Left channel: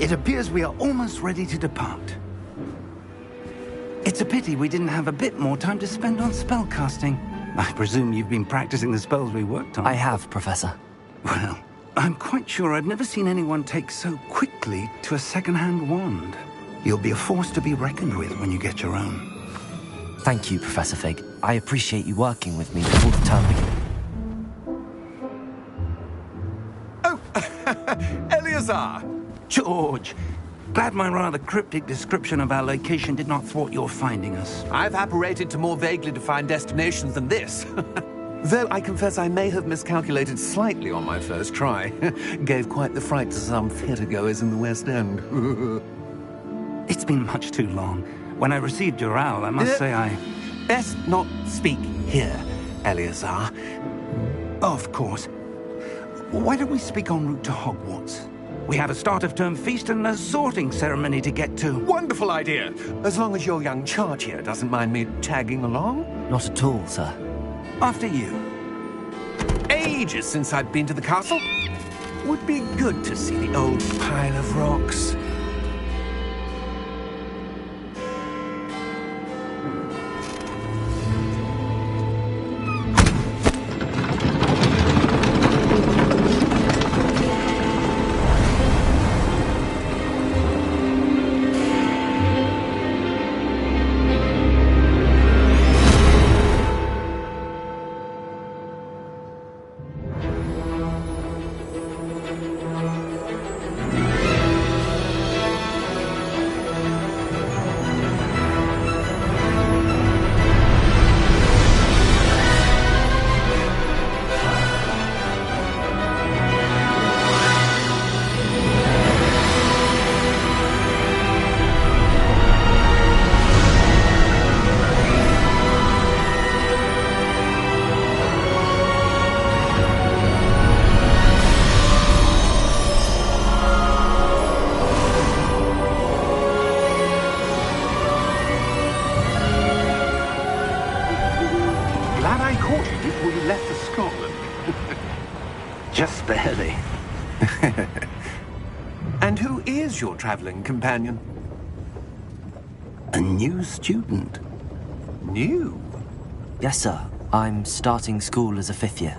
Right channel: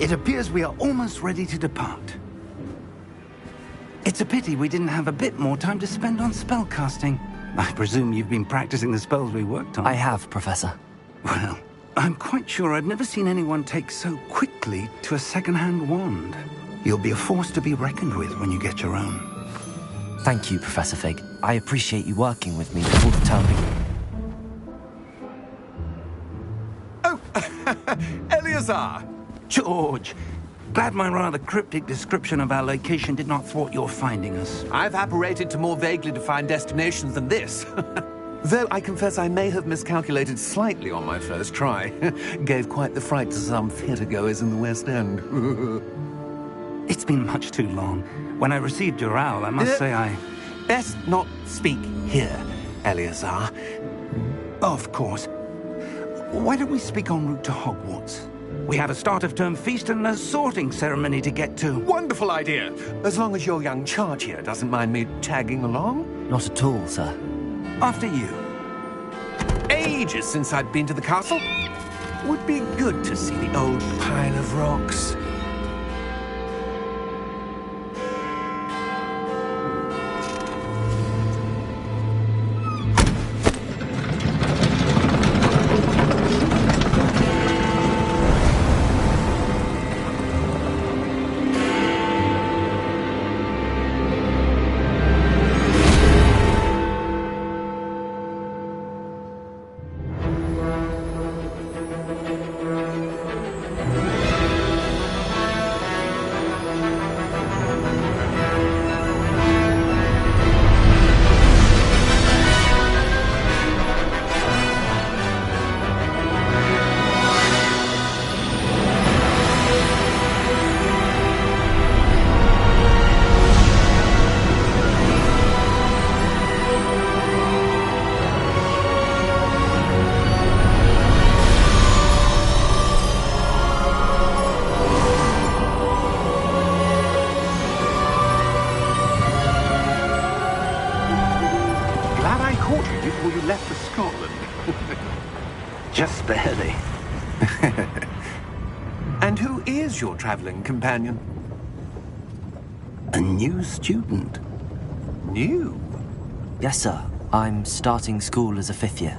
It appears we are almost ready to depart. It's a pity we didn't have a bit more time to spend on spellcasting. I presume you've been practicing the spells we worked on. I have, Professor. Well, I'm quite sure I've never seen anyone take so quickly to a second-hand wand. You'll be a force to be reckoned with when you get your own. Thank you, Professor Fig. I appreciate you working with me before the term begins. Oh, Eleazar! George! Glad my rather cryptic description of our location did not thwart your finding us. I've apparated to more vaguely defined destinations than this. Though I confess I may have miscalculated slightly on my first try. Gave quite the fright to some theatre-goers in the West End. It's been much too long. When I received your owl, I must say I... Best not speak here, Eleazar. Of course. Why don't we speak en route to Hogwarts? We have a start-of-term feast and a sorting ceremony to get to. Wonderful idea! As long as your young charge here doesn't mind me tagging along. Not at all, sir. After you. Ages since I've been to the castle. Would be good to see the old pile of rocks. Glad I caught you before you left for Scotland. Just barely. And who is your traveling companion? A new student. New? Yes, sir. I'm starting school as a 5th year.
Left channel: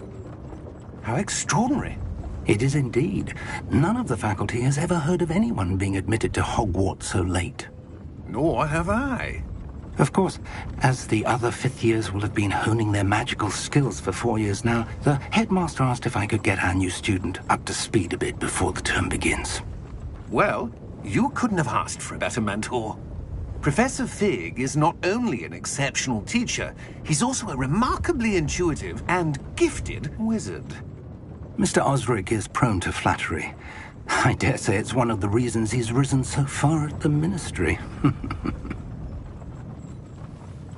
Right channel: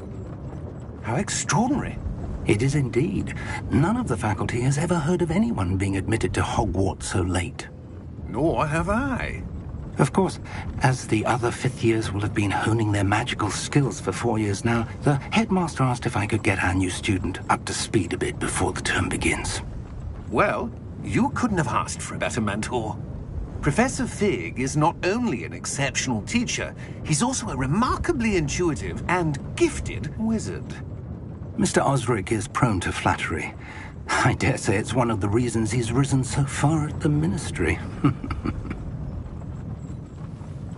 How extraordinary. It is indeed. None of the faculty has ever heard of anyone being admitted to Hogwarts so late. Nor have I. Of course, as the other 5th years will have been honing their magical skills for 4 years now, the headmaster asked if I could get our new student up to speed a bit before the term begins. Well, you couldn't have asked for a better mentor. Professor Fig is not only an exceptional teacher, he's also a remarkably intuitive and gifted wizard. Mr. Osric is prone to flattery. I dare say it's one of the reasons he's risen so far at the ministry.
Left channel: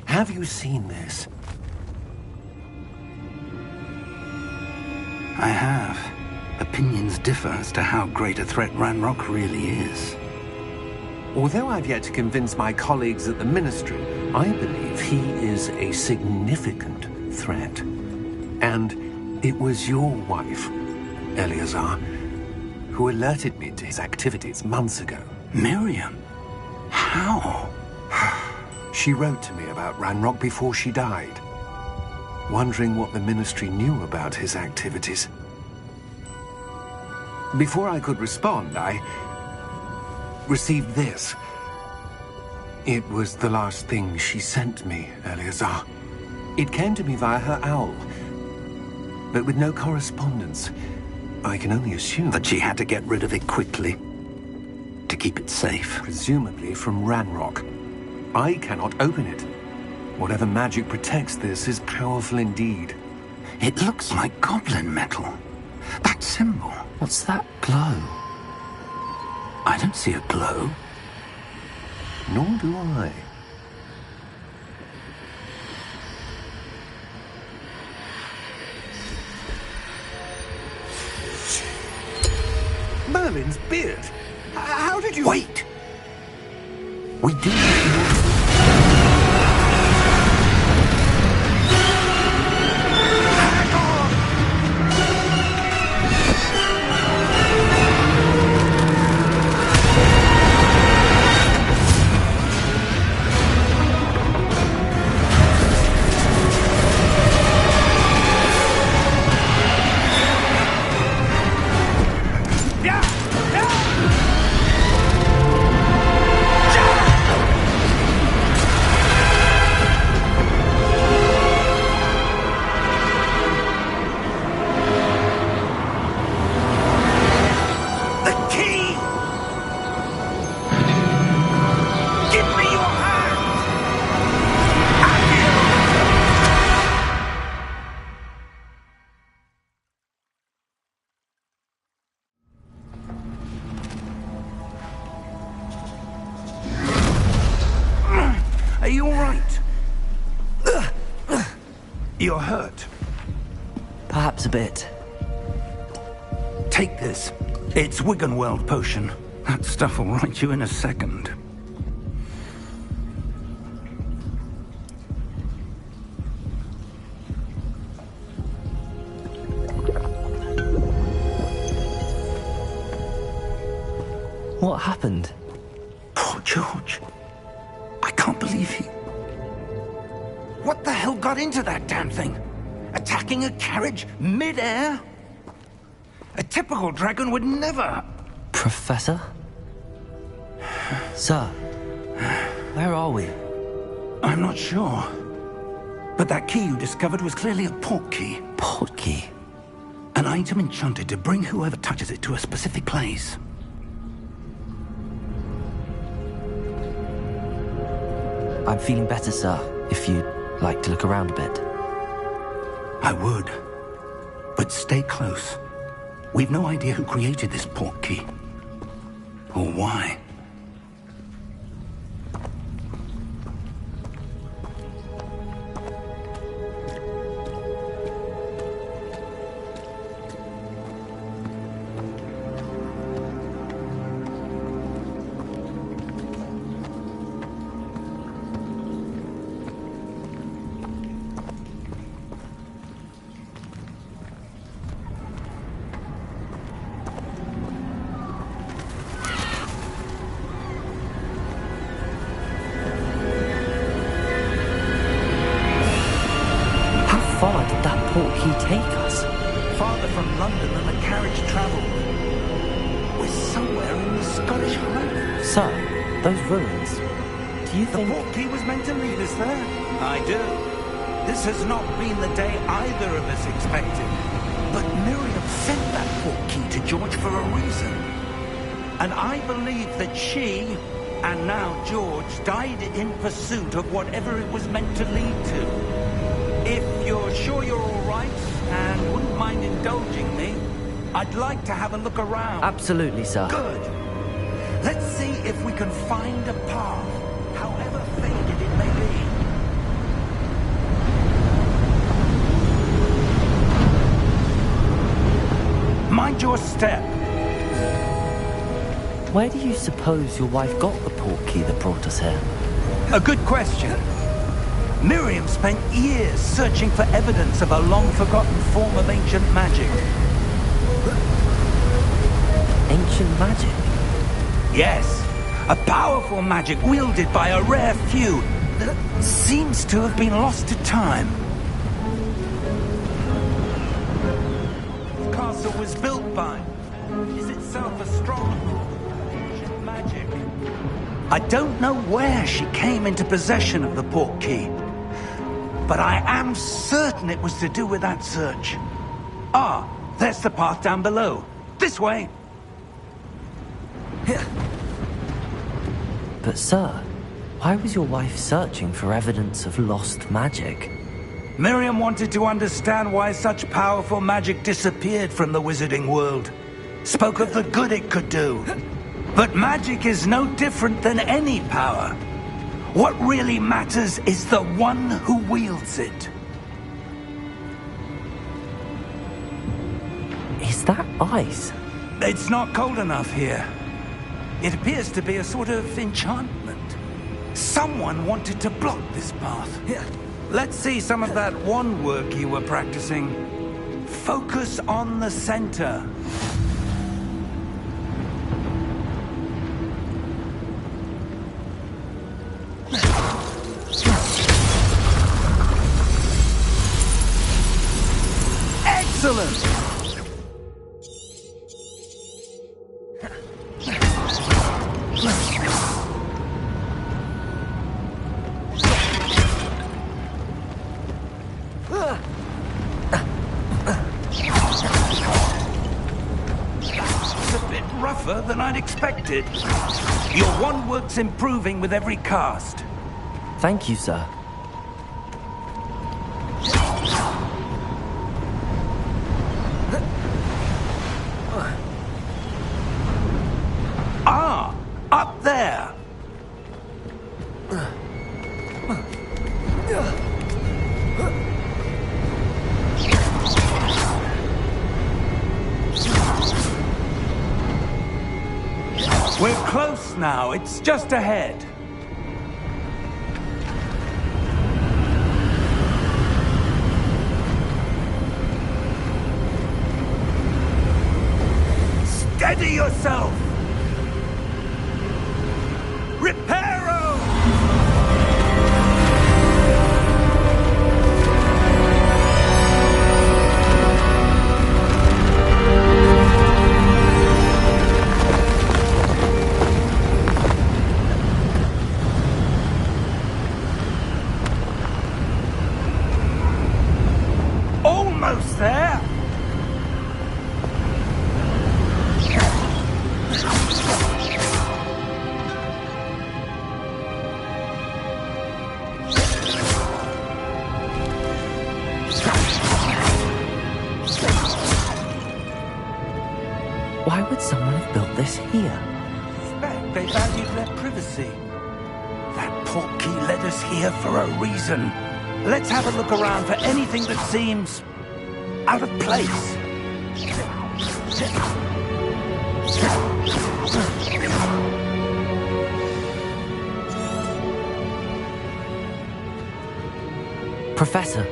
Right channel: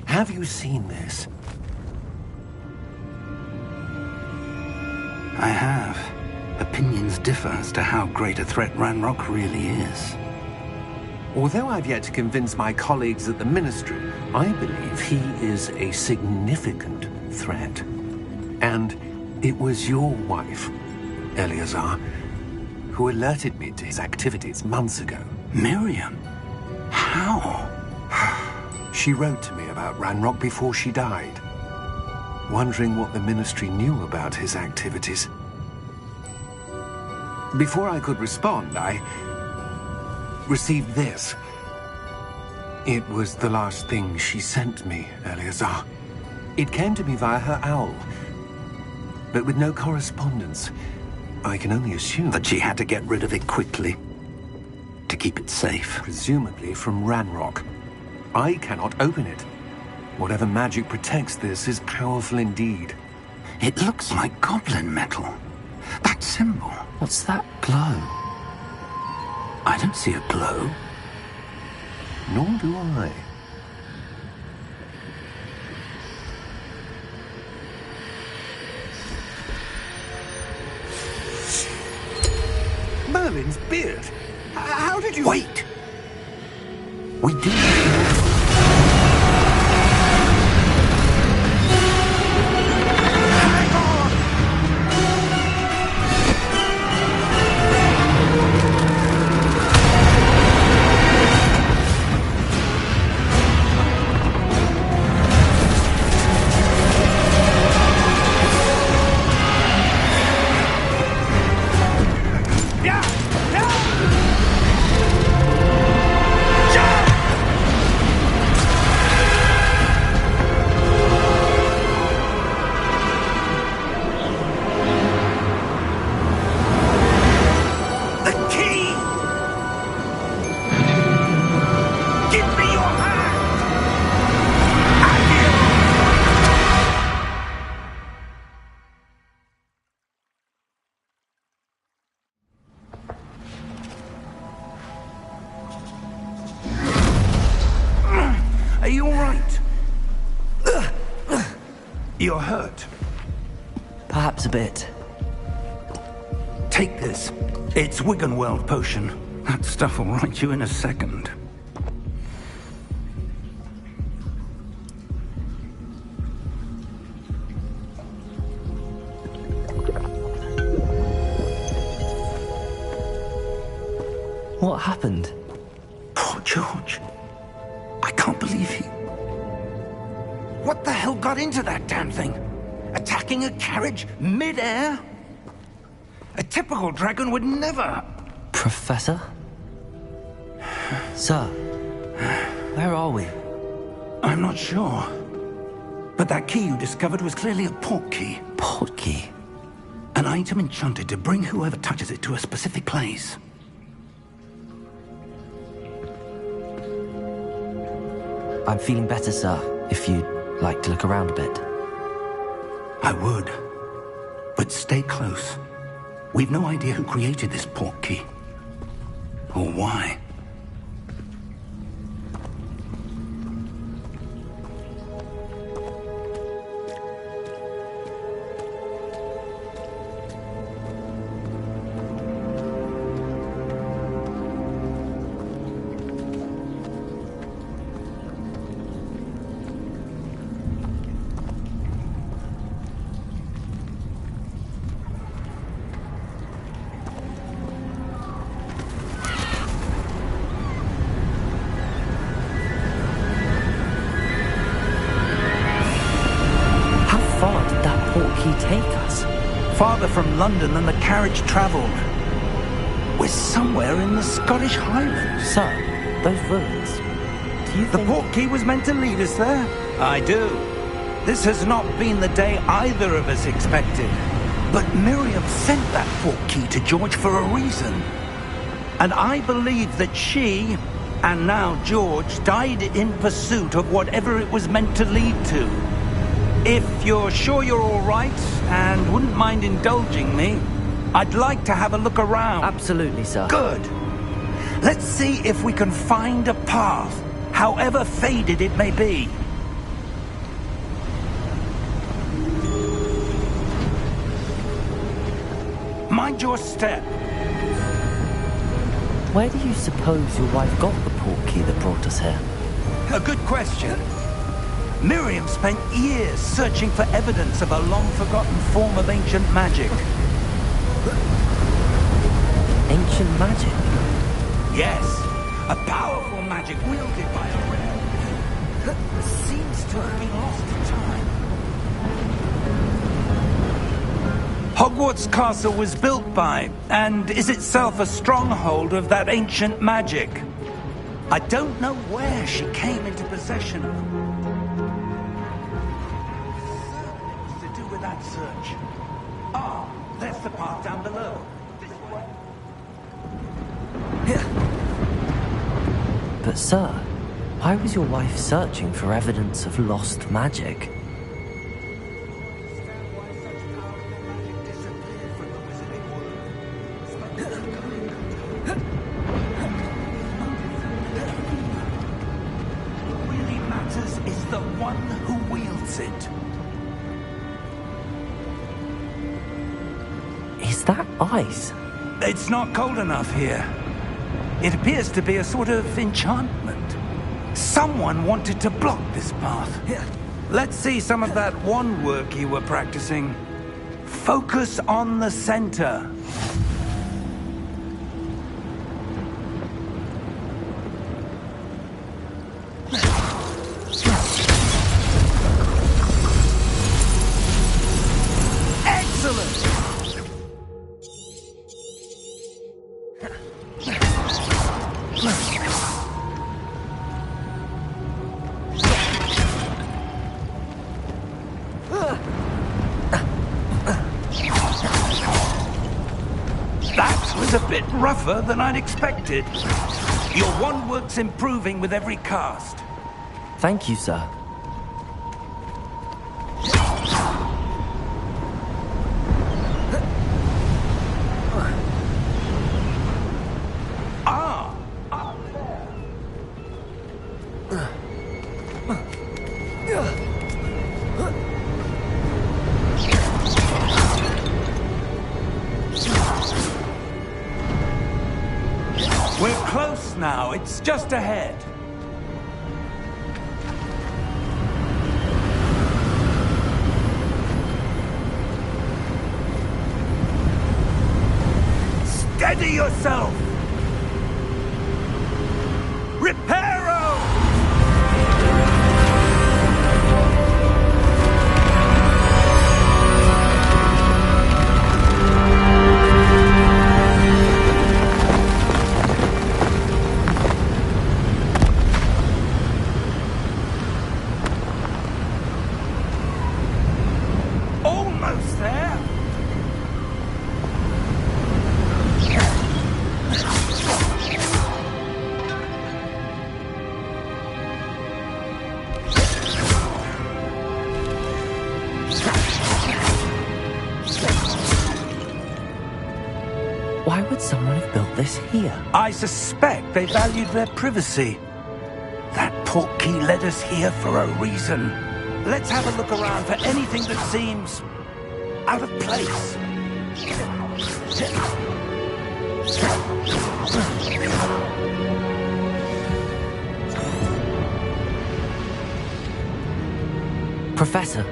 Have you seen this? I have. Opinions differ as to how great a threat Ranrock really is. Although I've yet to convince my colleagues at the Ministry, I believe he is a significant threat. And it was your wife, Eleazar, who alerted me to his activities months ago. Miriam? How? She wrote to me about Ranrock before she died, wondering what the Ministry knew about his activities. Before I could respond, I received this. It was the last thing she sent me, Eleazar. It came to me via her owl, but with no correspondence. I can only assume That she had to get rid of it quickly, to keep it safe. presumably from Ranrock. I cannot open it. Whatever magic protects this is powerful indeed. It looks like goblin metal. That symbol. What's that glow? I don't see a glow. Nor do I. Merlin's beard. How did you... Wait! We do... Hang on! You're hurt. Perhaps a bit. Take this. It's Wiggenweld potion. That stuff will right you in a second. What happened? Poor George. I can't believe he... What the hell got into that damn thing? Attacking a carriage mid-air? A typical dragon would never... Professor? Sir, where are we? I'm not sure. But that key you discovered was clearly a port key. Port key? An item enchanted to bring whoever touches it to a specific place. I'm feeling better, sir, if you'd like to look around a bit. I would. But stay close. We've no idea who created this port key. Or why. Far did that port key take us? Farther from London than the carriage travelled. We're somewhere in the Scottish Highlands. Sir, those ruins. Do you think... The port key was meant to lead us there? I do. This has not been the day either of us expected. But Miriam sent that port key to George for a reason. And I believe that she, and now George, died in pursuit of whatever it was meant to lead to. If you're sure you're all right, and wouldn't mind indulging me, I'd like to have a look around. Absolutely, sir. Good. Let's see if we can find a path, however faded it may be. Mind your step. Where do you suppose your wife got the port key that brought us here? A good question. Miriam spent years searching for evidence of a long-forgotten form of ancient magic. Ancient magic? Yes, a powerful magic wielded by a rare few that seems to have been lost to time. Hogwarts Castle was built by, and is itself a stronghold of that ancient magic. I don't know where she came into possession of the port key, but I am certain it was to do with that search. Ah, there's the path down below. This way. But sir, why was your wife searching for evidence of lost magic? Miriam wanted to understand why such powerful magic disappeared from the wizarding world. Spoke of the good it could do. But magic is no different than any power. What really matters is the one who wields it. Is that ice? It's not cold enough here. It appears to be a sort of enchantment. Someone wanted to block this path. Let's see some of that wand work you were practicing. Focus on the center. Excellent! That was a bit rougher than I'd expected. Your wand work's improving with every cast. Thank you, sir. Ah, up there. now. It's just ahead. Steady yourself! Reparo! Almost there! Why would someone have built this here? I suspect they valued their privacy. That portkey led us here for a reason. Let's have a look around for anything that seems out of place. Professor,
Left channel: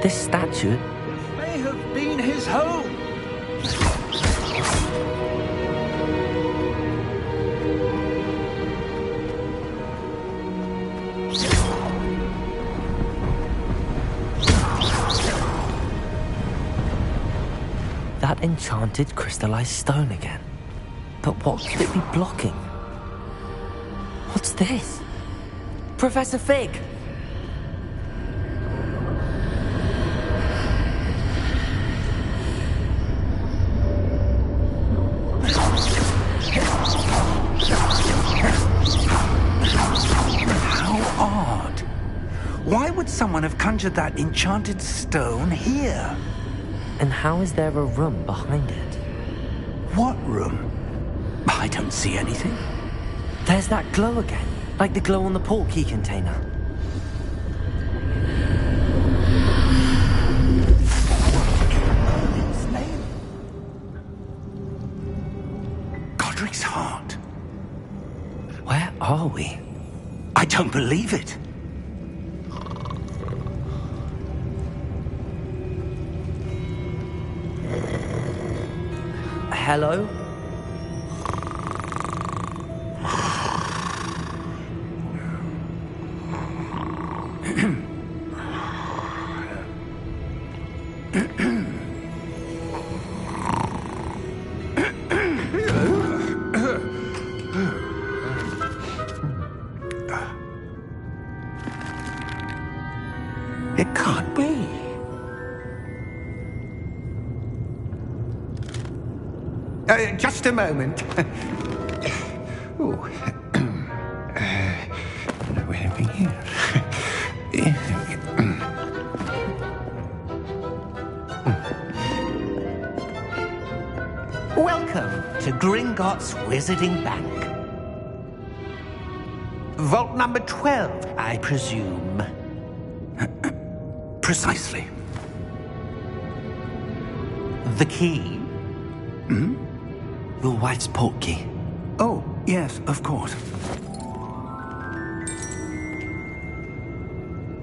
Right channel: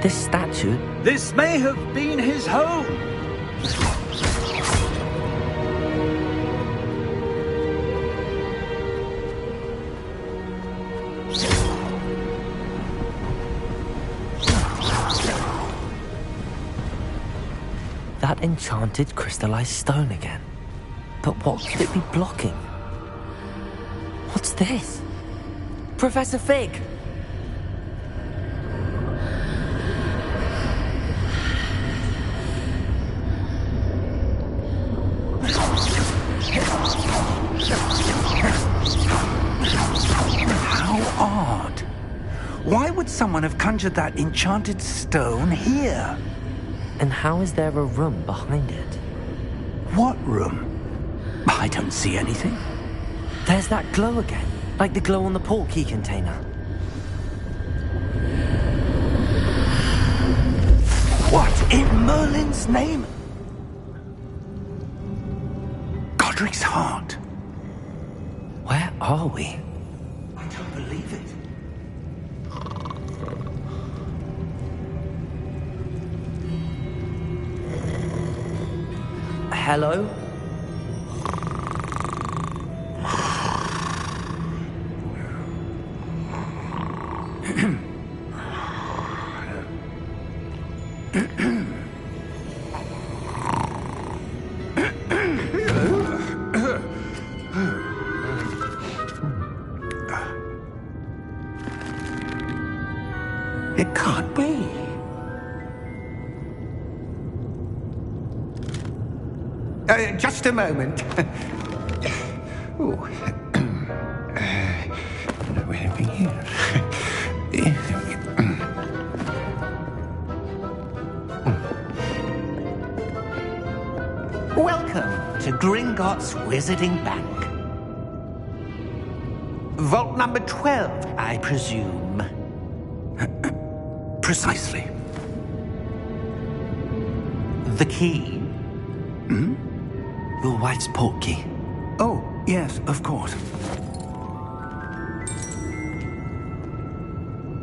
this statue... This may have been his home. That enchanted crystallized stone again. But what could it be blocking? What's this? Professor Fig! How odd. Why would someone have conjured that enchanted stone here? And how is there a room behind it? What room? I don't see anything. There's that glow again, like the glow on the portkey container. What in Merlin's name? Godric's heart. Where are we? I don't believe it. Hello? It can't be. Just a moment. Oh. Where are we here? Welcome to Gringotts Wizarding Bank. Vault number 12, I presume. Precisely. The key? Your wife's portkey. Oh, yes, of course.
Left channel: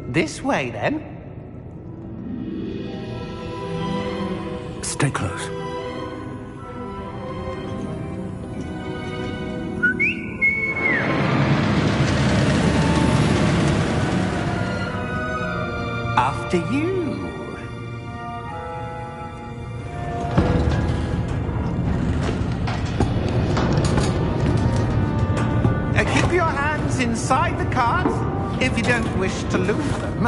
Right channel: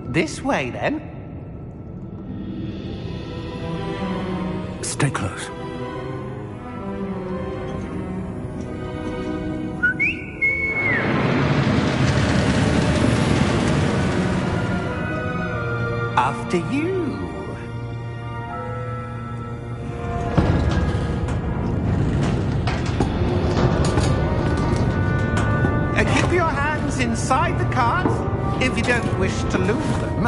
This way, then. Stay close. After you. Keep your hands inside the cart if you don't wish to lose them.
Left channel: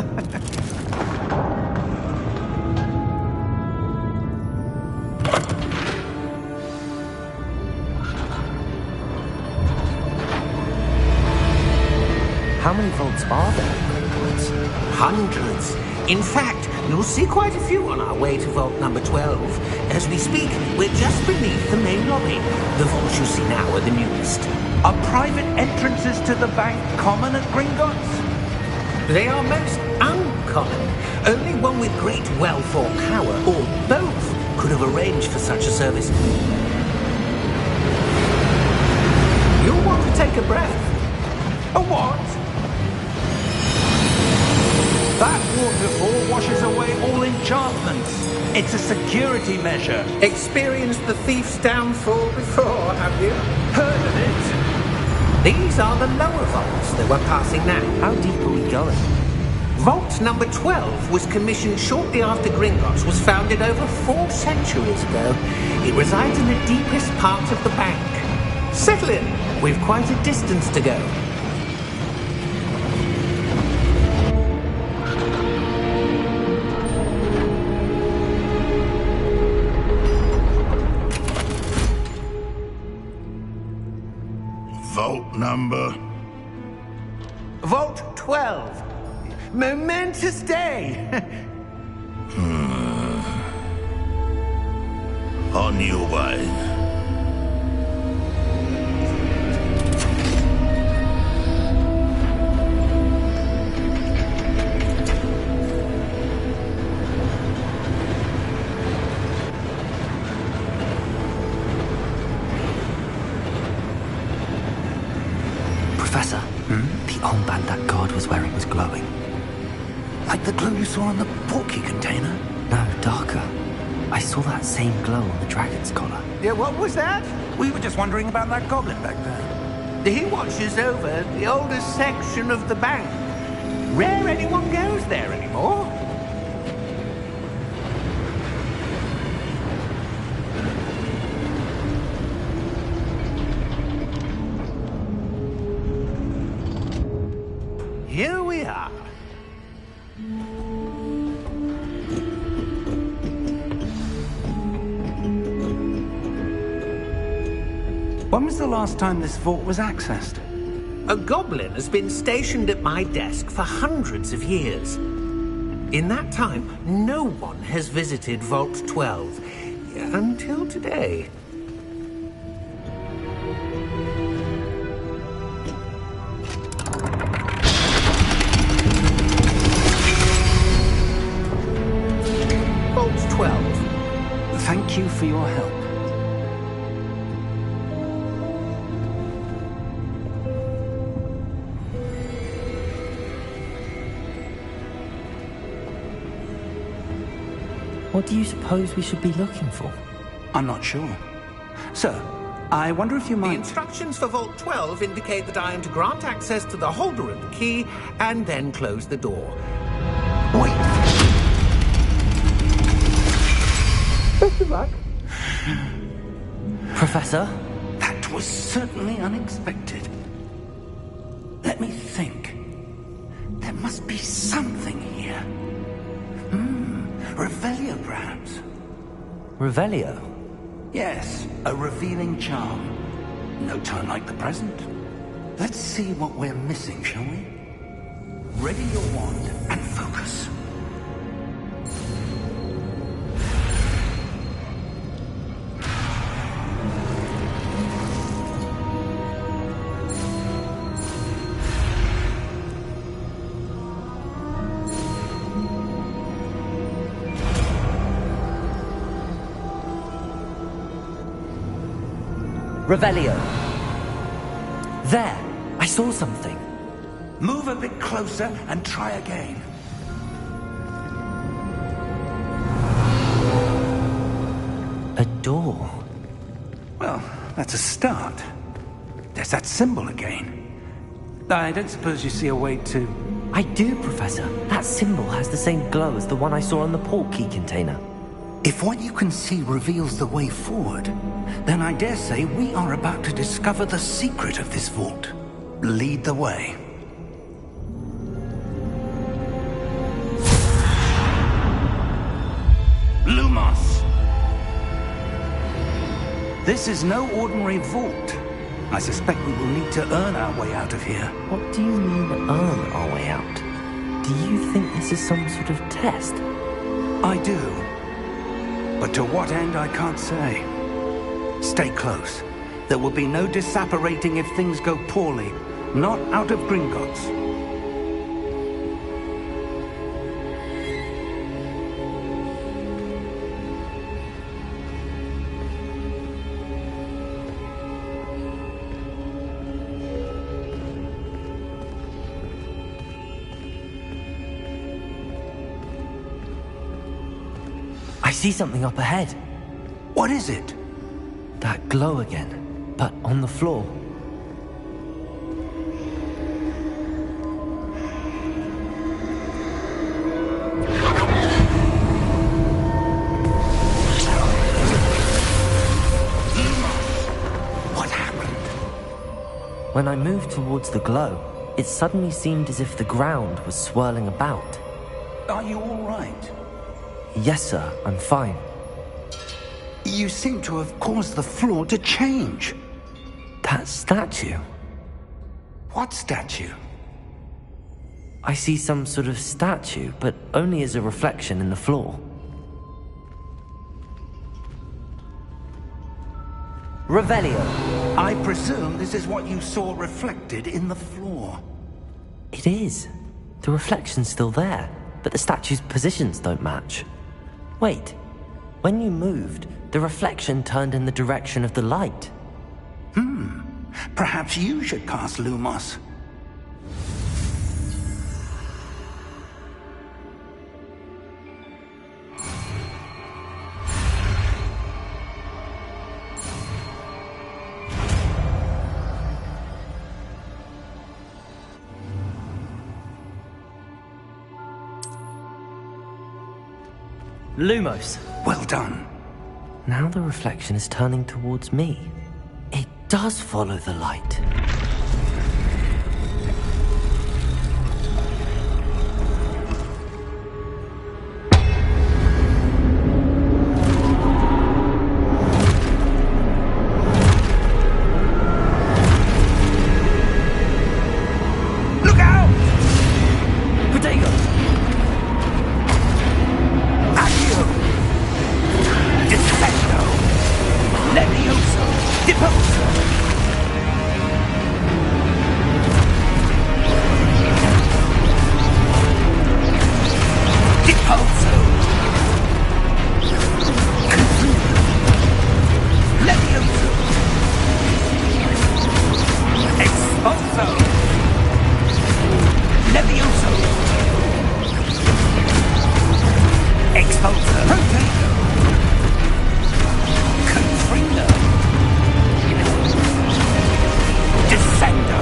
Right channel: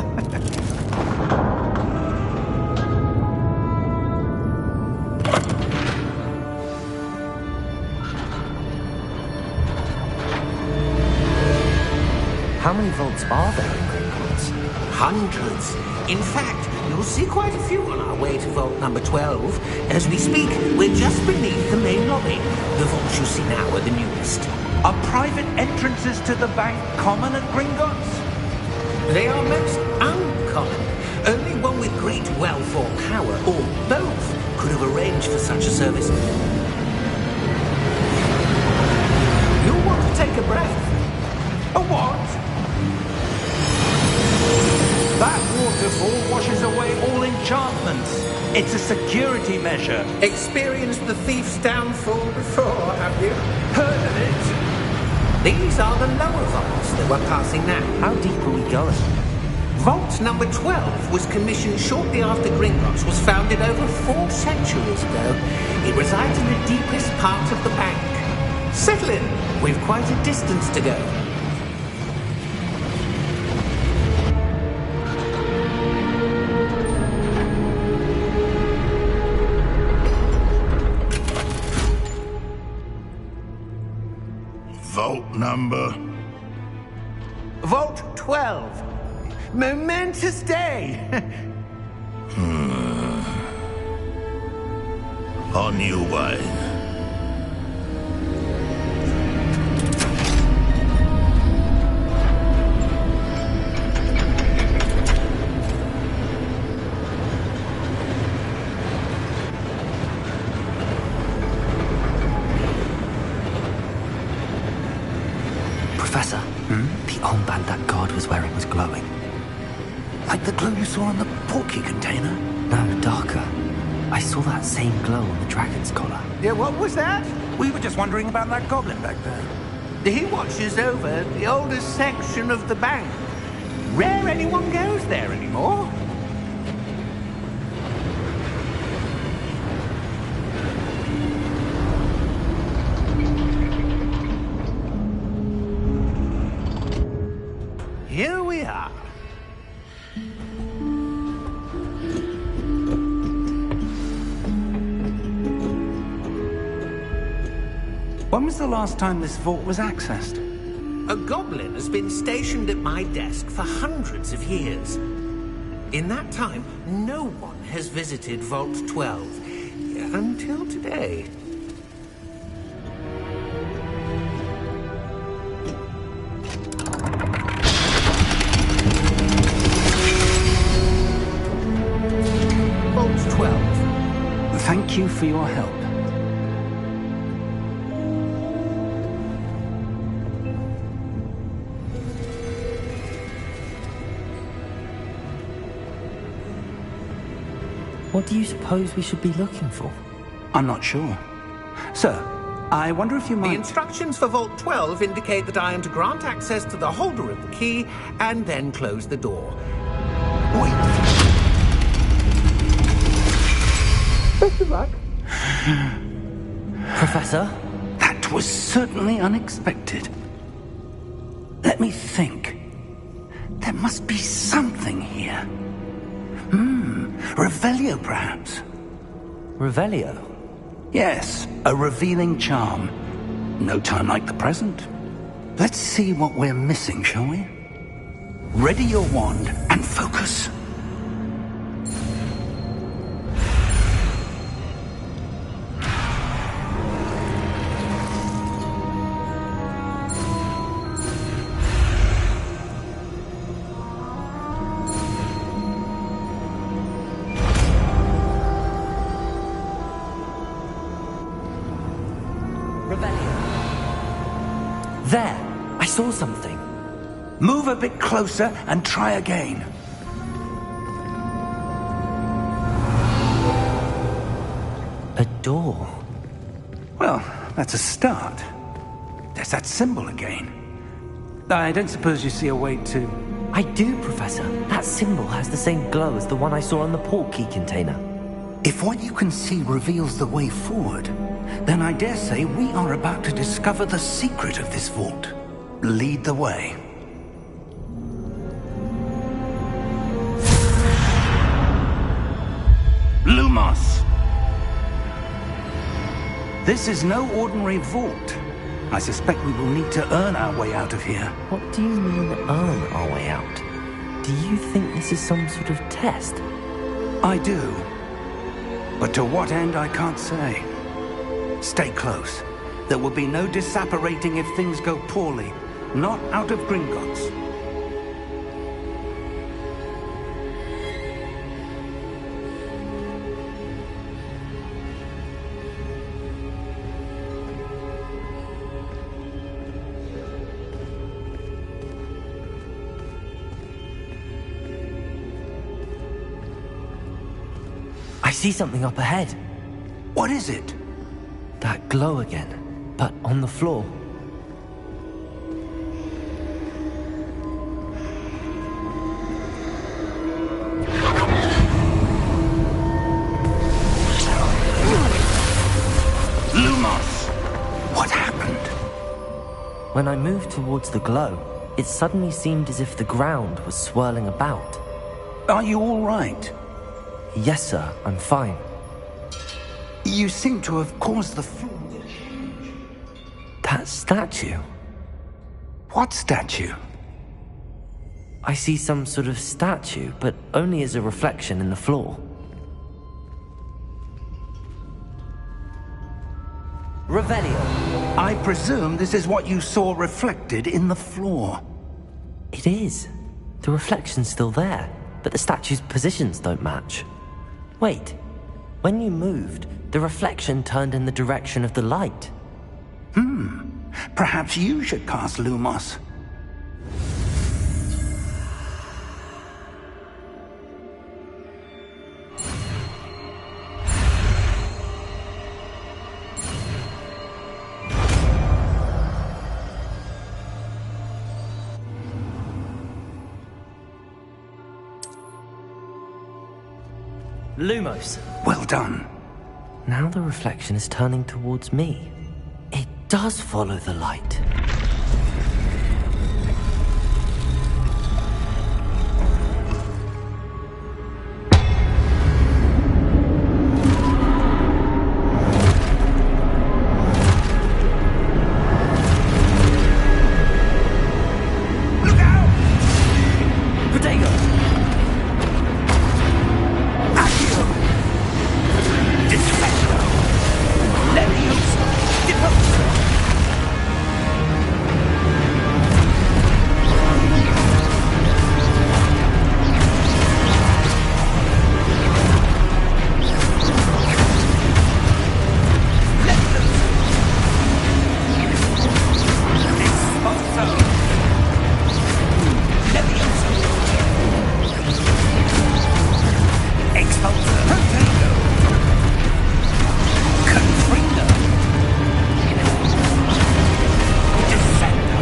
How many vaults are there in Gringotts? Hundreds. In fact, you'll see quite a few on our way to vault number 12. As we speak, we're just beneath the main lobby. The vaults you see now are the newest. Are private entrances to the bank common at Gringotts? They are most uncommon. Only one with great wealth or power, or both, could have arranged for such a service. You You'll want to take a breath. A what? That waterfall washes away all enchantments. It's a security measure. Experienced the thief's downfall before, have you? Heard of it? These are the lower vaults that we're passing now. How deep are we going? Vault number 12 was commissioned shortly after Gringotts was founded over 4 centuries ago. It resides in the deepest part of the bank. Settle in. We've quite a distance to go. Vault number? Vault 12. Momentous day. On your way. Professor, the armband that guard was wearing was glowing. Like the glow you saw on the porky container? No, darker. I saw that same glow on the dragon's collar. Yeah, what was that? We were just wondering about that goblin back there. He watches over the oldest section of the bank. Rare anyone goes there anymore. Here we are. When was the last time this vault was accessed? A goblin has been stationed at my desk for hundreds of years. In that time, no one has visited Vault 12 until today. Vault 12. Thank you for your help. What do you suppose we should be looking for? I'm not sure. Sir, I wonder if you The might... instructions for Vault 12 indicate that I am to grant access to the holder of the key and then close the door. Wait. Best of luck. Professor? That was certainly unexpected. Let me think. There must be something here. Revelio, perhaps? Revelio? Yes, a revealing charm. No time like the present. Let's see what we're missing, shall we? Ready your wand and focus. Revelio. There! I saw something. Move a bit closer and try again. A door. Well, that's a start. There's that symbol again. I don't suppose you see a way to... I do, Professor. That symbol has the same glow as the one I saw on the port key container. If what you can see reveals the way forward, then I dare say we are about to discover the secret of this vault. Lead the way. Lumos! This is no ordinary vault. I suspect we will need to earn our way out of here. What do you mean, earn our way out? Do you think this is some sort of test? I do. But to what end, I can't say. Stay close. There will be no disapparating if things go poorly. Not out of Gringotts. see something up ahead. What is it? That glow again, but on the floor. Lumos! What happened? When I moved towards the glow, it suddenly seemed as if the ground was swirling about. Are you all right? Yes, sir, I'm fine. You seem to have caused the floor to change. That statue? What statue? I see some sort of statue, but only as a reflection in the floor. Revelio. I presume this is what you saw reflected in the floor. It is. The reflection's still there, but the statue's positions don't match. Wait. When you moved, the reflection turned in the direction of the light. Perhaps you should cast Lumos. Lumos. Well done. Now the reflection is turning towards me. It does follow the light. Look out! Protego! Accio! Defendo! Levioso! Deposo! Deposo! Levioso! Exposo! Levioso! Exposer! Protego! Confringo! Descendo!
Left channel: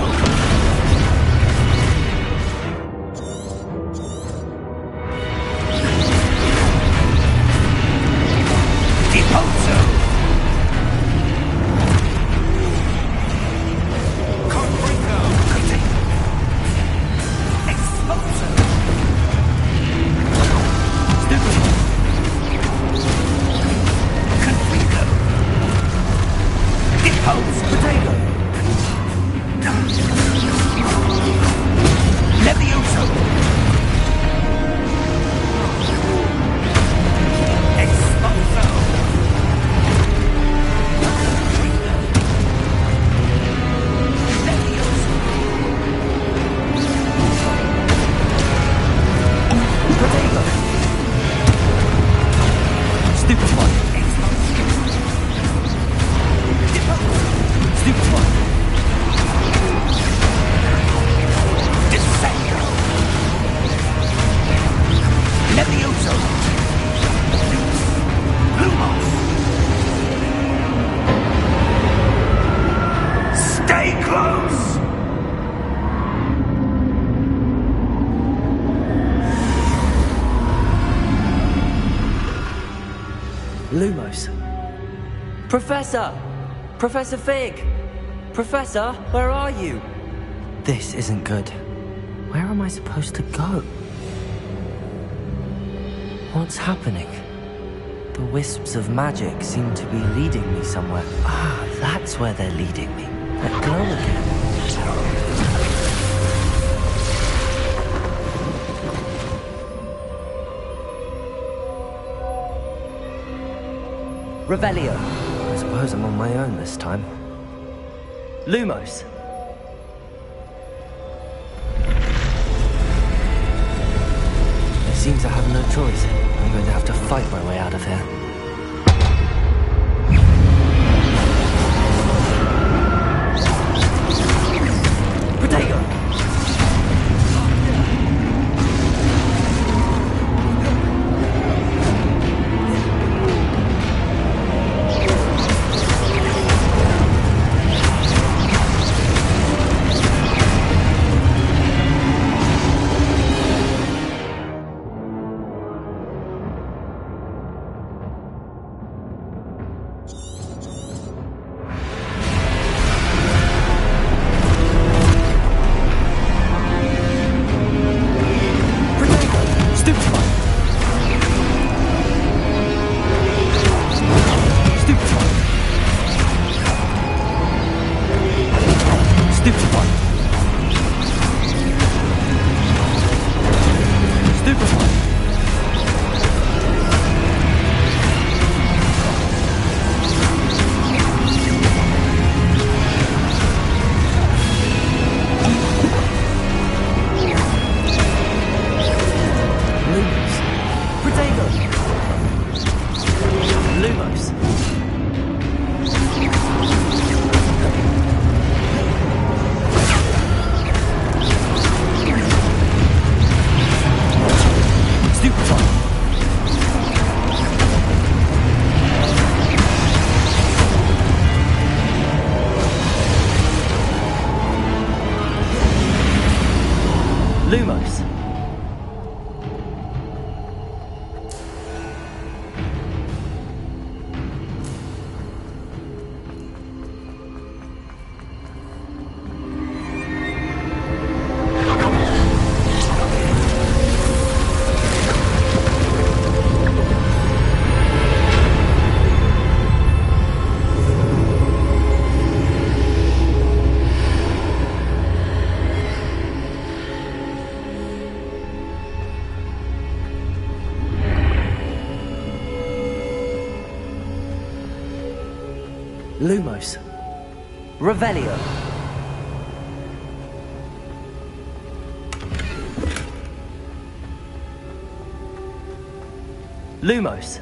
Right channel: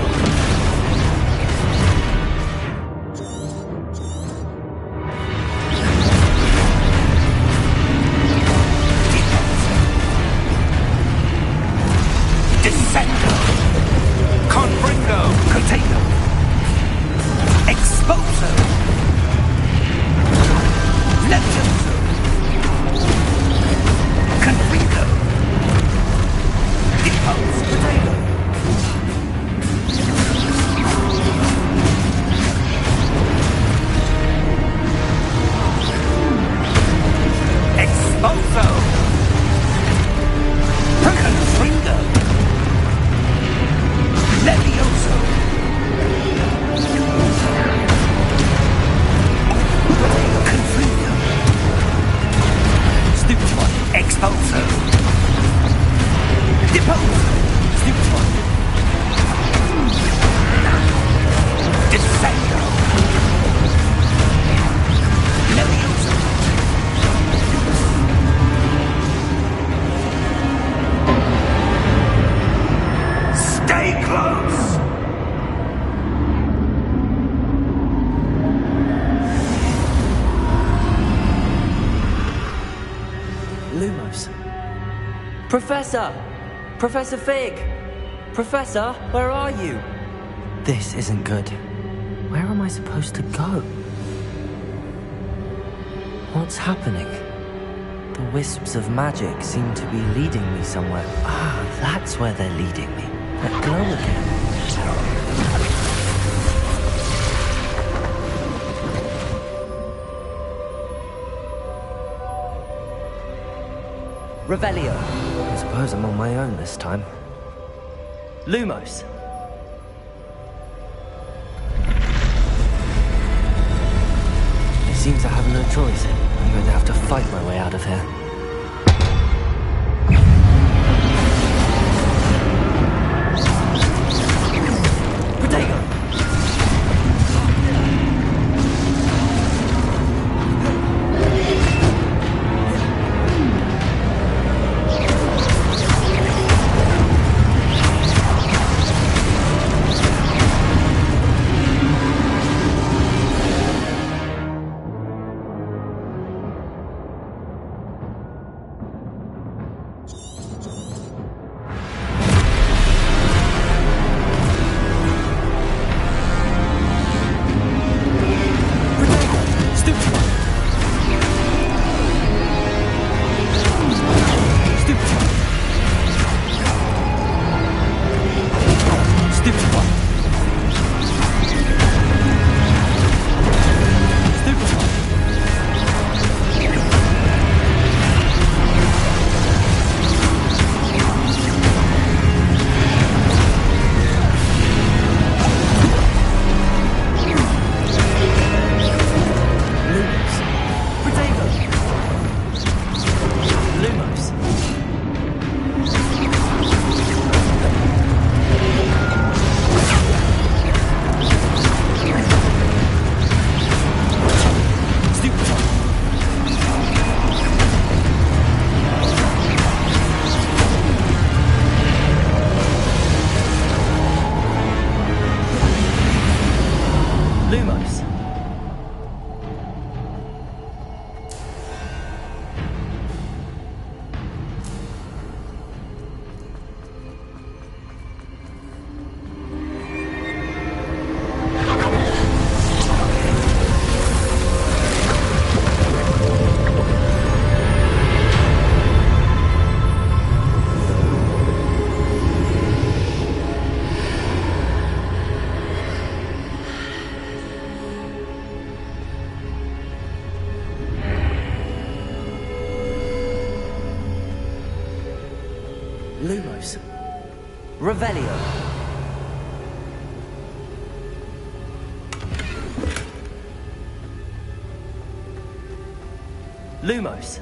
Deposo! Descendo! Confringo! Protego! Exposer! Levioso! Confringo! Depose! Potato! Levioso! Exposo! Confringo! Levioso! Potato! Stupid one! Exposo! Depose! Stupid one! Descendo! Levioso! Stay close! Lumos. Professor! Professor Fig! Professor, where are you? This isn't good. Where am I supposed to go? What's happening? The wisps of magic seem to be leading me somewhere. Ah, that's where they're leading me. That glow again. Revelio. I suppose I'm on my own this time. Lumos. It seems I have no choice. I'm going to have to fight my way out of here. Protego! Lumos. Revelio. Lumos.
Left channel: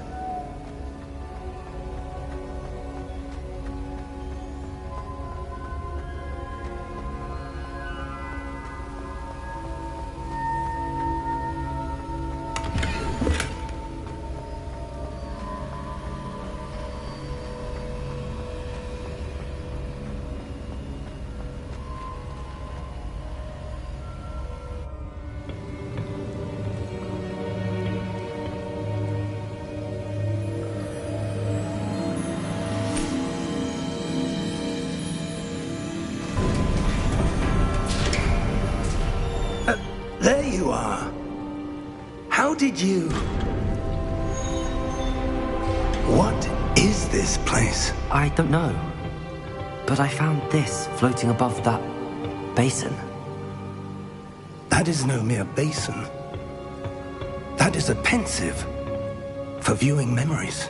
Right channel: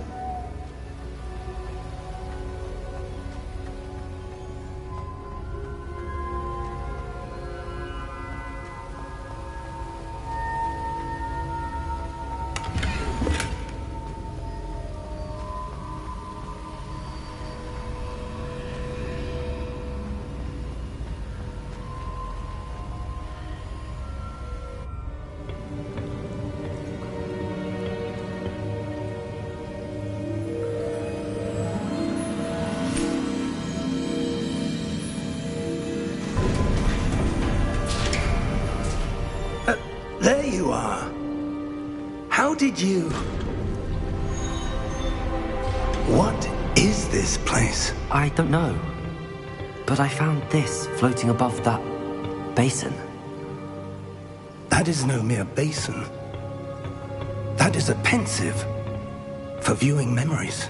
There you are. How did you... What is this place? I don't know. But I found this floating above that basin. That is no mere basin. That is a pensive for viewing memories.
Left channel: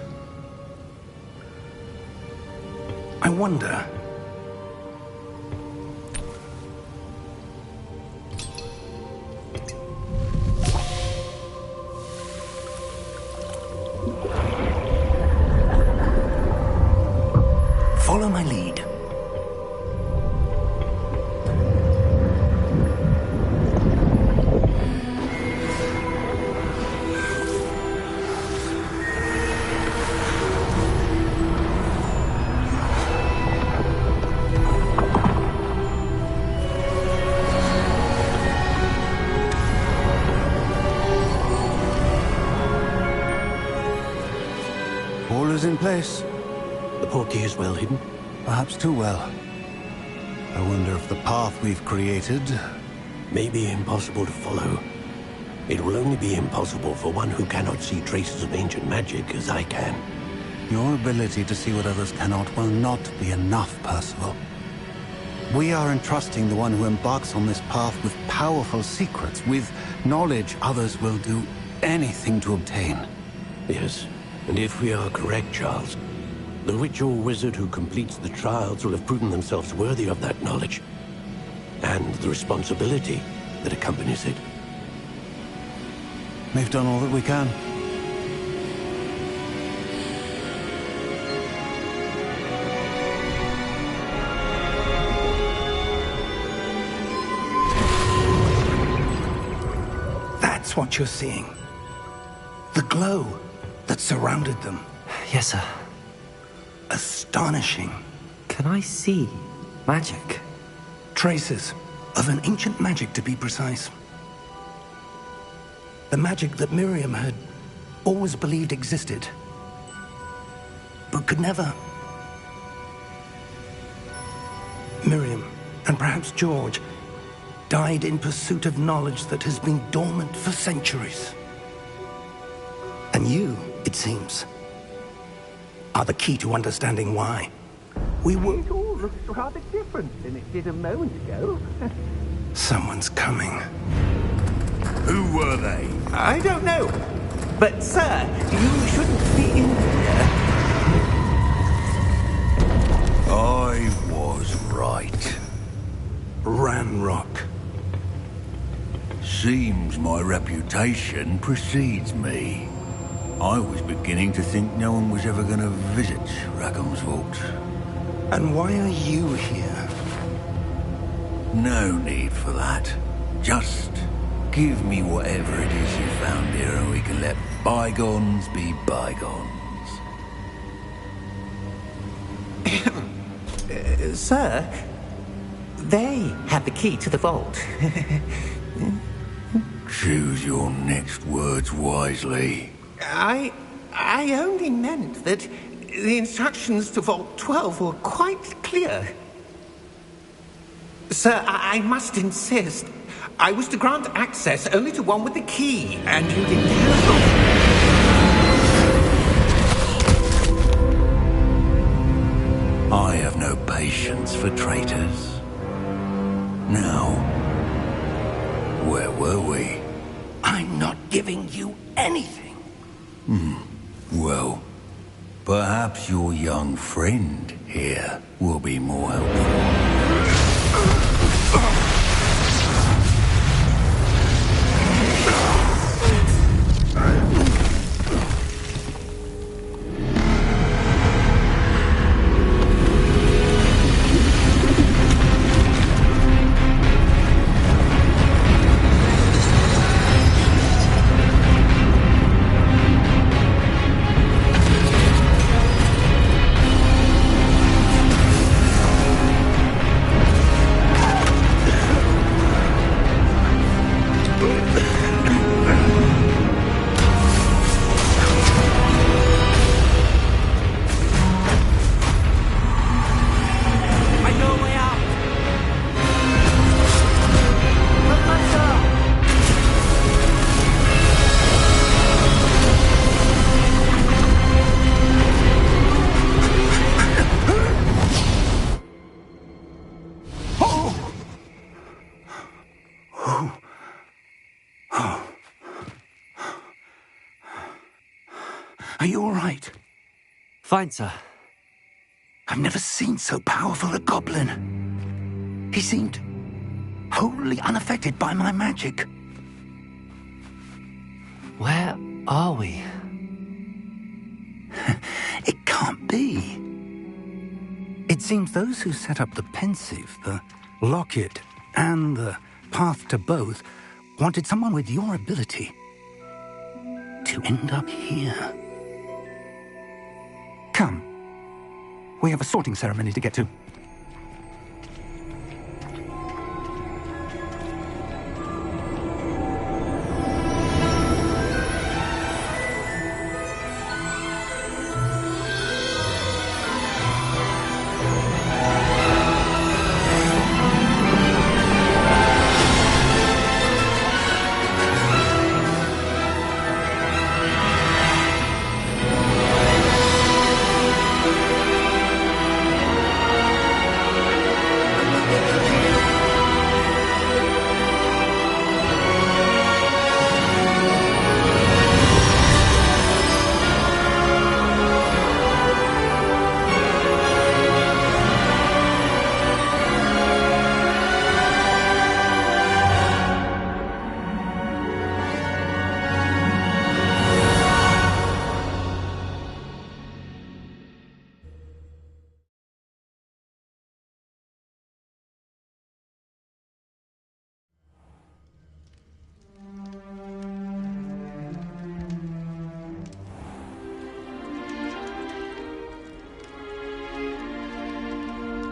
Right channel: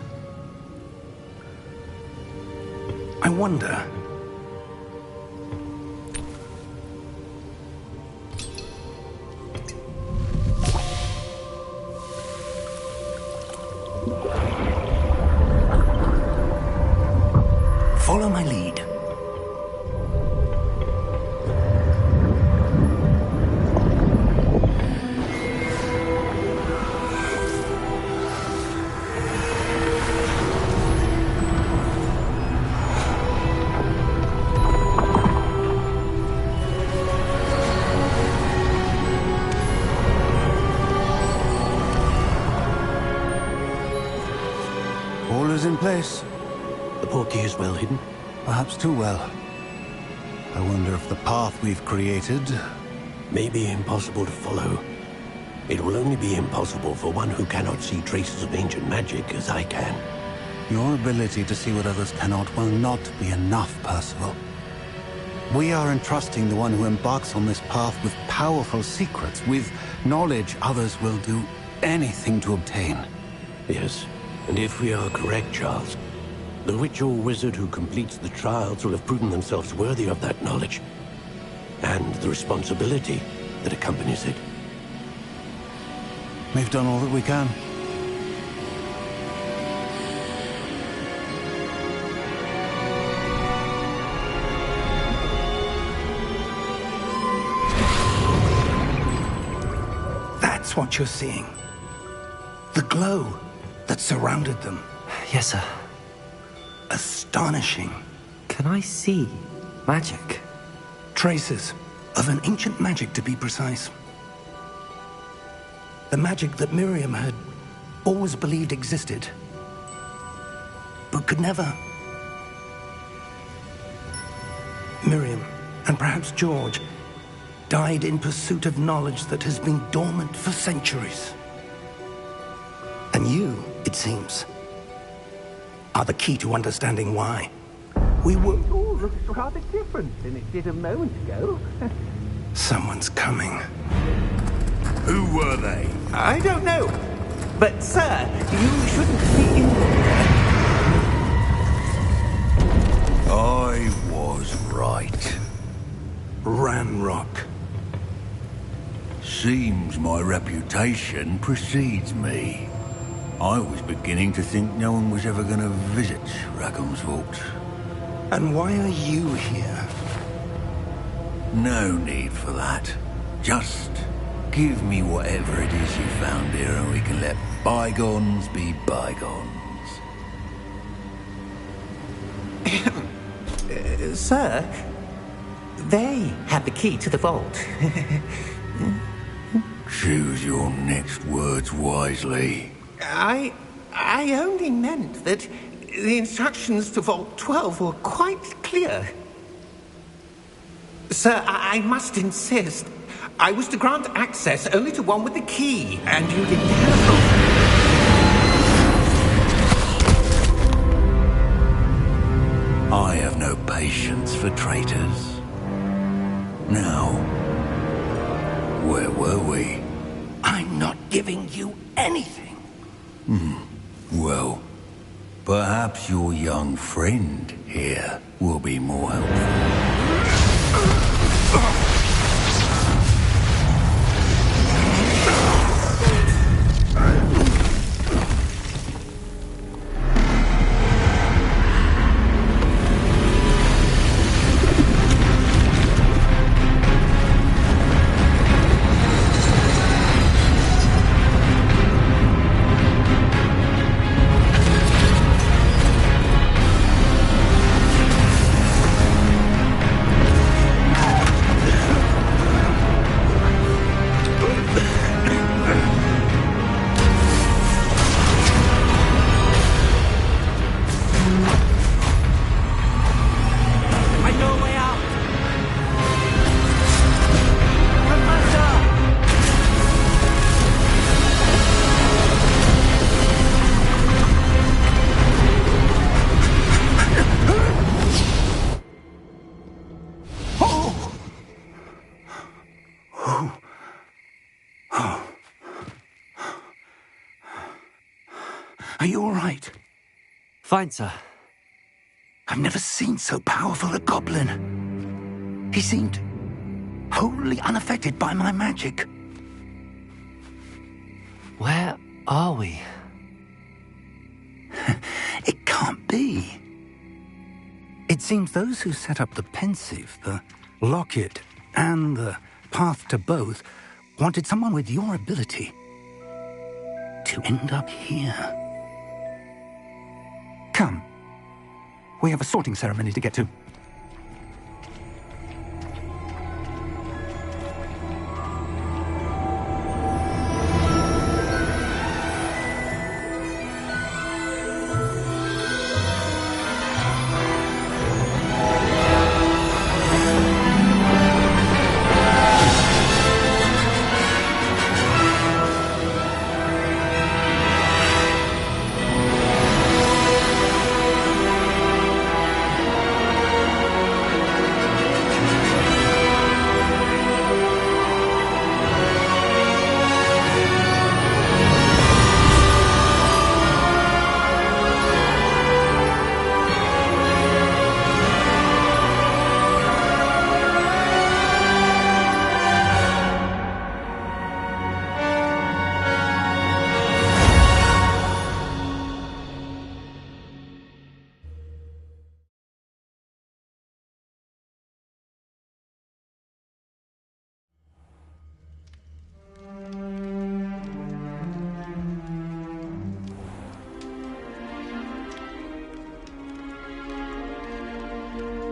I wonder... Follow my lead. All is in place. The portkey is well hidden. Perhaps too well. I wonder if the path we've created... May be impossible to follow. It will only be impossible for one who cannot see traces of ancient magic as I can. Your ability to see what others cannot will not be enough, Percival. We are entrusting the one who embarks on this path with powerful secrets, with knowledge others will do anything to obtain. Yes, and if we are correct, Charles, the witch or wizard who completes the trials will have proven themselves worthy of that knowledge, and the responsibility that accompanies it. We've done all that we can. That's what you're seeing. The glow that surrounded them. Yes, sir. Astonishing. Can I see magic? Traces of an ancient magic, to be precise. The magic that Miriam had always believed existed, but could never. Miriam, and perhaps George, died in pursuit of knowledge that has been dormant for centuries. And you, it seems, are the key to understanding why. We were... It all looks rather different than it did a moment ago. Someone's coming. Who were they? I don't know. But, sir, you shouldn't be in here. I was right. Ranrock. Seems my reputation precedes me. I was beginning to think no one was ever going to visit Rackham's vault. And why are you here? No need for that. Just give me whatever it is you found here and we can let bygones be bygones. Sir, they have the key to the vault. Choose your next words wisely. I only meant that the instructions to Vault 12 were quite clear. Sir, I must insist. I was to grant access only to one with the key, and you didn't have... I have no patience for traitors. Now, where were we? I'm not giving you anything. Well, Perhaps your young friend here will be more helpful. Are you all right? Fine, sir. I've never seen so powerful a goblin. He seemed wholly unaffected by my magic. Where are we? It can't be. It seems those who set up the pensive, the locket, and the path to both wanted someone with your ability to end up here. Come. We have a sorting ceremony to get to.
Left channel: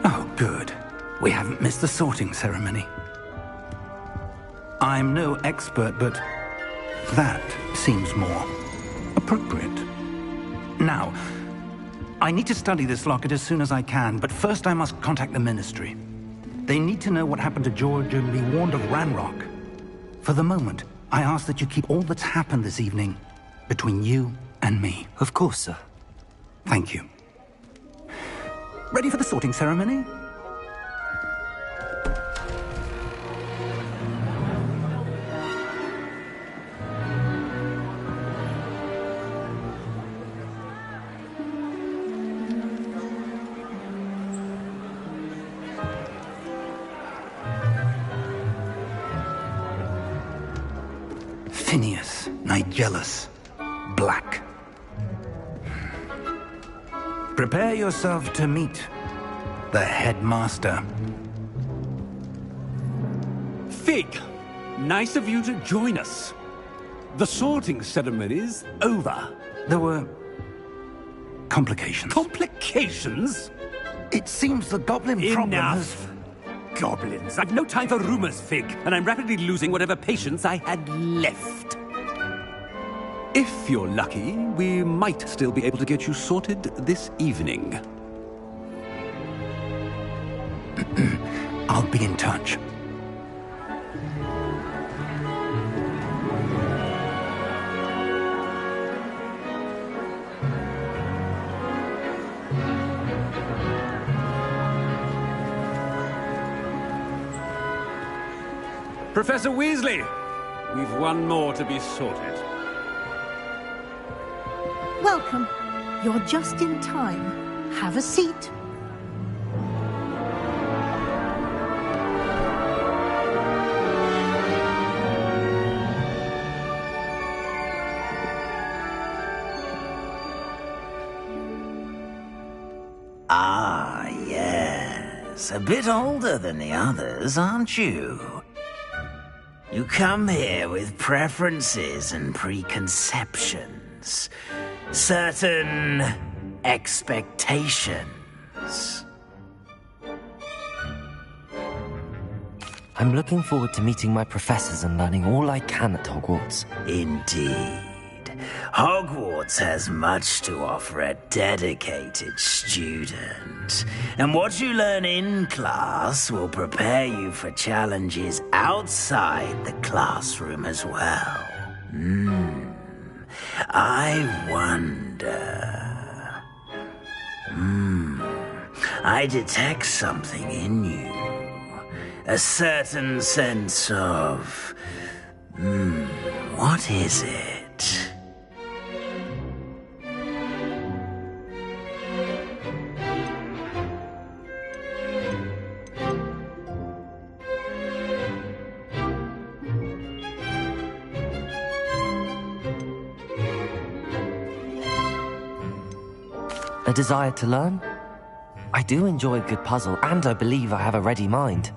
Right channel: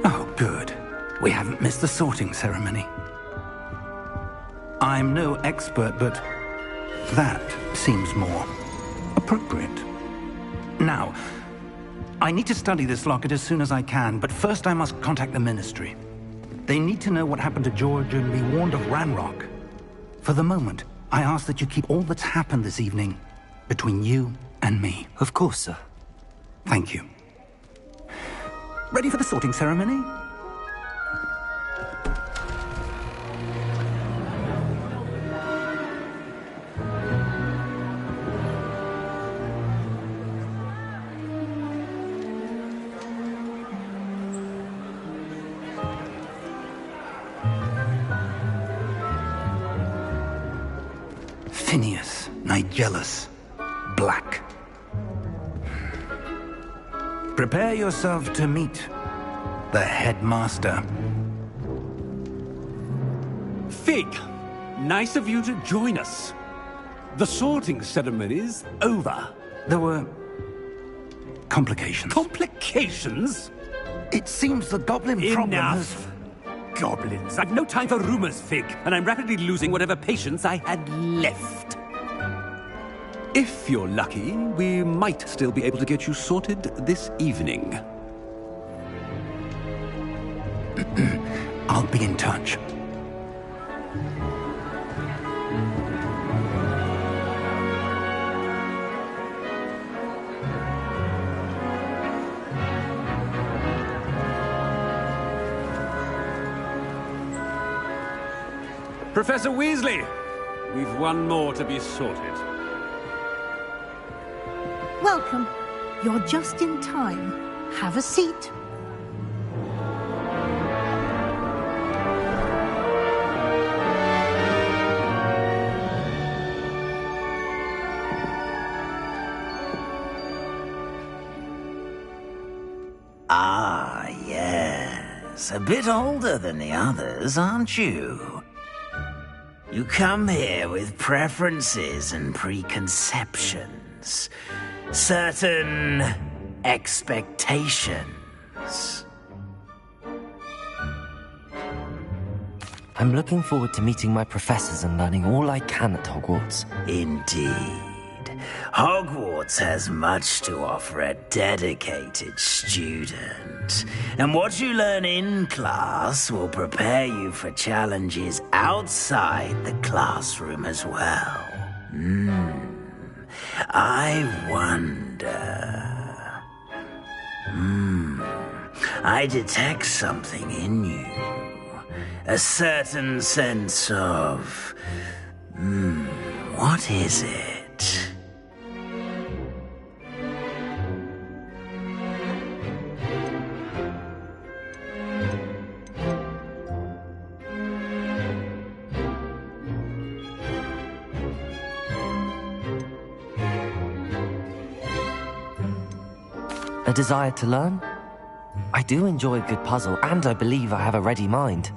Oh, good. We haven't missed the sorting ceremony. I'm no expert, but that seems more appropriate. Now, I need to study this locket as soon as I can, but first I must contact the Ministry. They need to know what happened to George and be warned of Ranrock. For the moment, I ask that you keep all that's happened this evening between you and me. Of course, sir. Thank you. Ready for the sorting ceremony? Phineas, Nigellus, Black. Prepare yourself to meet the headmaster. Fig, nice of you to join us. The sorting ceremony's over. There were complications. Complications? It seems the goblin problem has... Enough! Goblins. I've no time for rumors, Fig, and I'm rapidly losing whatever patience I had left. If you're lucky, we might still be able to get you sorted this evening. I'll be in touch. Professor Weasley, we've one more to be sorted. Welcome. You're just in time. Have a seat. Ah, yes. A bit older than the others, aren't you? You come here with preferences and preconceptions. Certain expectations. I'm looking forward to meeting my professors and learning all I can at Hogwarts. Indeed. Hogwarts has much to offer a dedicated student. And what you learn in class will prepare you for challenges outside the classroom as well. I wonder... I detect something in you. A certain sense of... what is it? A desire to learn? I do enjoy a good puzzle, and I believe I have a ready mind.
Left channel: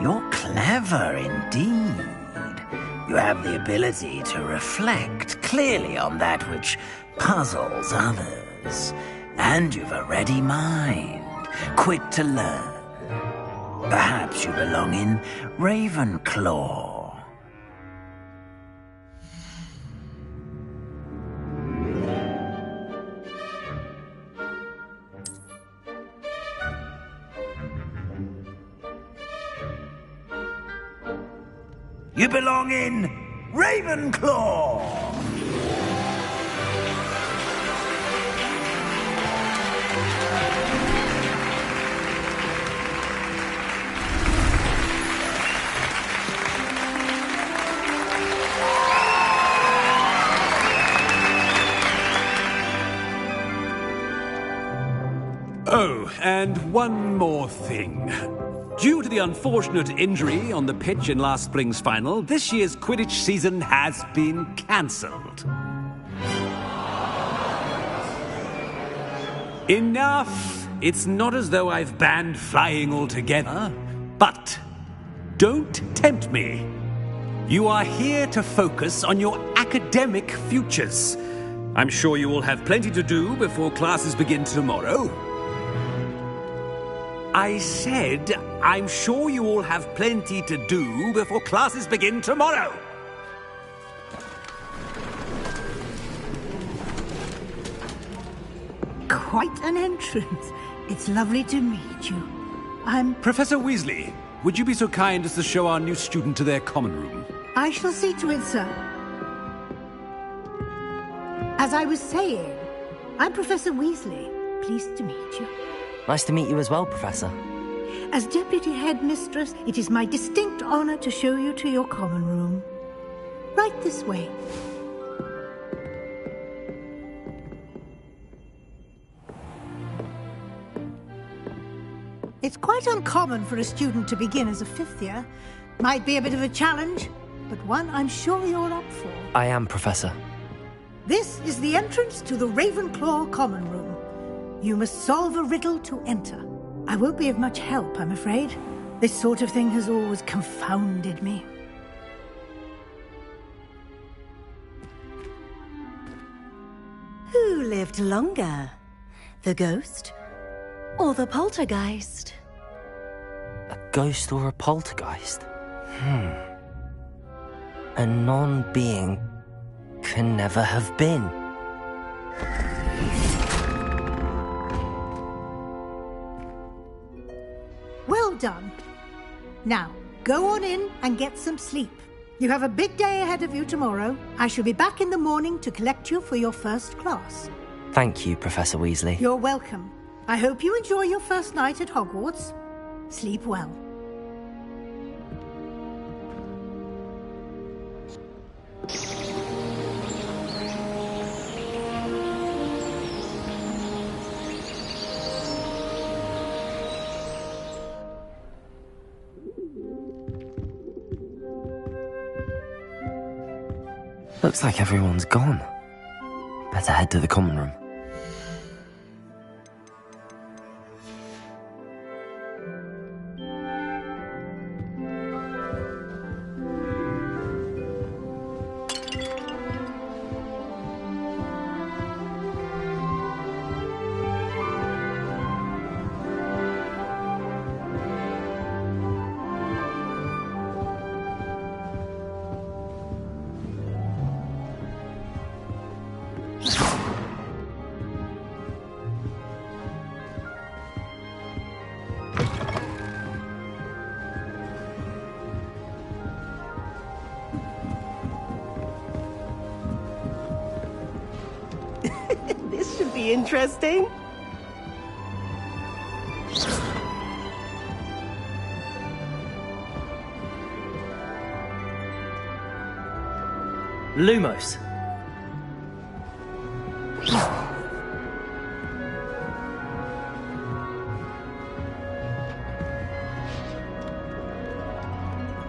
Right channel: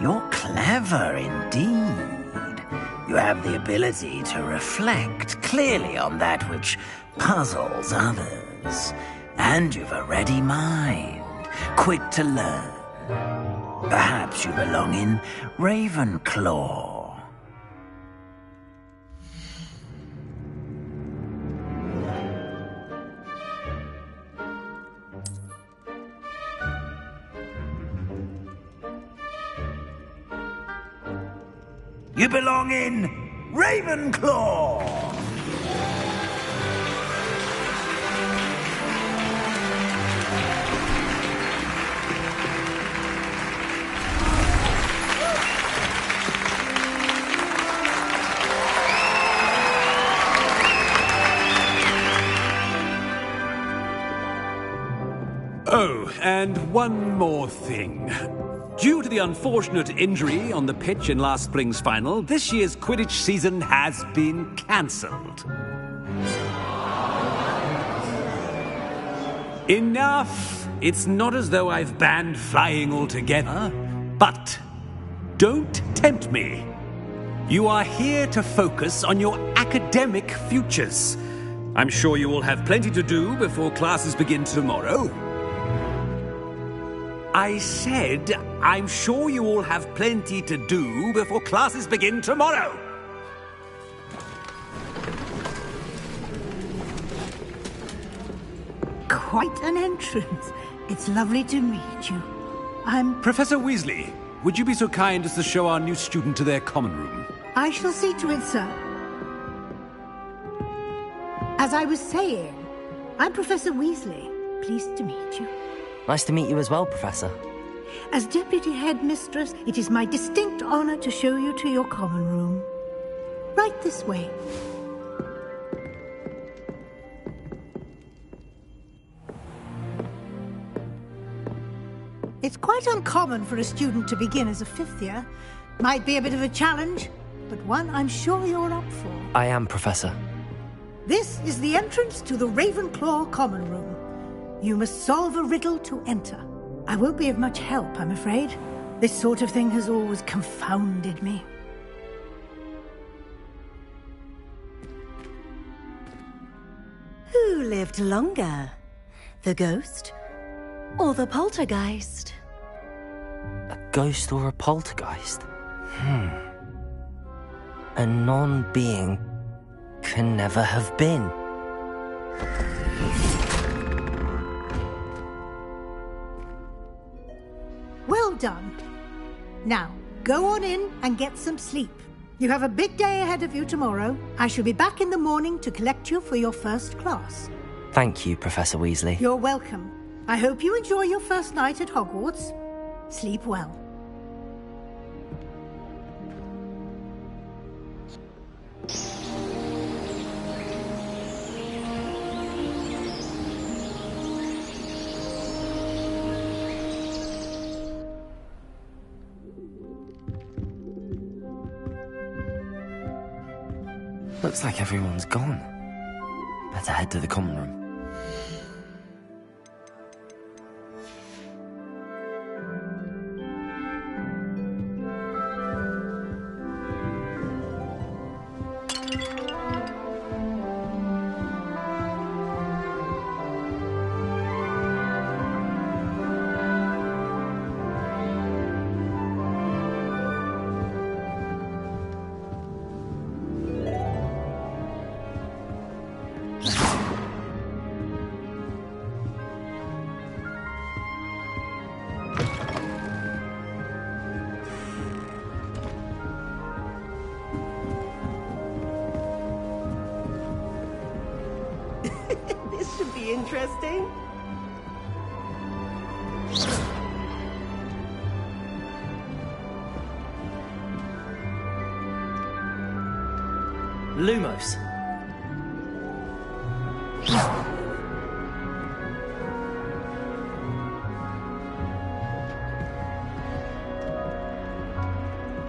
You're clever indeed. You have the ability to reflect clearly on that which puzzles others. And you've a ready mind, quick to learn. Perhaps you belong in Ravenclaw. You belong in Ravenclaw! Oh, and one more thing. Due to the unfortunate injury on the pitch in last spring's final, this year's Quidditch season has been cancelled. Enough! It's not as though I've banned flying altogether, but don't tempt me. You are here to focus on your academic futures. I'm sure you will have plenty to do before classes begin tomorrow. I said, I'm sure you all have plenty to do before classes begin tomorrow. Quite an entrance. It's lovely to meet you. Professor Weasley, would you be so kind as to show our new student to their common room? I shall see to it, sir. As I was saying, I'm Professor Weasley. Pleased to meet you. Nice to meet you as well, Professor. As Deputy Headmistress, it is my distinct honor to show you to your common room. Right this way. It's quite uncommon for a student to begin as a fifth year. Might be a bit of a challenge, but one I'm sure you're up for. I am, Professor. This is the entrance to the Ravenclaw common room. You must solve a riddle to enter. I won't be of much help, I'm afraid. This sort of thing has always confounded me. Who lived longer? The ghost or the poltergeist? A ghost or a poltergeist? A non-being can never have been. Well done. Now, go on in and get some sleep. You have a big day ahead of you tomorrow. I shall be back in the morning to collect you for your first class. Thank you, Professor Weasley. You're welcome. I hope you enjoy your first night at Hogwarts. Sleep well. Looks like everyone's gone. Better head to the common room. This should be interesting. Lumos.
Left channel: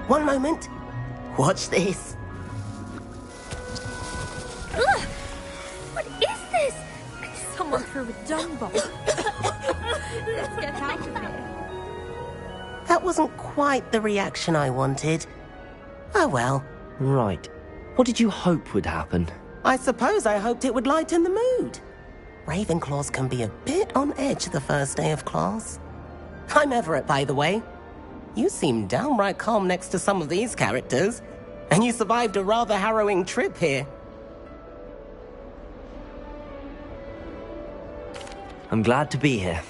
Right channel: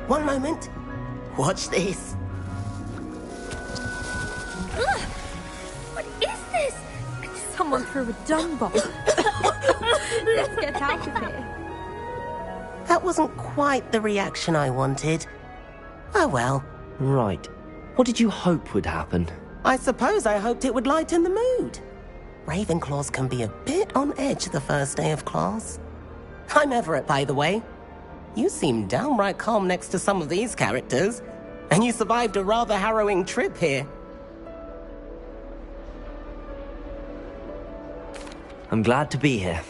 One moment. Watch this. Ugh! What is this? Someone threw a dung bomb. Let's get out of here. That wasn't quite the reaction I wanted. Oh well. Right. What did you hope would happen? I suppose I hoped it would lighten the mood. Ravenclaws can be a bit on edge the first day of class. I'm Everett, by the way. You seem downright calm next to some of these characters, and you survived a rather harrowing trip here. I'm glad to be here.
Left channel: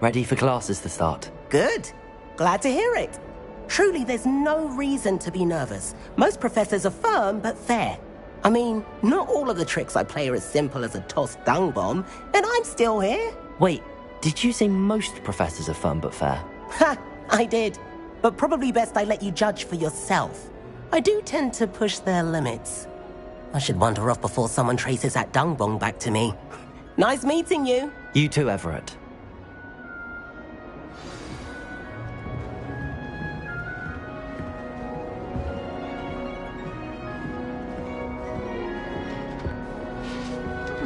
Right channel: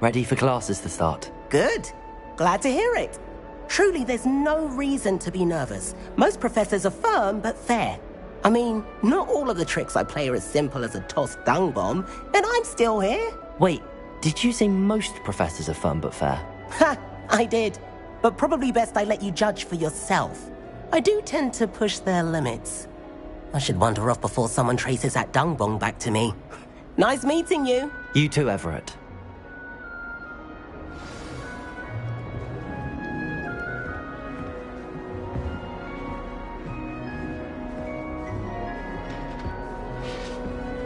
Ready for classes to start. Good. Glad to hear it. Truly, there's no reason to be nervous. Most professors are firm but fair. I mean, not all of the tricks I play are as simple as a tossed dung bomb, and I'm still here. Wait, did you say most professors are firm but fair? Ha! I did. But probably best I let you judge for yourself. I do tend to push their limits. I should wander off before someone traces that dung bomb back to me. Nice meeting you. You too, Everett.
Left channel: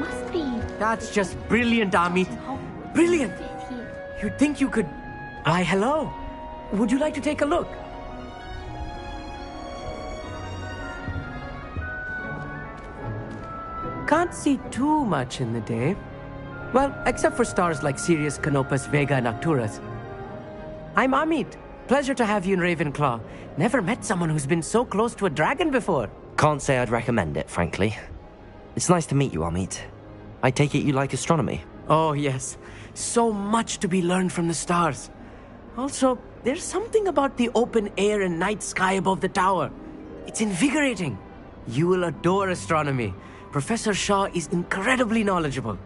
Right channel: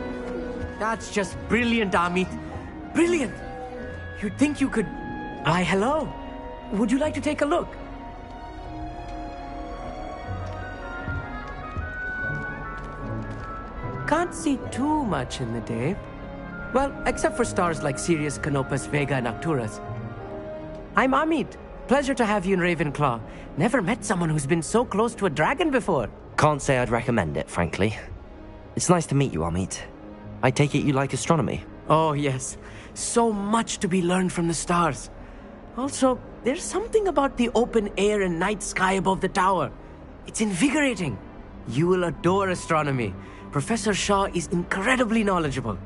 Must be. That's just brilliant, Amit. Brilliant. You'd think you could... Why, hello. Would you like to take a look? Can't see too much in the day. Well, except for stars like Sirius, Canopus, Vega, and Arcturus. I'm Amit. Pleasure to have you in Ravenclaw. Never met someone who's been so close to a dragon before. Can't say I'd recommend it, frankly. It's nice to meet you, Amit. I take it you like astronomy? Oh, yes. So much to be learned from the stars. Also, there's something about the open air and night sky above the tower. It's invigorating. You will adore astronomy. Professor Shaw is incredibly knowledgeable.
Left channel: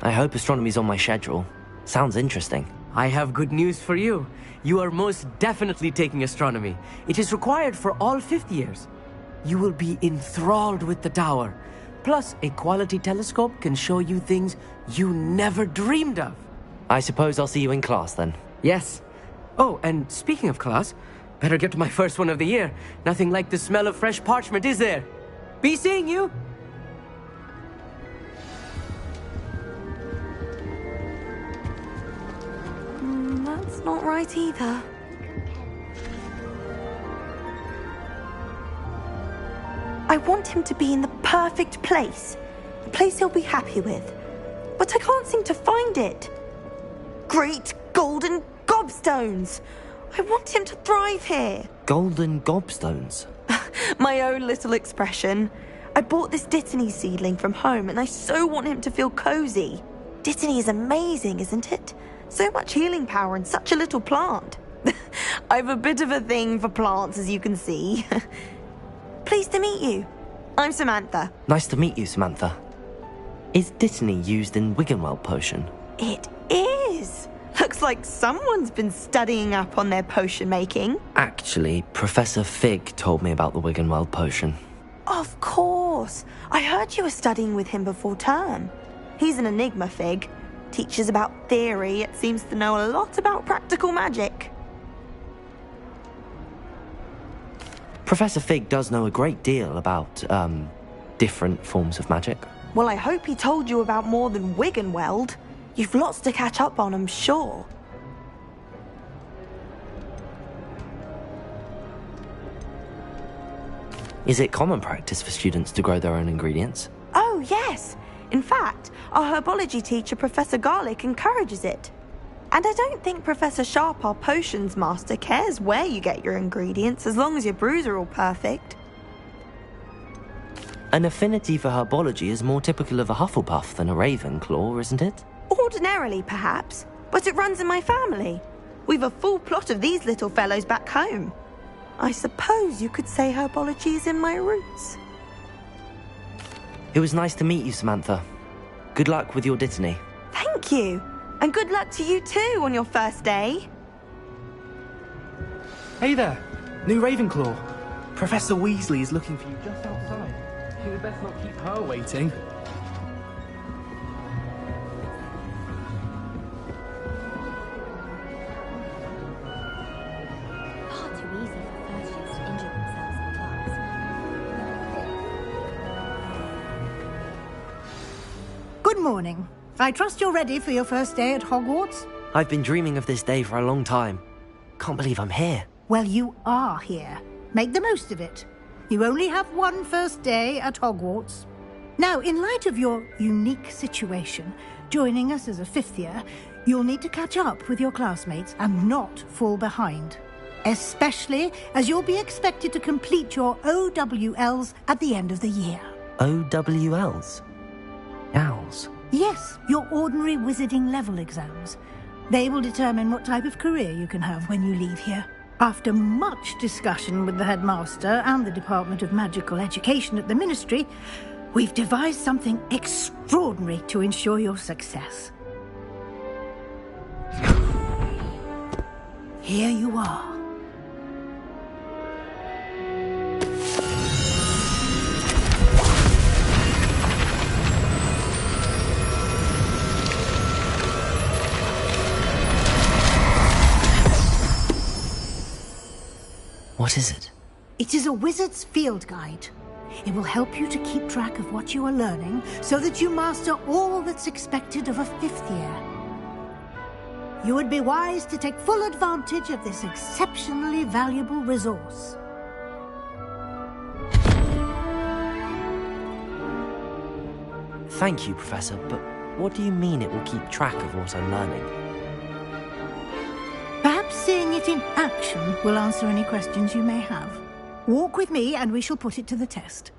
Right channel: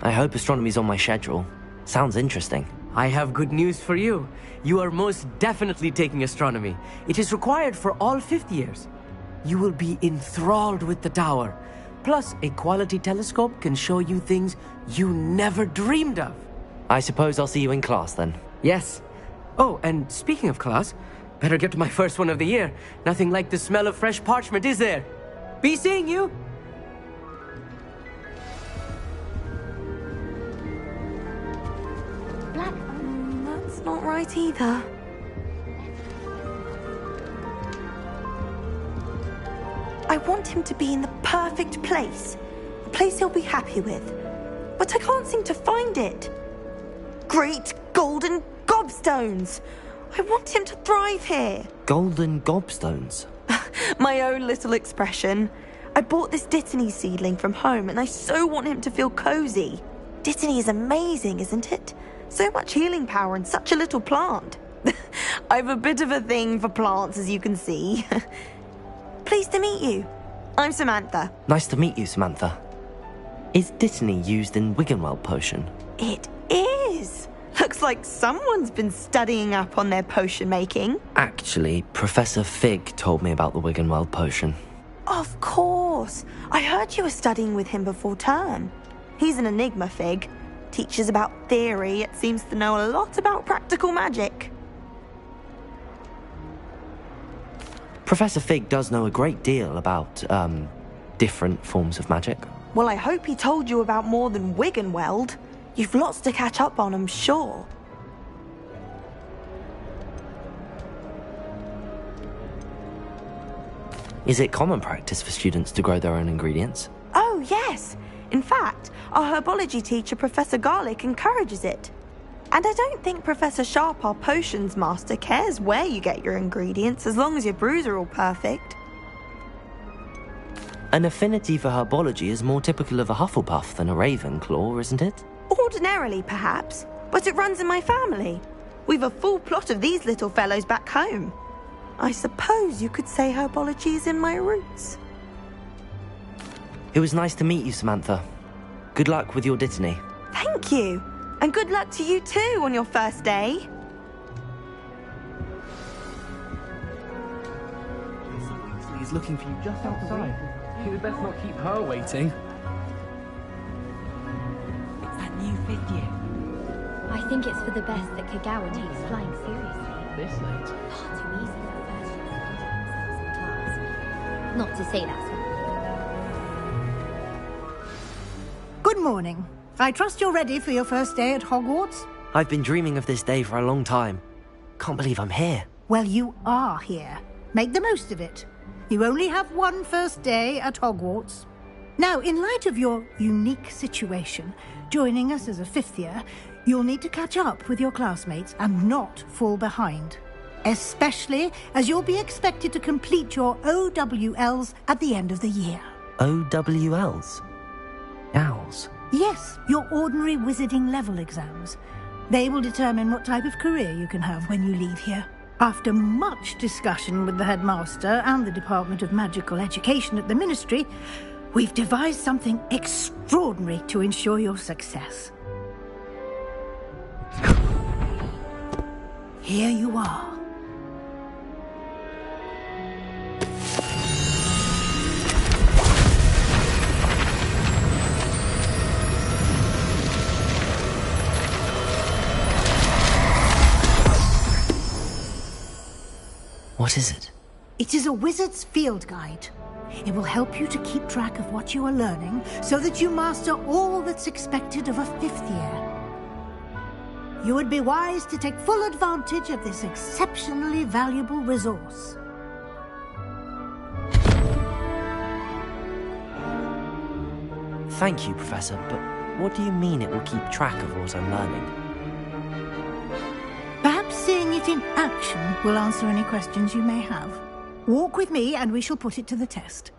I hope astronomy's on my schedule. Sounds interesting. I have good news for you. You are most definitely taking astronomy. It is required for all 5th years. You will be enthralled with the tower. Plus, a quality telescope can show you things you never dreamed of. I suppose I'll see you in class then. Yes. Oh, and speaking of class, better get to my first one of the year. Nothing like the smell of fresh parchment, is there? Be seeing you! That's not right either. I want him to be in the perfect place. A place he'll be happy with. But I can't seem to find it. Great golden gobstones! I want him to thrive here. Golden gobstones? My own little expression. I bought this Dittany seedling from home and I so want him to feel cozy. Dittany is amazing, isn't it? So much healing power in such a little plant. I've a bit of a thing for plants, as you can see. Pleased to meet you. I'm Samantha. Nice to meet you, Samantha. Is Dittany used in Wiggenweld potion? It is. Looks like someone's been studying up on their potion making. Actually, Professor Fig told me about the Wiggenweld potion. Of course. I heard you were studying with him before term. He's an enigma, Fig. Teaches about theory, yet seems to know a lot about practical magic. Professor Fig does know a great deal about, different forms of magic. Well, I hope he told you about more than Wiggenweld. You've lots to catch up on, I'm sure. Is it common practice for students to grow their own ingredients? Oh, yes. In fact, our herbology teacher, Professor Garlick, encourages it. And I don't think Professor Sharp, our potions master, cares where you get your ingredients, as long as your brews are all perfect. An affinity for herbology is more typical of a Hufflepuff than a Ravenclaw, isn't it? Ordinarily, perhaps, but it runs in my family. We've a full plot of these little fellows back home. I suppose you could say herbology is in my roots. It was nice to meet you, Samantha. Good luck with your dittany. Thank you. And good luck to you too on your first day. Hey there, new Ravenclaw. Professor Weasley is looking for you just outside. You'd best not keep her waiting. It's that new figure. I think it's for the best that Kagawa takes flying seriously. Far too easy for first years to injure themselves in class. Not to say that's... Good morning. I trust you're ready for your first day at Hogwarts? I've been dreaming of this day for a long time. Can't believe I'm here. Well, you are here. Make the most of it. You only have one first day at Hogwarts. Now, in light of your unique situation, joining us as a fifth year, you'll need to catch up with your classmates and not fall behind. Especially as you'll be expected to complete your OWLs at the end of the year. OWLs? Owls? Yes, your ordinary wizarding level exams. They will determine what type of career you can have when you leave here. After much discussion with the headmaster and the Department of Magical Education at the Ministry, we've devised something extraordinary to ensure your success. Here you are. What is it? It is a wizard's field guide. It will help you to keep track of what you are learning so that you master all that's expected of a fifth year. You would be wise to take full advantage of this exceptionally valuable resource. Thank you, Professor, but what do you mean it will keep track of what I'm learning? Perhaps seeing it in action will answer any questions you may have. Walk with me and we shall put it to the test.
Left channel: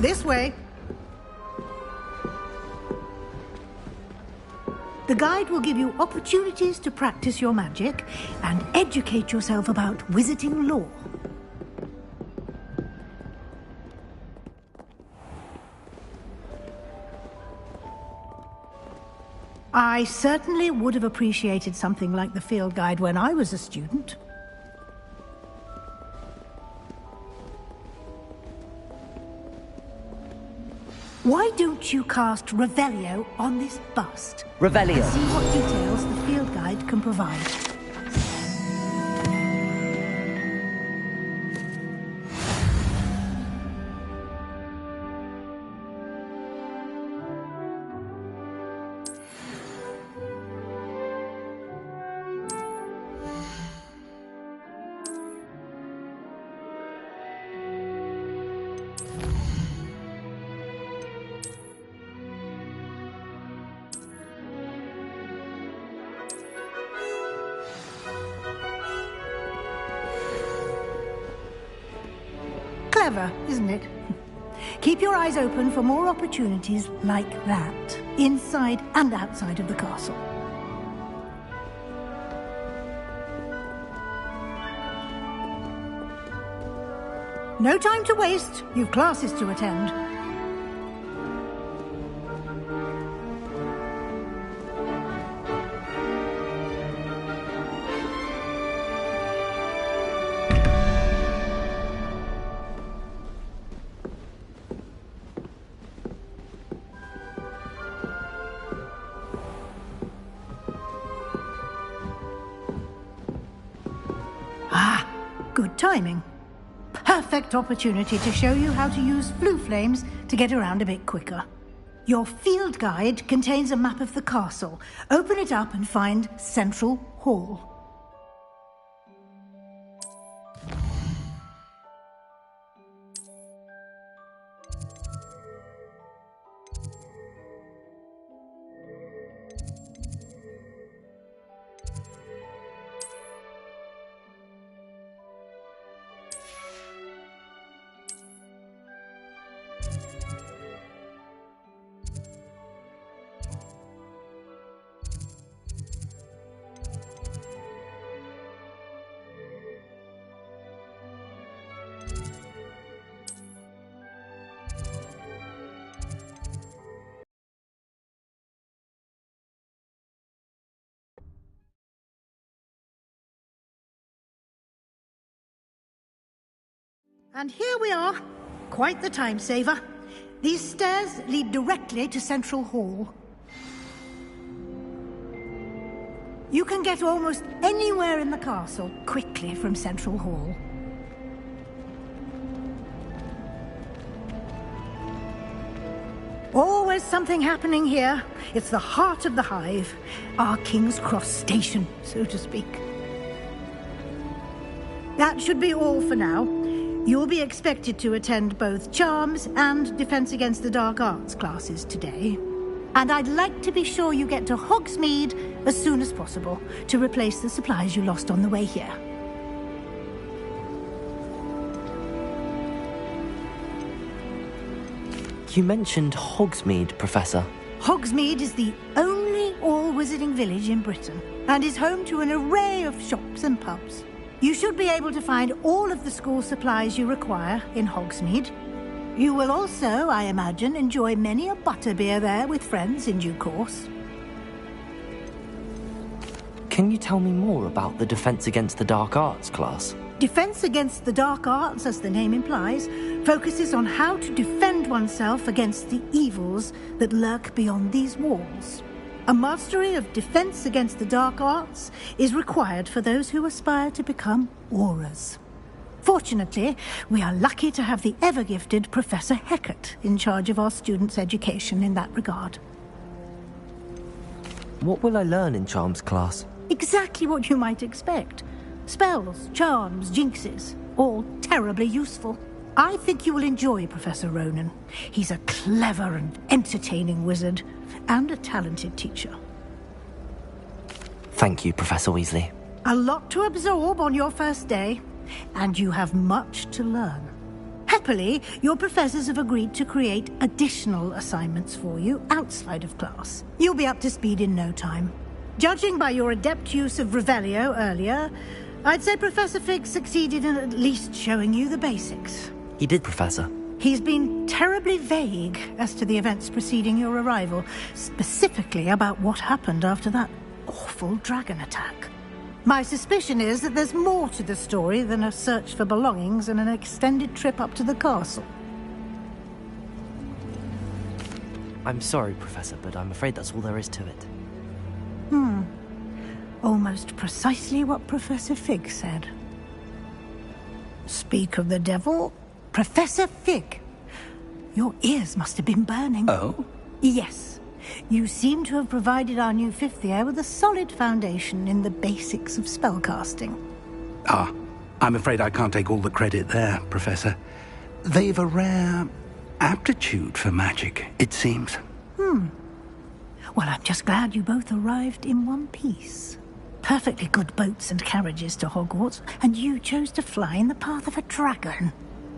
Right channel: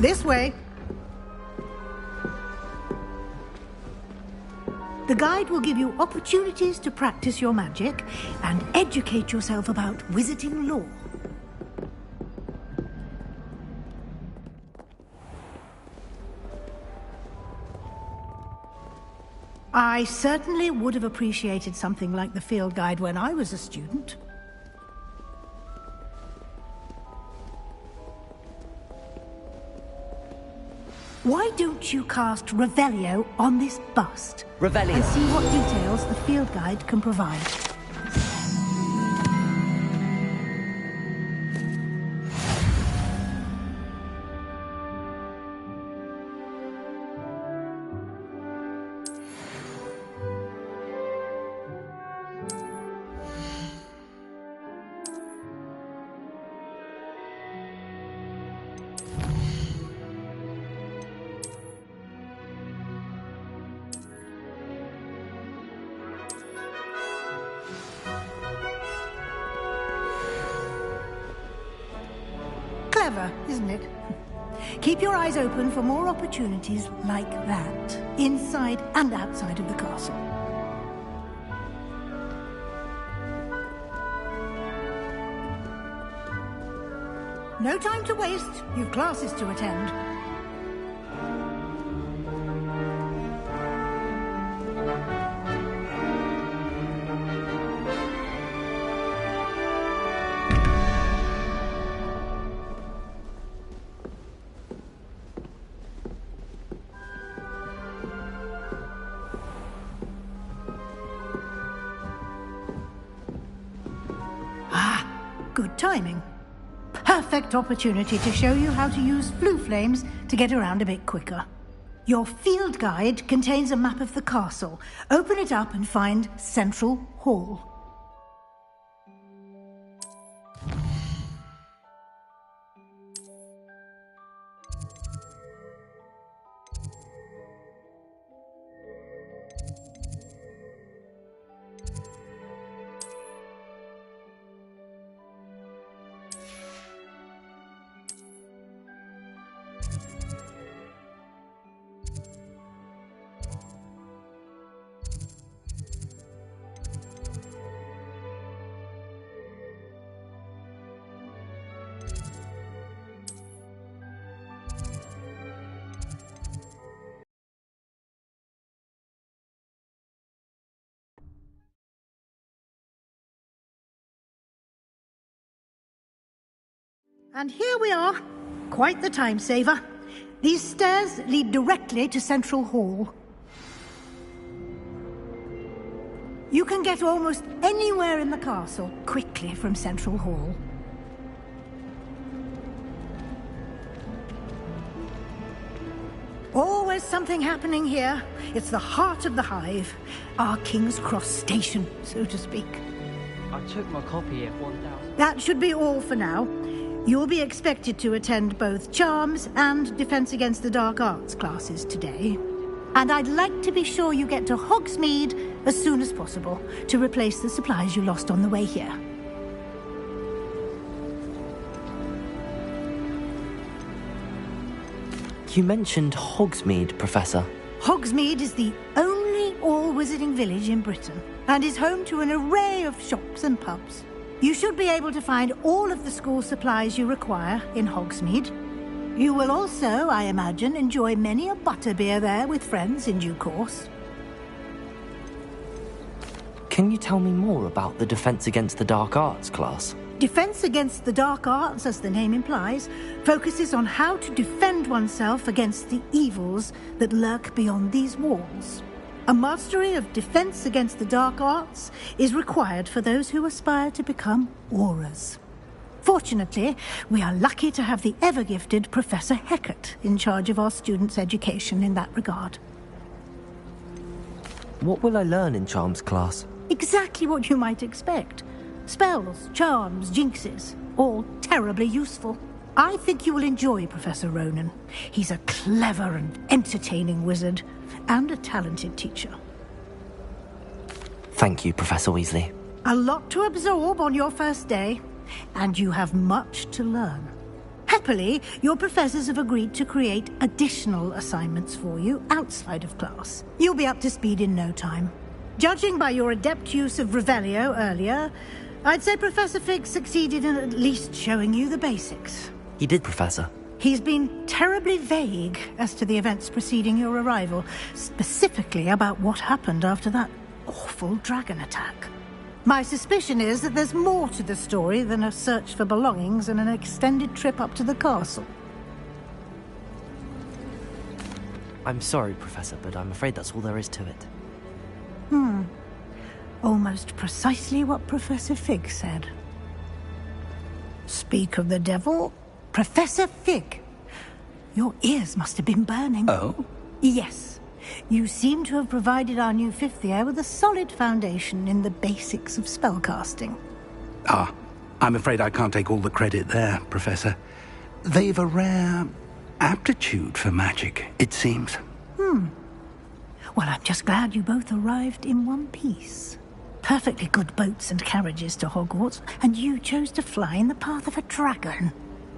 This way. The guide will give you opportunities to practice your magic and educate yourself about wizarding lore. I certainly would have appreciated something like the field guide when I was a student. Why don't you cast Revelio on this bust? Revelio. And see what details the field guide can provide. Clever, isn't it? Keep your eyes open for more opportunities like that, inside and outside of the castle. No time to waste. You've classes to attend. good timing. Perfect opportunity to show you how to use flue flames to get around a bit quicker. Your field guide contains a map of the castle. Open it up and find Central Hall. And here we are. Quite the time saver. These stairs lead directly to Central Hall. You can get almost anywhere in the castle quickly from Central Hall. Always something happening here. It's the heart of the hive. Our King's Cross station, so to speak. I took my copy at 1 That should be all for now. You'll be expected to attend both Charms and Defense Against the Dark Arts classes today. And I'd like to be sure you get to Hogsmeade as soon as possible to replace the supplies you lost on the way here. You mentioned Hogsmeade, Professor. Hogsmeade is the only all-wizarding village in Britain and is home to an array of shops and pubs. You should be able to find all of the school supplies you require in Hogsmeade. You will also, I imagine, enjoy many a butterbeer there with friends in due course. Can you tell me more about the Defense Against the Dark Arts class? Defense Against the Dark Arts, as the name implies, focuses on how to defend oneself against the evils that lurk beyond these walls. A mastery of Defense Against the Dark Arts is required for those who aspire to become Aurors. Fortunately, we are lucky to have the ever-gifted Professor Hecat in charge of our students' education in that regard. What will I learn in Charms class? Exactly what you might expect. Spells, charms, jinxes, all terribly useful. I think you will enjoy Professor Ronan. He's a clever and entertaining wizard, and a talented teacher. Thank you, Professor Weasley. A lot to absorb on your first day, and you have much to learn. Happily, your professors have agreed to create additional assignments for you outside of class. You'll be up to speed in no time. Judging by your adept use of Revelio earlier, I'd say Professor Fig succeeded in at least showing you the basics. He did, Professor. He's been terribly vague as to the events preceding your arrival, specifically about what happened after that awful dragon attack. My suspicion is that there's more to the story than a search for belongings and an extended trip up to the castle. I'm sorry, Professor, but I'm afraid that's all there is to it. Almost precisely what Professor Fig said. Speak of the devil, Professor Fig. Your ears must have been burning. Oh? Yes. You seem to have provided our new fifth year with a solid foundation in the basics of spellcasting. I'm afraid I can't take all the credit there, Professor. They've a rare aptitude for magic, it seems. Well, I'm just glad you both arrived in one piece. Perfectly good boats and carriages to Hogwarts, and you chose to fly in the path of a dragon.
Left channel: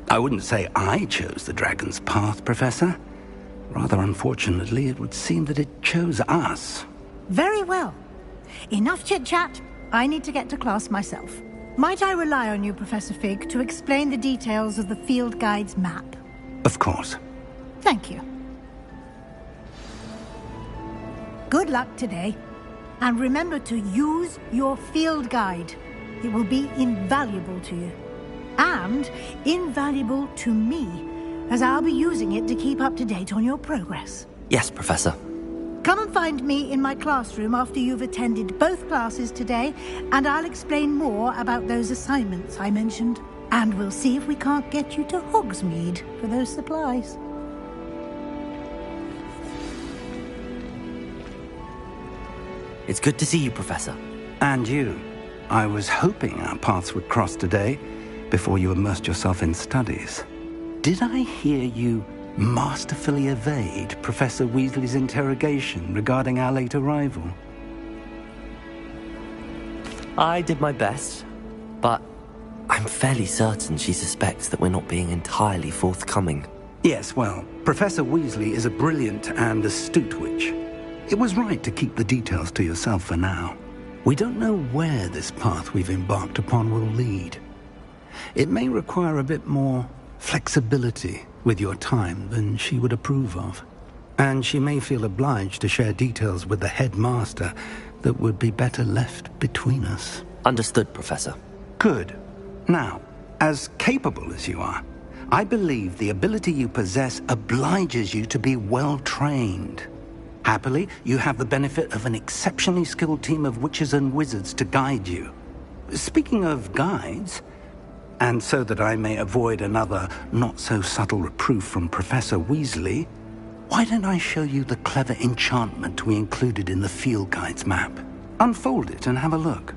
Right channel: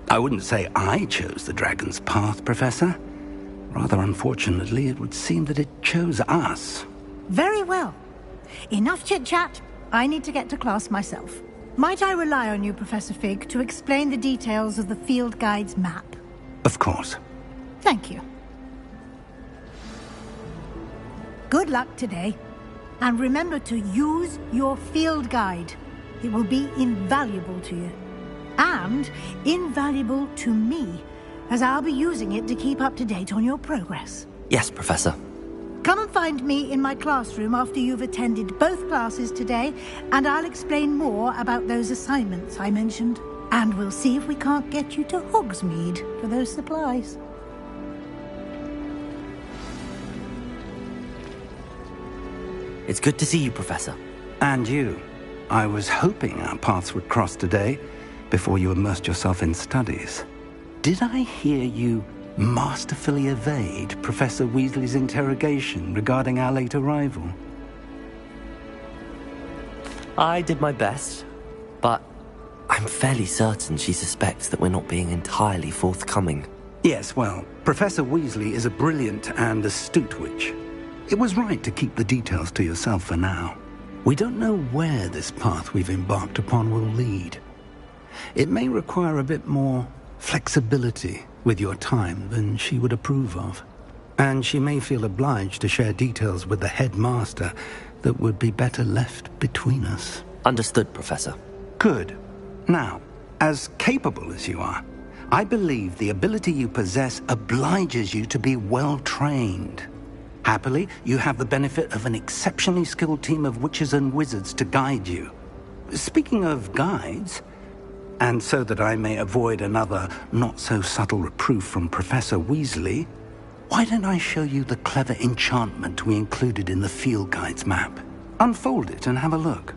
I wouldn't say I chose the dragon's path, Professor. Rather unfortunately, it would seem that it chose us. Very well. Enough chit-chat. I need to get to class myself. Might I rely on you, Professor Fig, to explain the details of the field guide's map? Of course. Thank you. Good luck today. And remember to use your field guide. It will be invaluable to you. And invaluable to me, as I'll be using it to keep up to date on your progress. Yes, Professor. Come and find me in my classroom after you've attended both classes today, and I'll explain more about those assignments I mentioned. And we'll see if we can't get you to Hogsmeade for those supplies. It's good to see you, Professor. And you. I was hoping our paths would cross today, before you immersed yourself in studies. Did I hear you masterfully evade Professor Weasley's interrogation regarding our late arrival? I did my best, but I'm fairly certain she suspects that we're not being entirely forthcoming. Yes, well, Professor Weasley is a brilliant and astute witch. It was right to keep the details to yourself for now. We don't know where this path we've embarked upon will lead. It may require a bit more flexibility with your time than she would approve of. And she may feel obliged to share details with the headmaster that would be better left between us. Understood, Professor. Good. Now, as capable as you are, I believe the ability you possess obliges you to be well trained. Happily, you have the benefit of an exceptionally skilled team of witches and wizards to guide you. Speaking of guides, and so that I may avoid another not-so-subtle reproof from Professor Weasley, why don't I show you the clever enchantment we included in the field guide's map? Unfold it and have a look.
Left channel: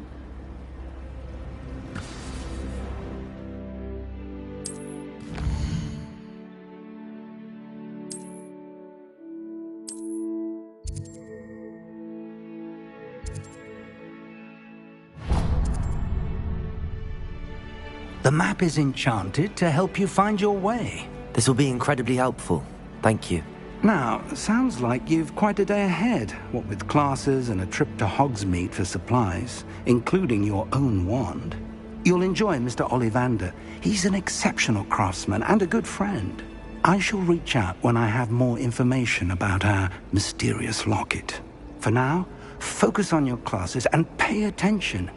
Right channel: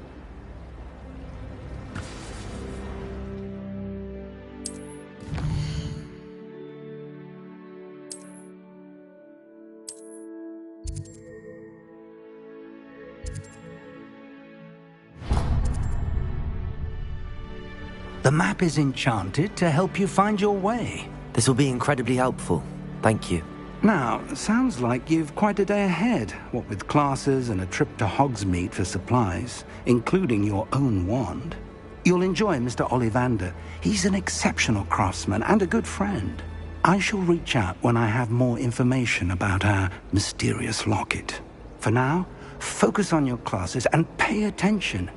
The map is enchanted to help you find your way. This will be incredibly helpful. Thank you. Now, sounds like you've quite a day ahead, what with classes and a trip to Hogsmeade for supplies, including your own wand. You'll enjoy Mr. Ollivander. He's an exceptional craftsman and a good friend. I shall reach out when I have more information about our mysterious locket. For now, focus on your classes and pay attention.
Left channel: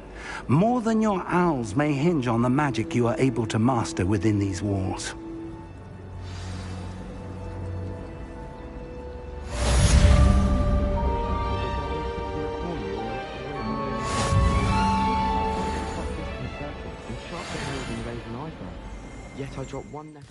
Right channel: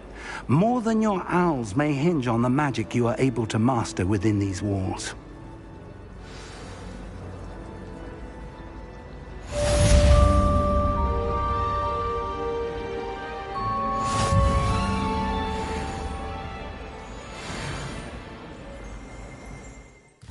More than your owls may hinge on the magic you are able to master within these walls. Yet I dropped one neck.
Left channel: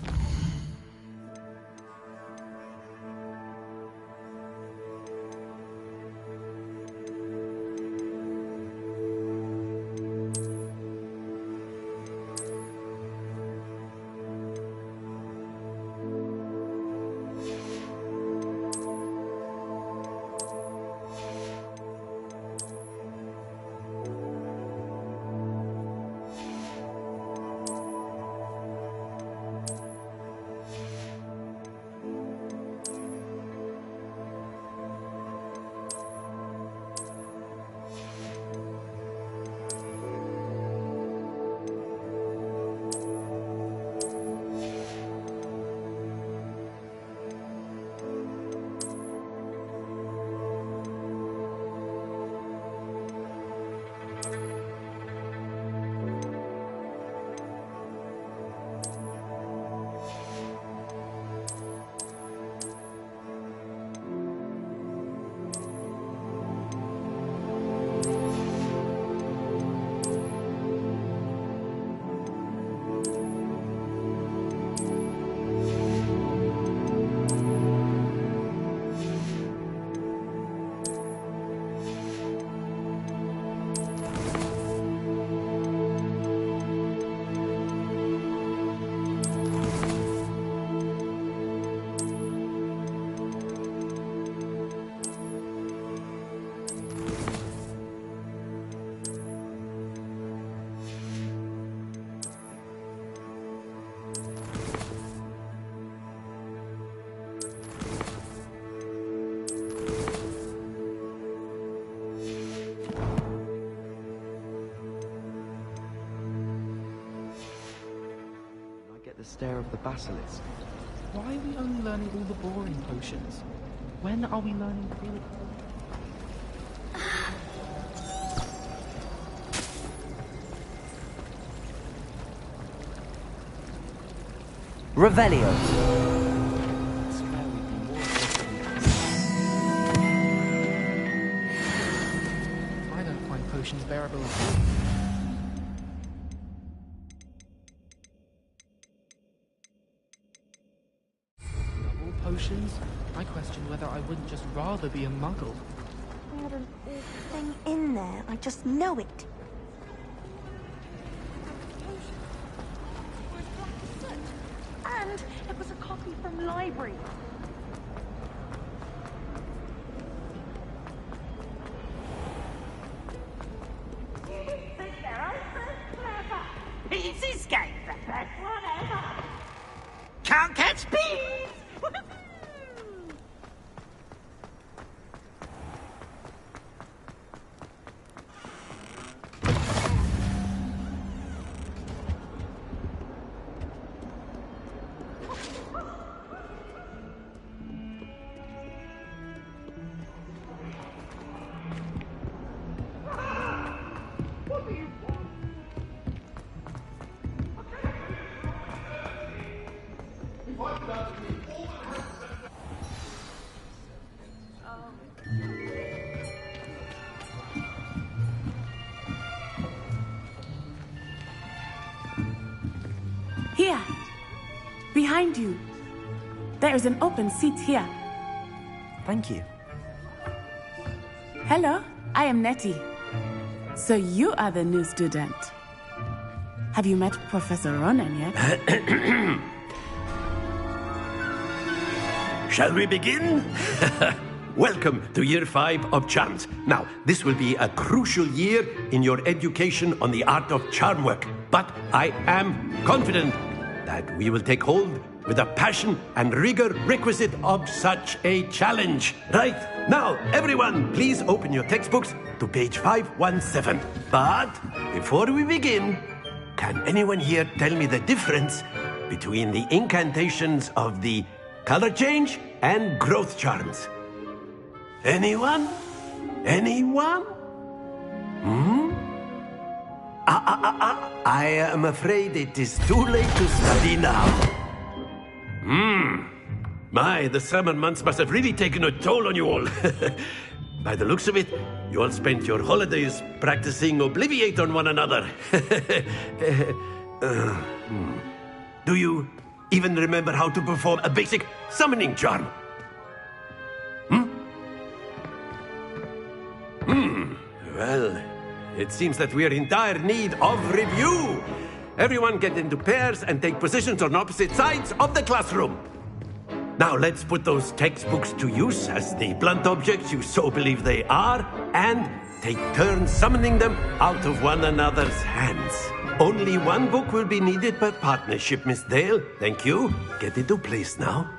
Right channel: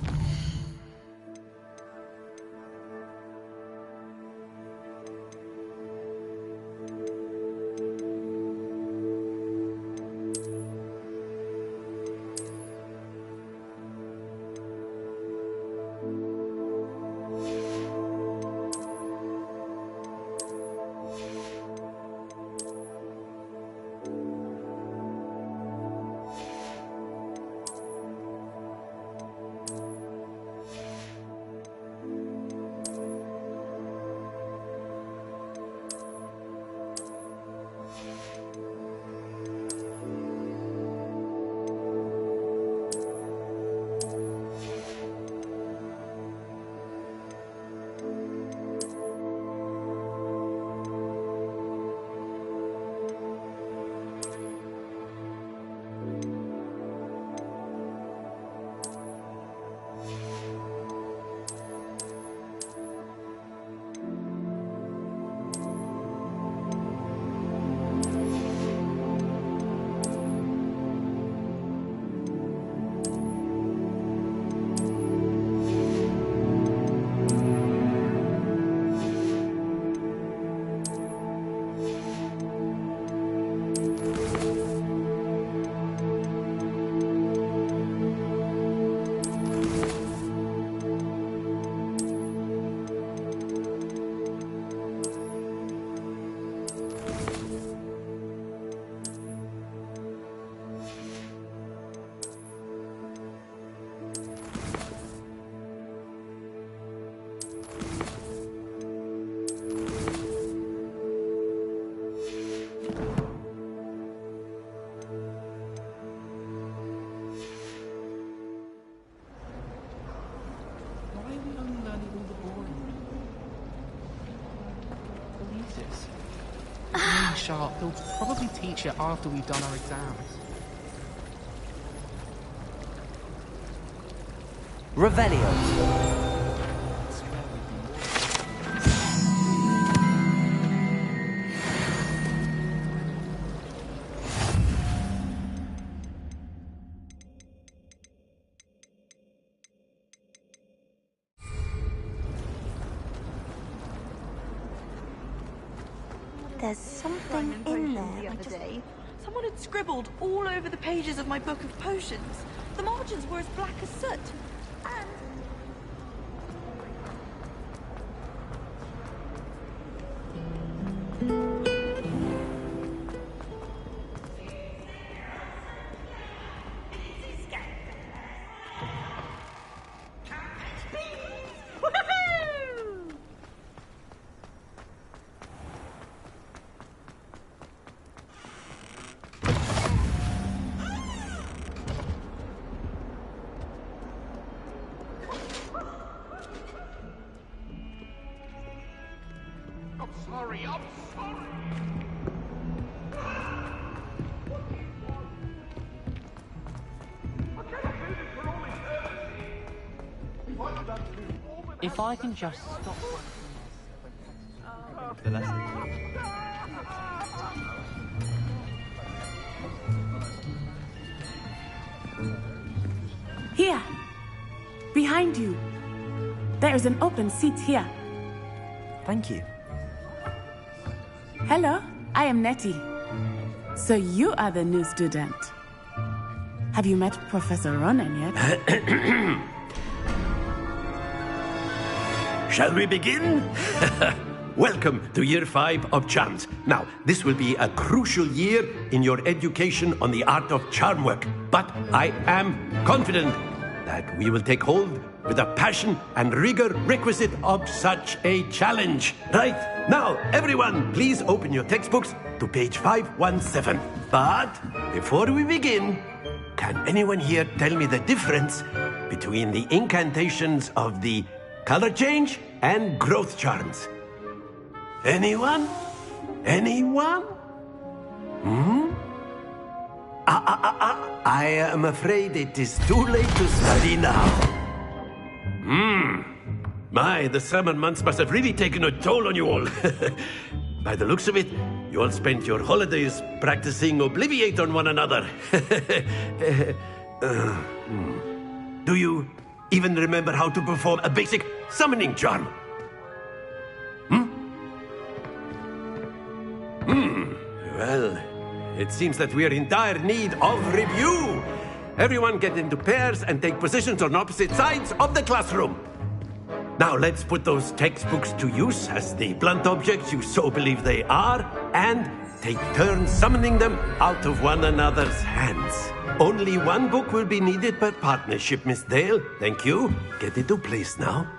Stare of the basilisk. Why are we only learning all the boring potions? When are we learning telekinesis? Really sharp. He'll probably teach it after we've done our exams. Revelio. rather be a muggle. There's something in there. I just know it. Someone had scribbled all over the pages of my book of potions. The margins were as black as soot. And it was a copy from the library. Can't catch bees! Woohoo! If I can just stop. Here! Behind you. There is an open seat here. Thank you. Hello, I am Nettie. So you are the new student. Have you met Professor Ronan yet? Shall we begin? Welcome to Year 5 of Charms. Now, this will be a crucial year in your education on the art of charm work. But I am confident that we will take hold with the passion and rigor requisite of such a challenge. Right, now, everyone, please open your textbooks to page 517. But before we begin, can anyone here tell me the difference between the incantations of the color change and growth charms? Anyone? Anyone? I am afraid it is too late to study now. My, the summer months must have really taken a toll on you all. By the looks of it, you all spent your holidays practicing Obliviate on one another. Do you even remember how to perform a basic summoning charm? Well, it seems that we are in dire need of review. Everyone get into pairs and take positions on opposite sides of the classroom. Now let's put those textbooks to use as the blunt objects you so believe they are, and take turns summoning them out of one another's hands. Only one book will be needed per partnership, Miss Dale. Thank you. Get into place now.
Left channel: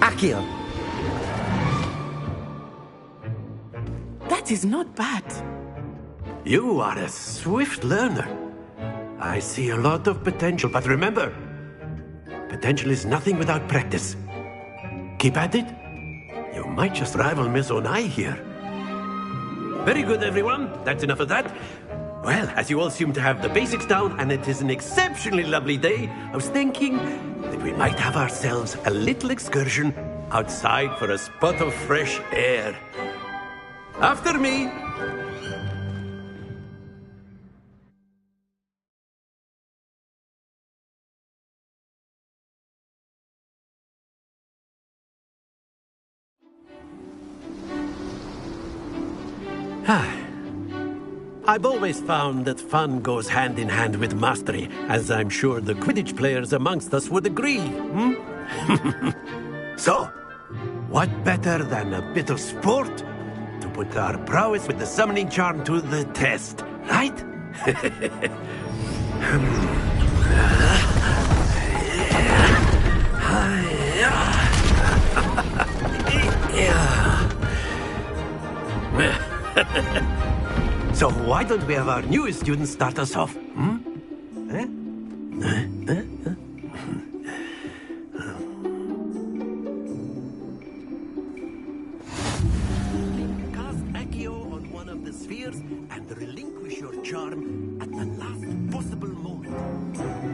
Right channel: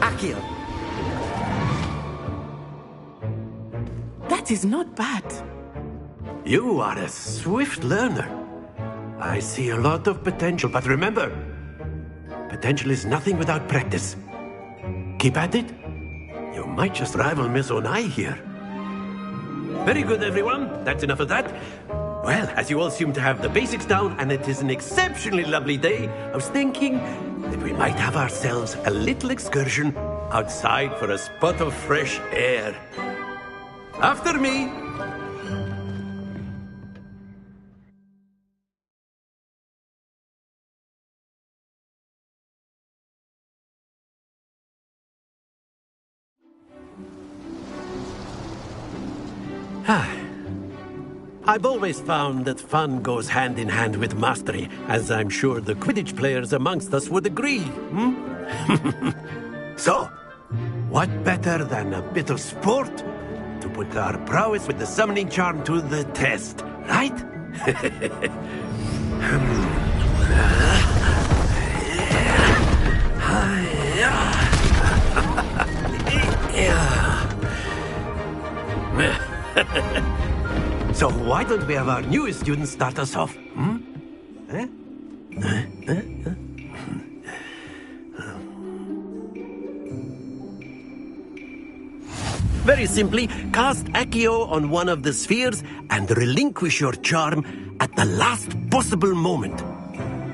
Accio. That is not bad. You are a swift learner. I see a lot of potential, but remember, potential is nothing without practice. Keep at it. You might just rival Miss Onai here. Very good, everyone. That's enough of that. Well, as you all seem to have the basics down, and it is an exceptionally lovely day, I was thinking that we might have ourselves a little excursion outside for a spot of fresh air. After me. I've always found that fun goes hand in hand with mastery, as I'm sure the Quidditch players amongst us would agree. So, what better than a bit of sport to put our prowess with the summoning charm to the test, right? So why don't we have our newest student start us off? Very simply, cast Accio on one of the spheres and relinquish your charm at the last possible moment.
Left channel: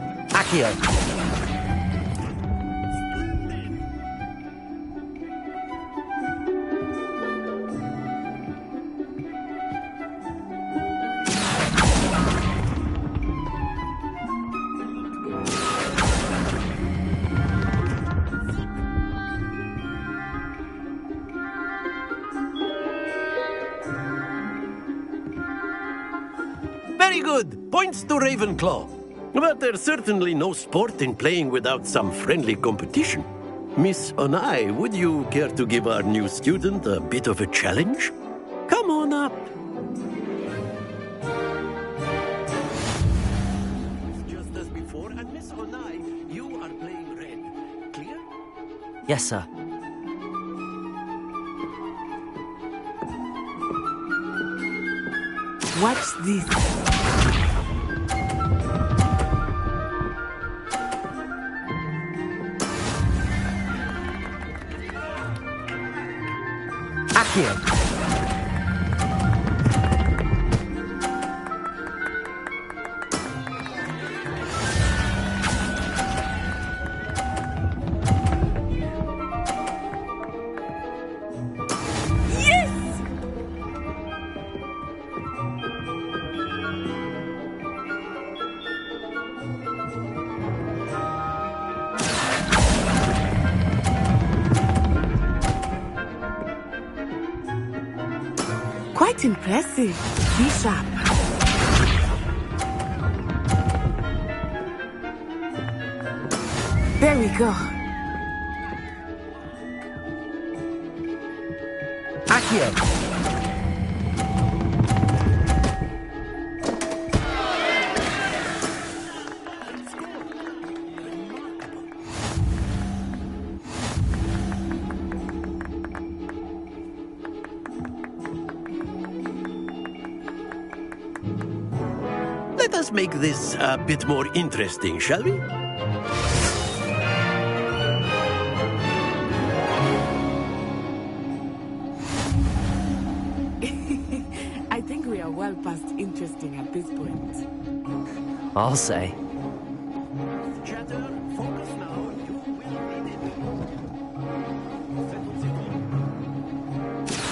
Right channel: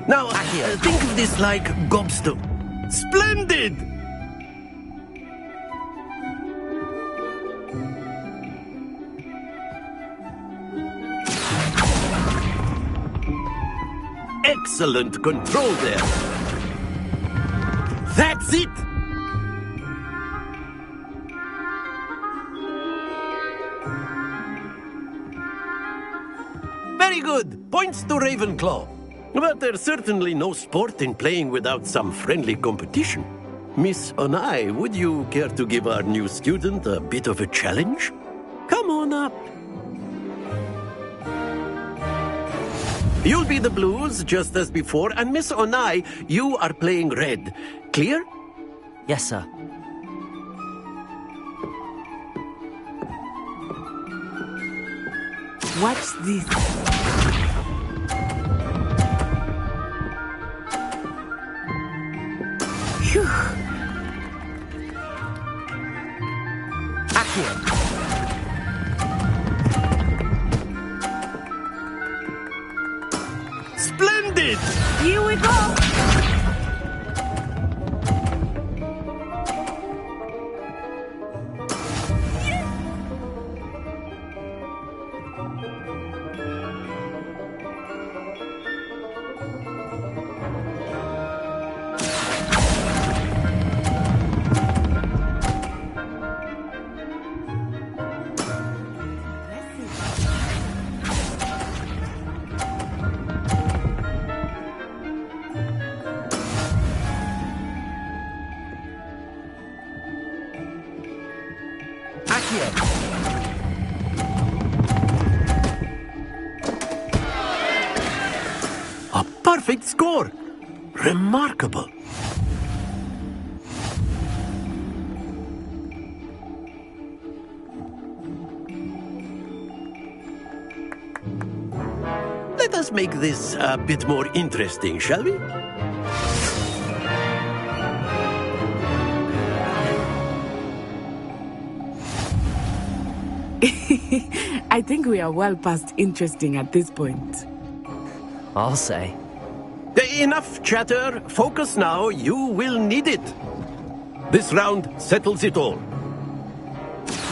Now, Accio. Think of this like gobstone. Splendid! Excellent control there. That's it! Very good. Points to Ravenclaw. But there's certainly no sport in playing without some friendly competition. Miss Onai, would you care to give our new student a bit of a challenge? Come on up. You'll be the blues, just as before, and Miss Onai, you are playing red. Clear? Yes, sir. Watch this. Phew. Accio. Splendid! Here we go. Yes! Quite impressive. Be sharp. There we go. Accio. A perfect score. Remarkable. Let us make this a bit more interesting, shall we? I think we are well past interesting at this point. I'll say. Enough chatter. Focus now. You will need it. This round settles it all.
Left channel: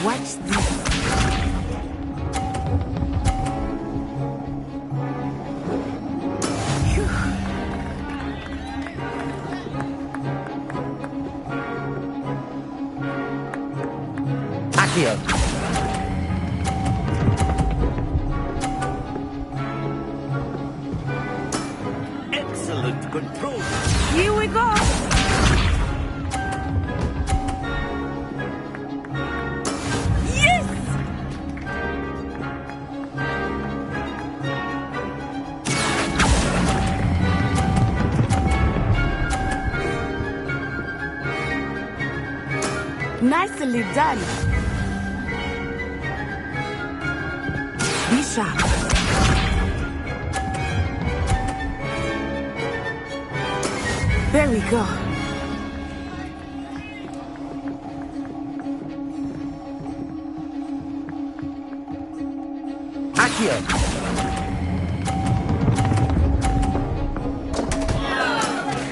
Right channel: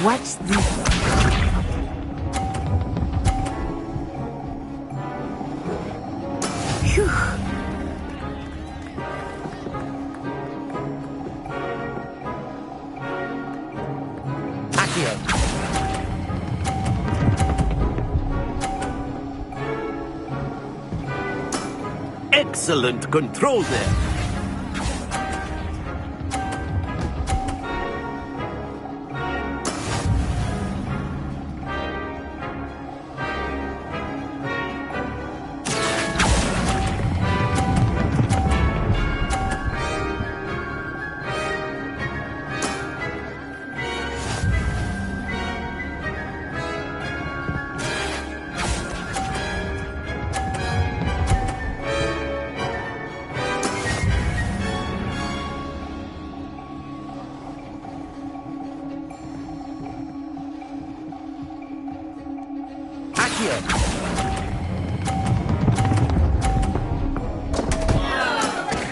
Watch this. Phew. Accio. Excellent control there. Here we go. Yes! Nicely done. Be sharp. There we go. Accio.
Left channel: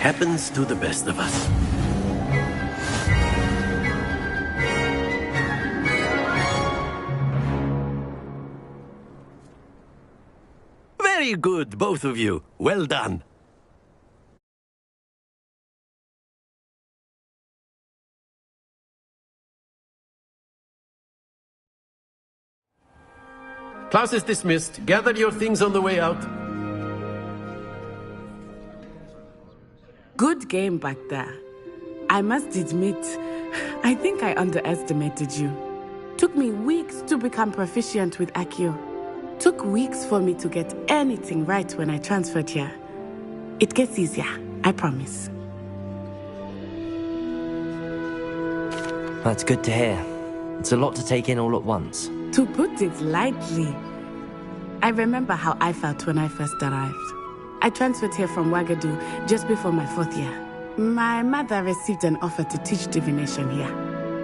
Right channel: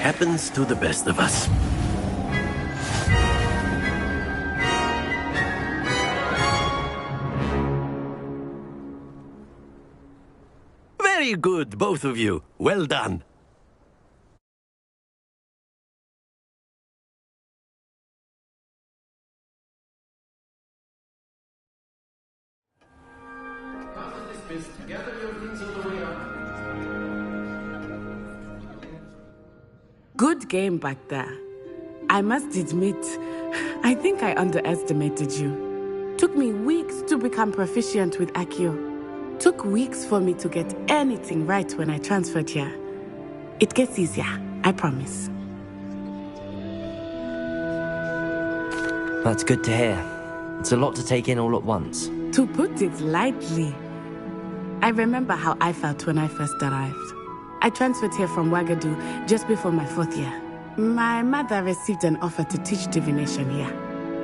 Happens to the best of us. Very good, both of you. Well done. Class is dismissed. Gather your things on the way out. Good game back there. I must admit, I think I underestimated you. Took me weeks to become proficient with Accio. Took weeks for me to get anything right when I transferred here. It gets easier, I promise. That's good to hear. It's a lot to take in all at once. To put it lightly, I remember how I felt when I first arrived. I transferred here from Wagadu just before my 4th year. My mother received an offer to teach divination here.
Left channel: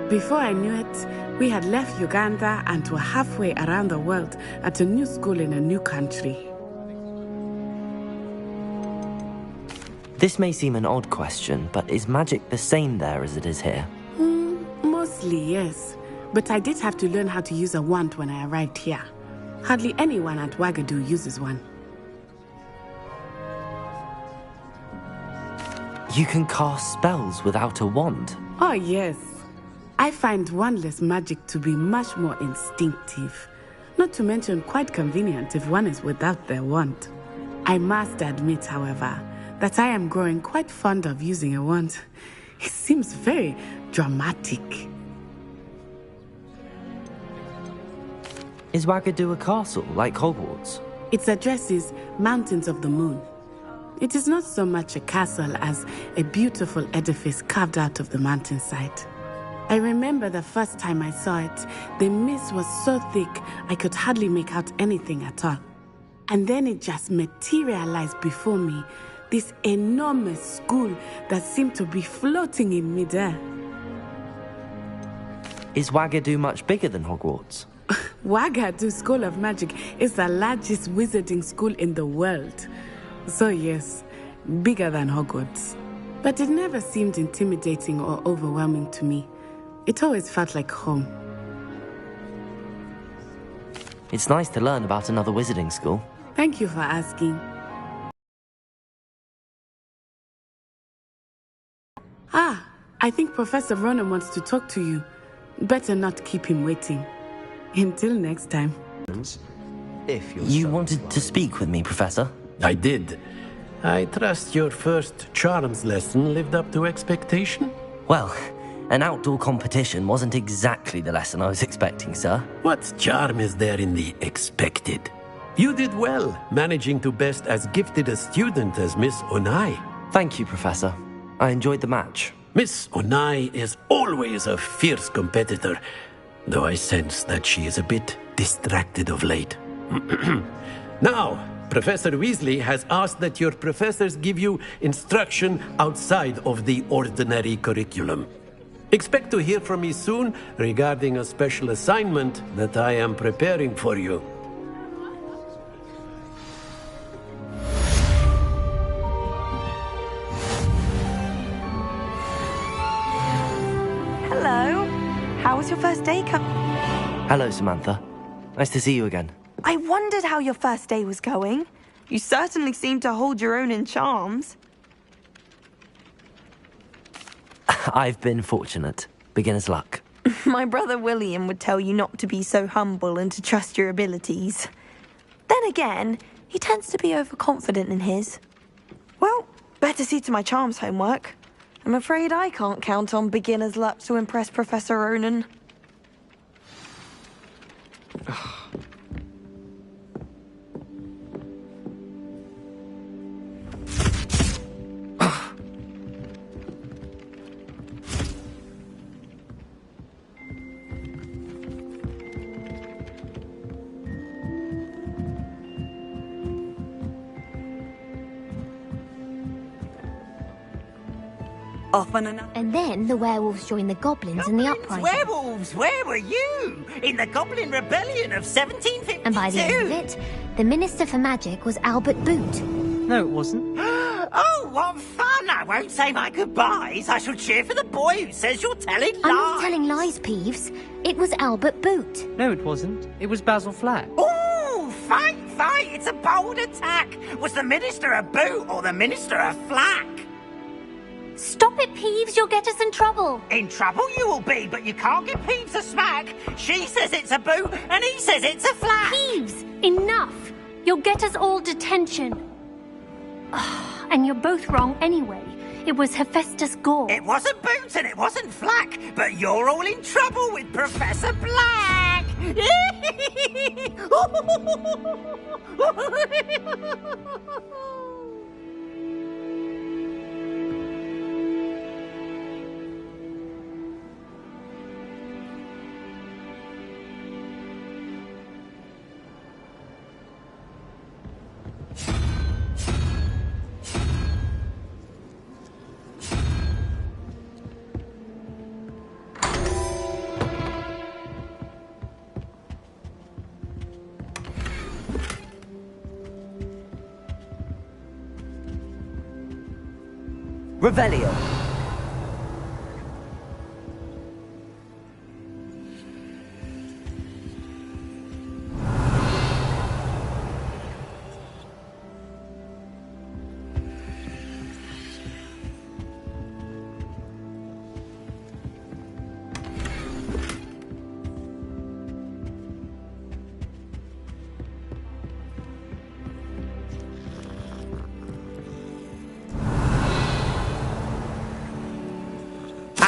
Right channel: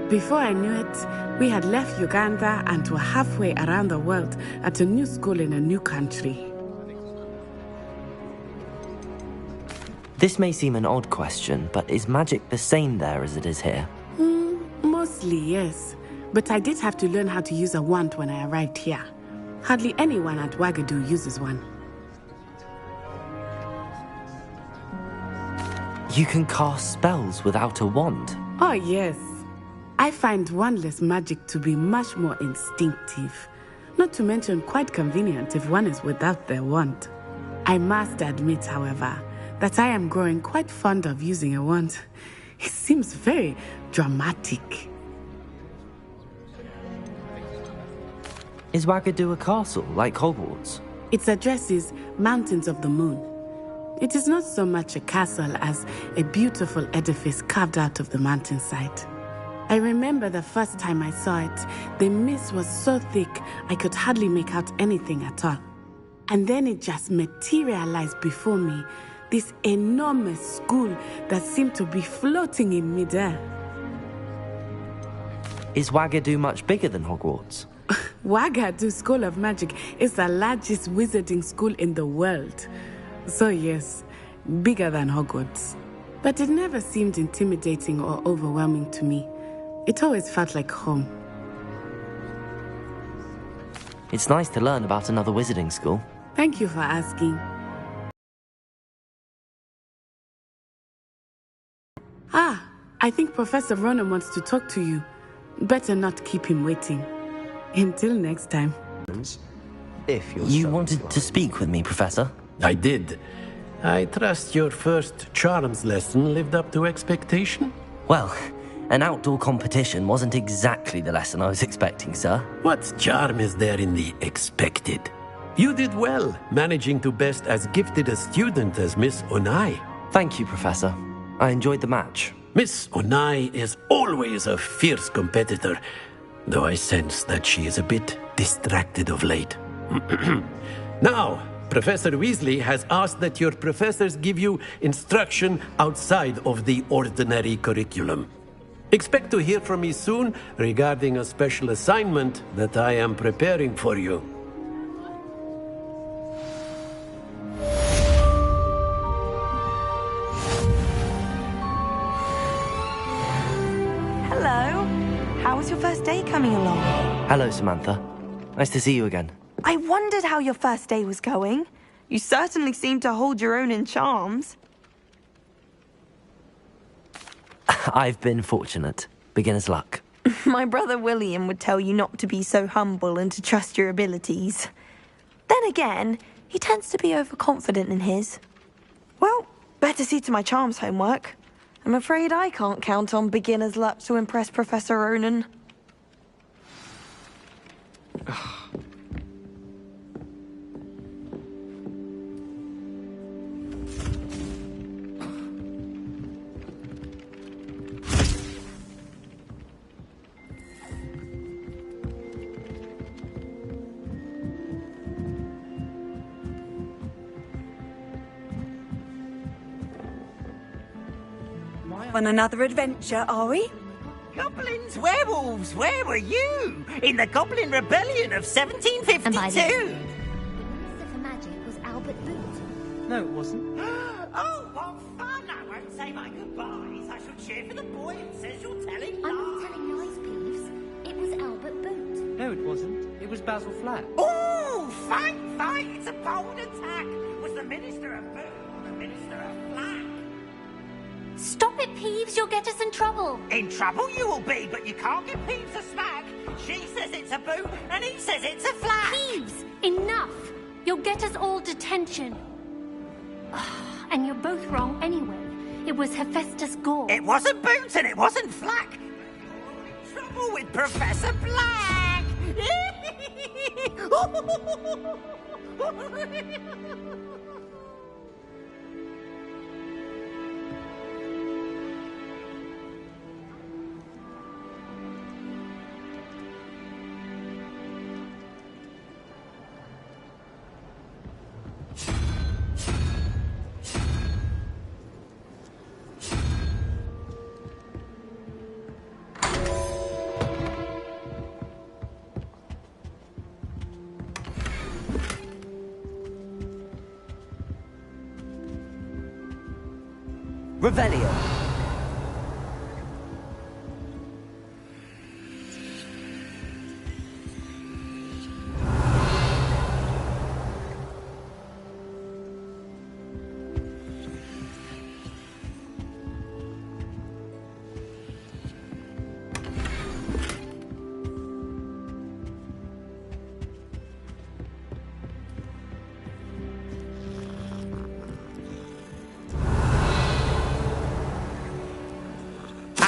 Before I knew it, we had left Uganda and were halfway around the world at a new school in a new country. This may seem an odd question, but is magic the same there as it is here? Mostly, yes. But I did have to learn how to use a wand when I arrived here. Hardly anyone at Wagadu uses one. You can cast spells without a wand? Oh, yes. I find wandless magic to be much more instinctive. Not to mention quite convenient if one is without their wand. I must admit, however, that I am growing quite fond of using a wand. It seems very dramatic. Is Wagadu a castle, like Hogwarts? Its address is Mountains of the Moon. It is not so much a castle as a beautiful edifice carved out of the mountainside. I remember the first time I saw it, the mist was so thick I could hardly make out anything at all. And then it just materialized before me, this enormous school that seemed to be floating in midair. Is Wagadu much bigger than Hogwarts? Wagadu School of Magic is the largest wizarding school in the world. So yes, bigger than Hogwarts. But it never seemed intimidating or overwhelming to me. It always felt like home. It's nice to learn about another wizarding school. Thank you for asking. Ah, I think Professor Ronan wants to talk to you. Better not keep him waiting. Until next time. If you wanted to speak with me, Professor? I did. I trust your first charms lesson lived up to expectation? Well, an outdoor competition wasn't exactly the lesson I was expecting, sir. What charm is there in the expected? You did well, managing to best as gifted a student as Miss Onai. Thank you, Professor. I enjoyed the match. Miss Onai is always a fierce competitor, though I sense that she is a bit distracted of late. Now, Professor Weasley has asked that your professors give you instruction outside of the ordinary curriculum. Expect to hear from me soon regarding a special assignment that I am preparing for you. Hello. How was your first day coming along? Hello, Samantha. Nice to see you again. I wondered how your first day was going. You certainly seem to hold your own in charms. I've been fortunate. Beginner's luck. My brother William would tell you not to be so humble and to trust your abilities. Then again, he tends to be overconfident in his. Well, better see to my charms homework. I'm afraid I can't count on beginner's luck to impress Professor Ronan. Off on another And then adventure, the are we? werewolves joined the goblins in the uprising. Werewolves, where were you? In the Goblin Rebellion of 1752? And by the end of it, the Minister for Magic was Albert Boot. No, it wasn't. Oh, what fun! I won't say my goodbyes. I shall cheer for the boy who says you're telling lies. I'm not telling lies, Peeves. It was Albert Boot. No, it wasn't. It was Basil Flack. Oh, fight! It's a bold attack. Was the Minister a boot or the Minister a flack? Stop it, Peeves. You'll get us in trouble. In trouble you will be, but you can't give Peeves a smack. She says it's a boot, and he says it's a flack. Peeves, enough. You'll get us all detention. And you're both wrong anyway. It was Hephaestus Gore. It wasn't Boots and it wasn't Flack, but you're all in trouble with Professor Black. Revelio.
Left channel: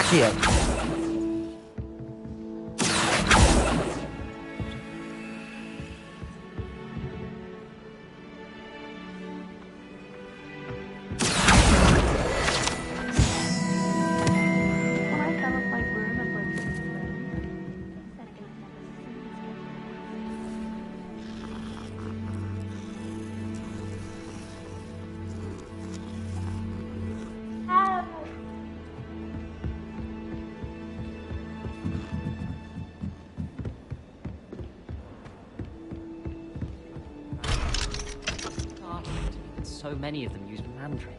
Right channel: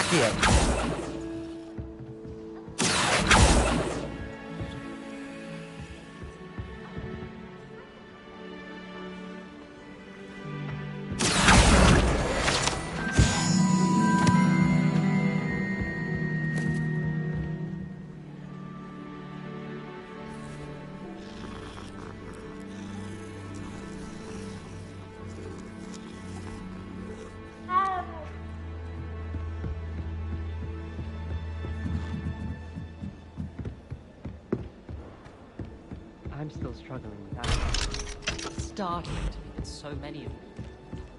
Accio. I'm still struggling with that. It's startling to me that so many of them use mantra.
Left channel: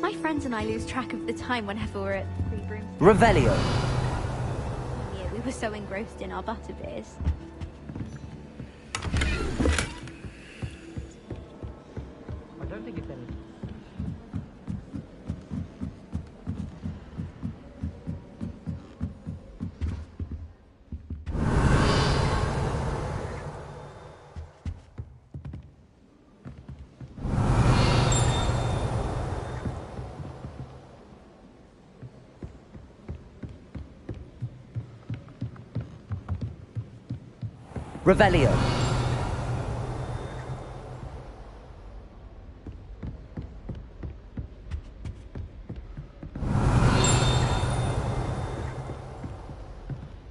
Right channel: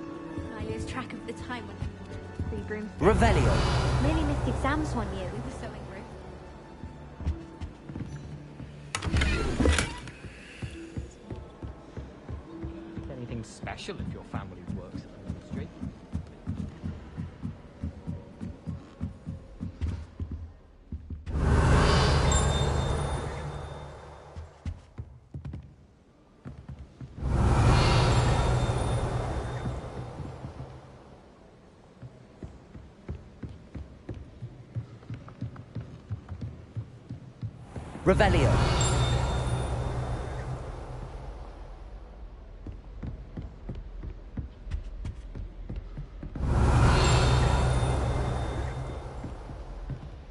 My friends and I lose track of the time whenever we're at Free Broom. Revelio. Nearly missed exams one year. We were so engrossed in our butterbeers. I don't think it's anything special if your family works in the industry. Revelio.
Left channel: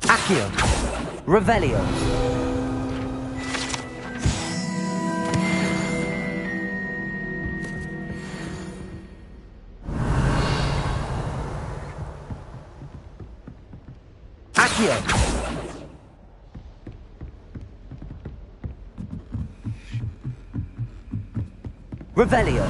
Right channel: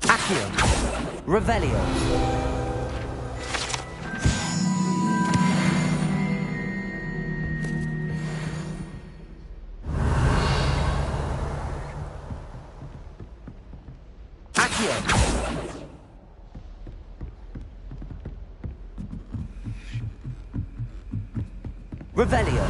Accio. Revelio. Accio. Revelio.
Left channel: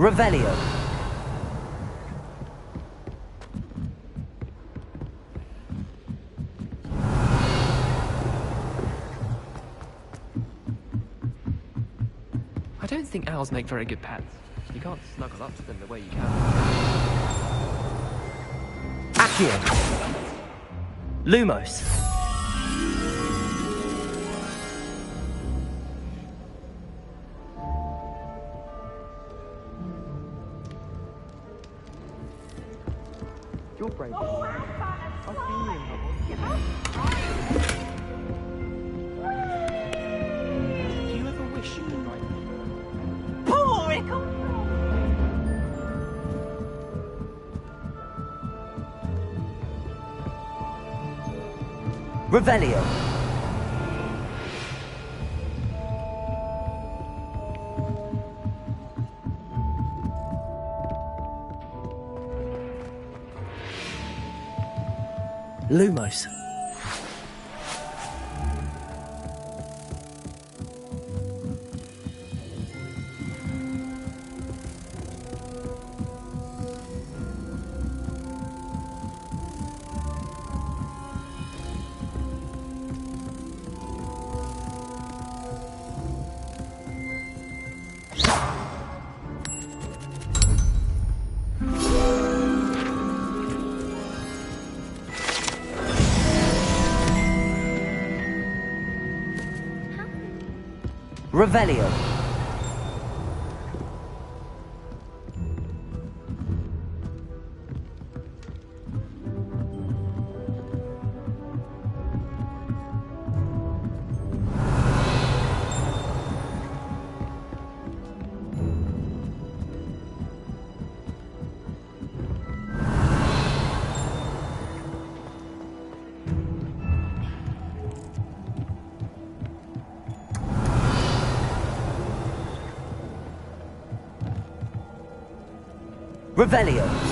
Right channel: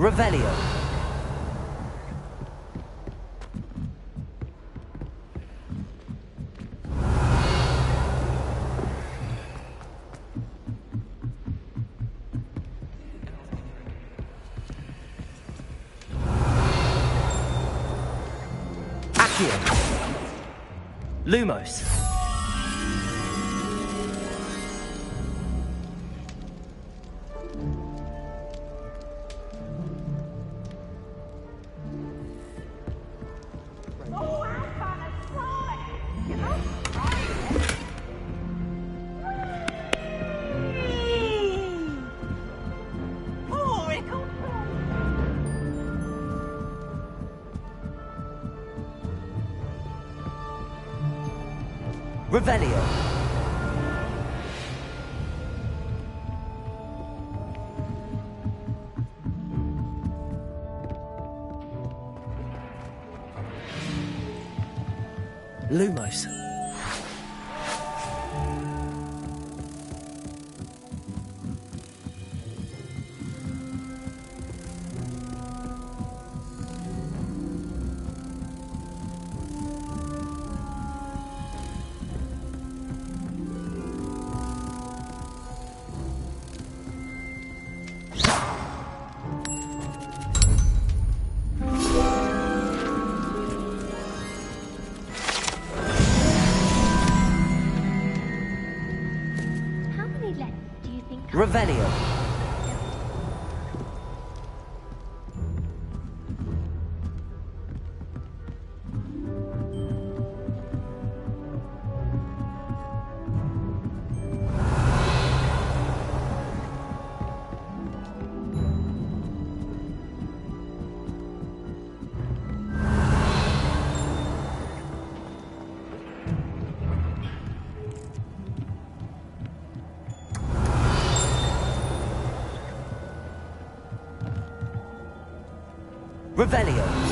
Revelio. I don't think owls make very good pets. You can't snuggle up to them the way you Accio. Lumos. Your brain. Oh, I'm gonna fly! You know? Poor Ickle! Revelio. Lumos. Revelio. Revelio.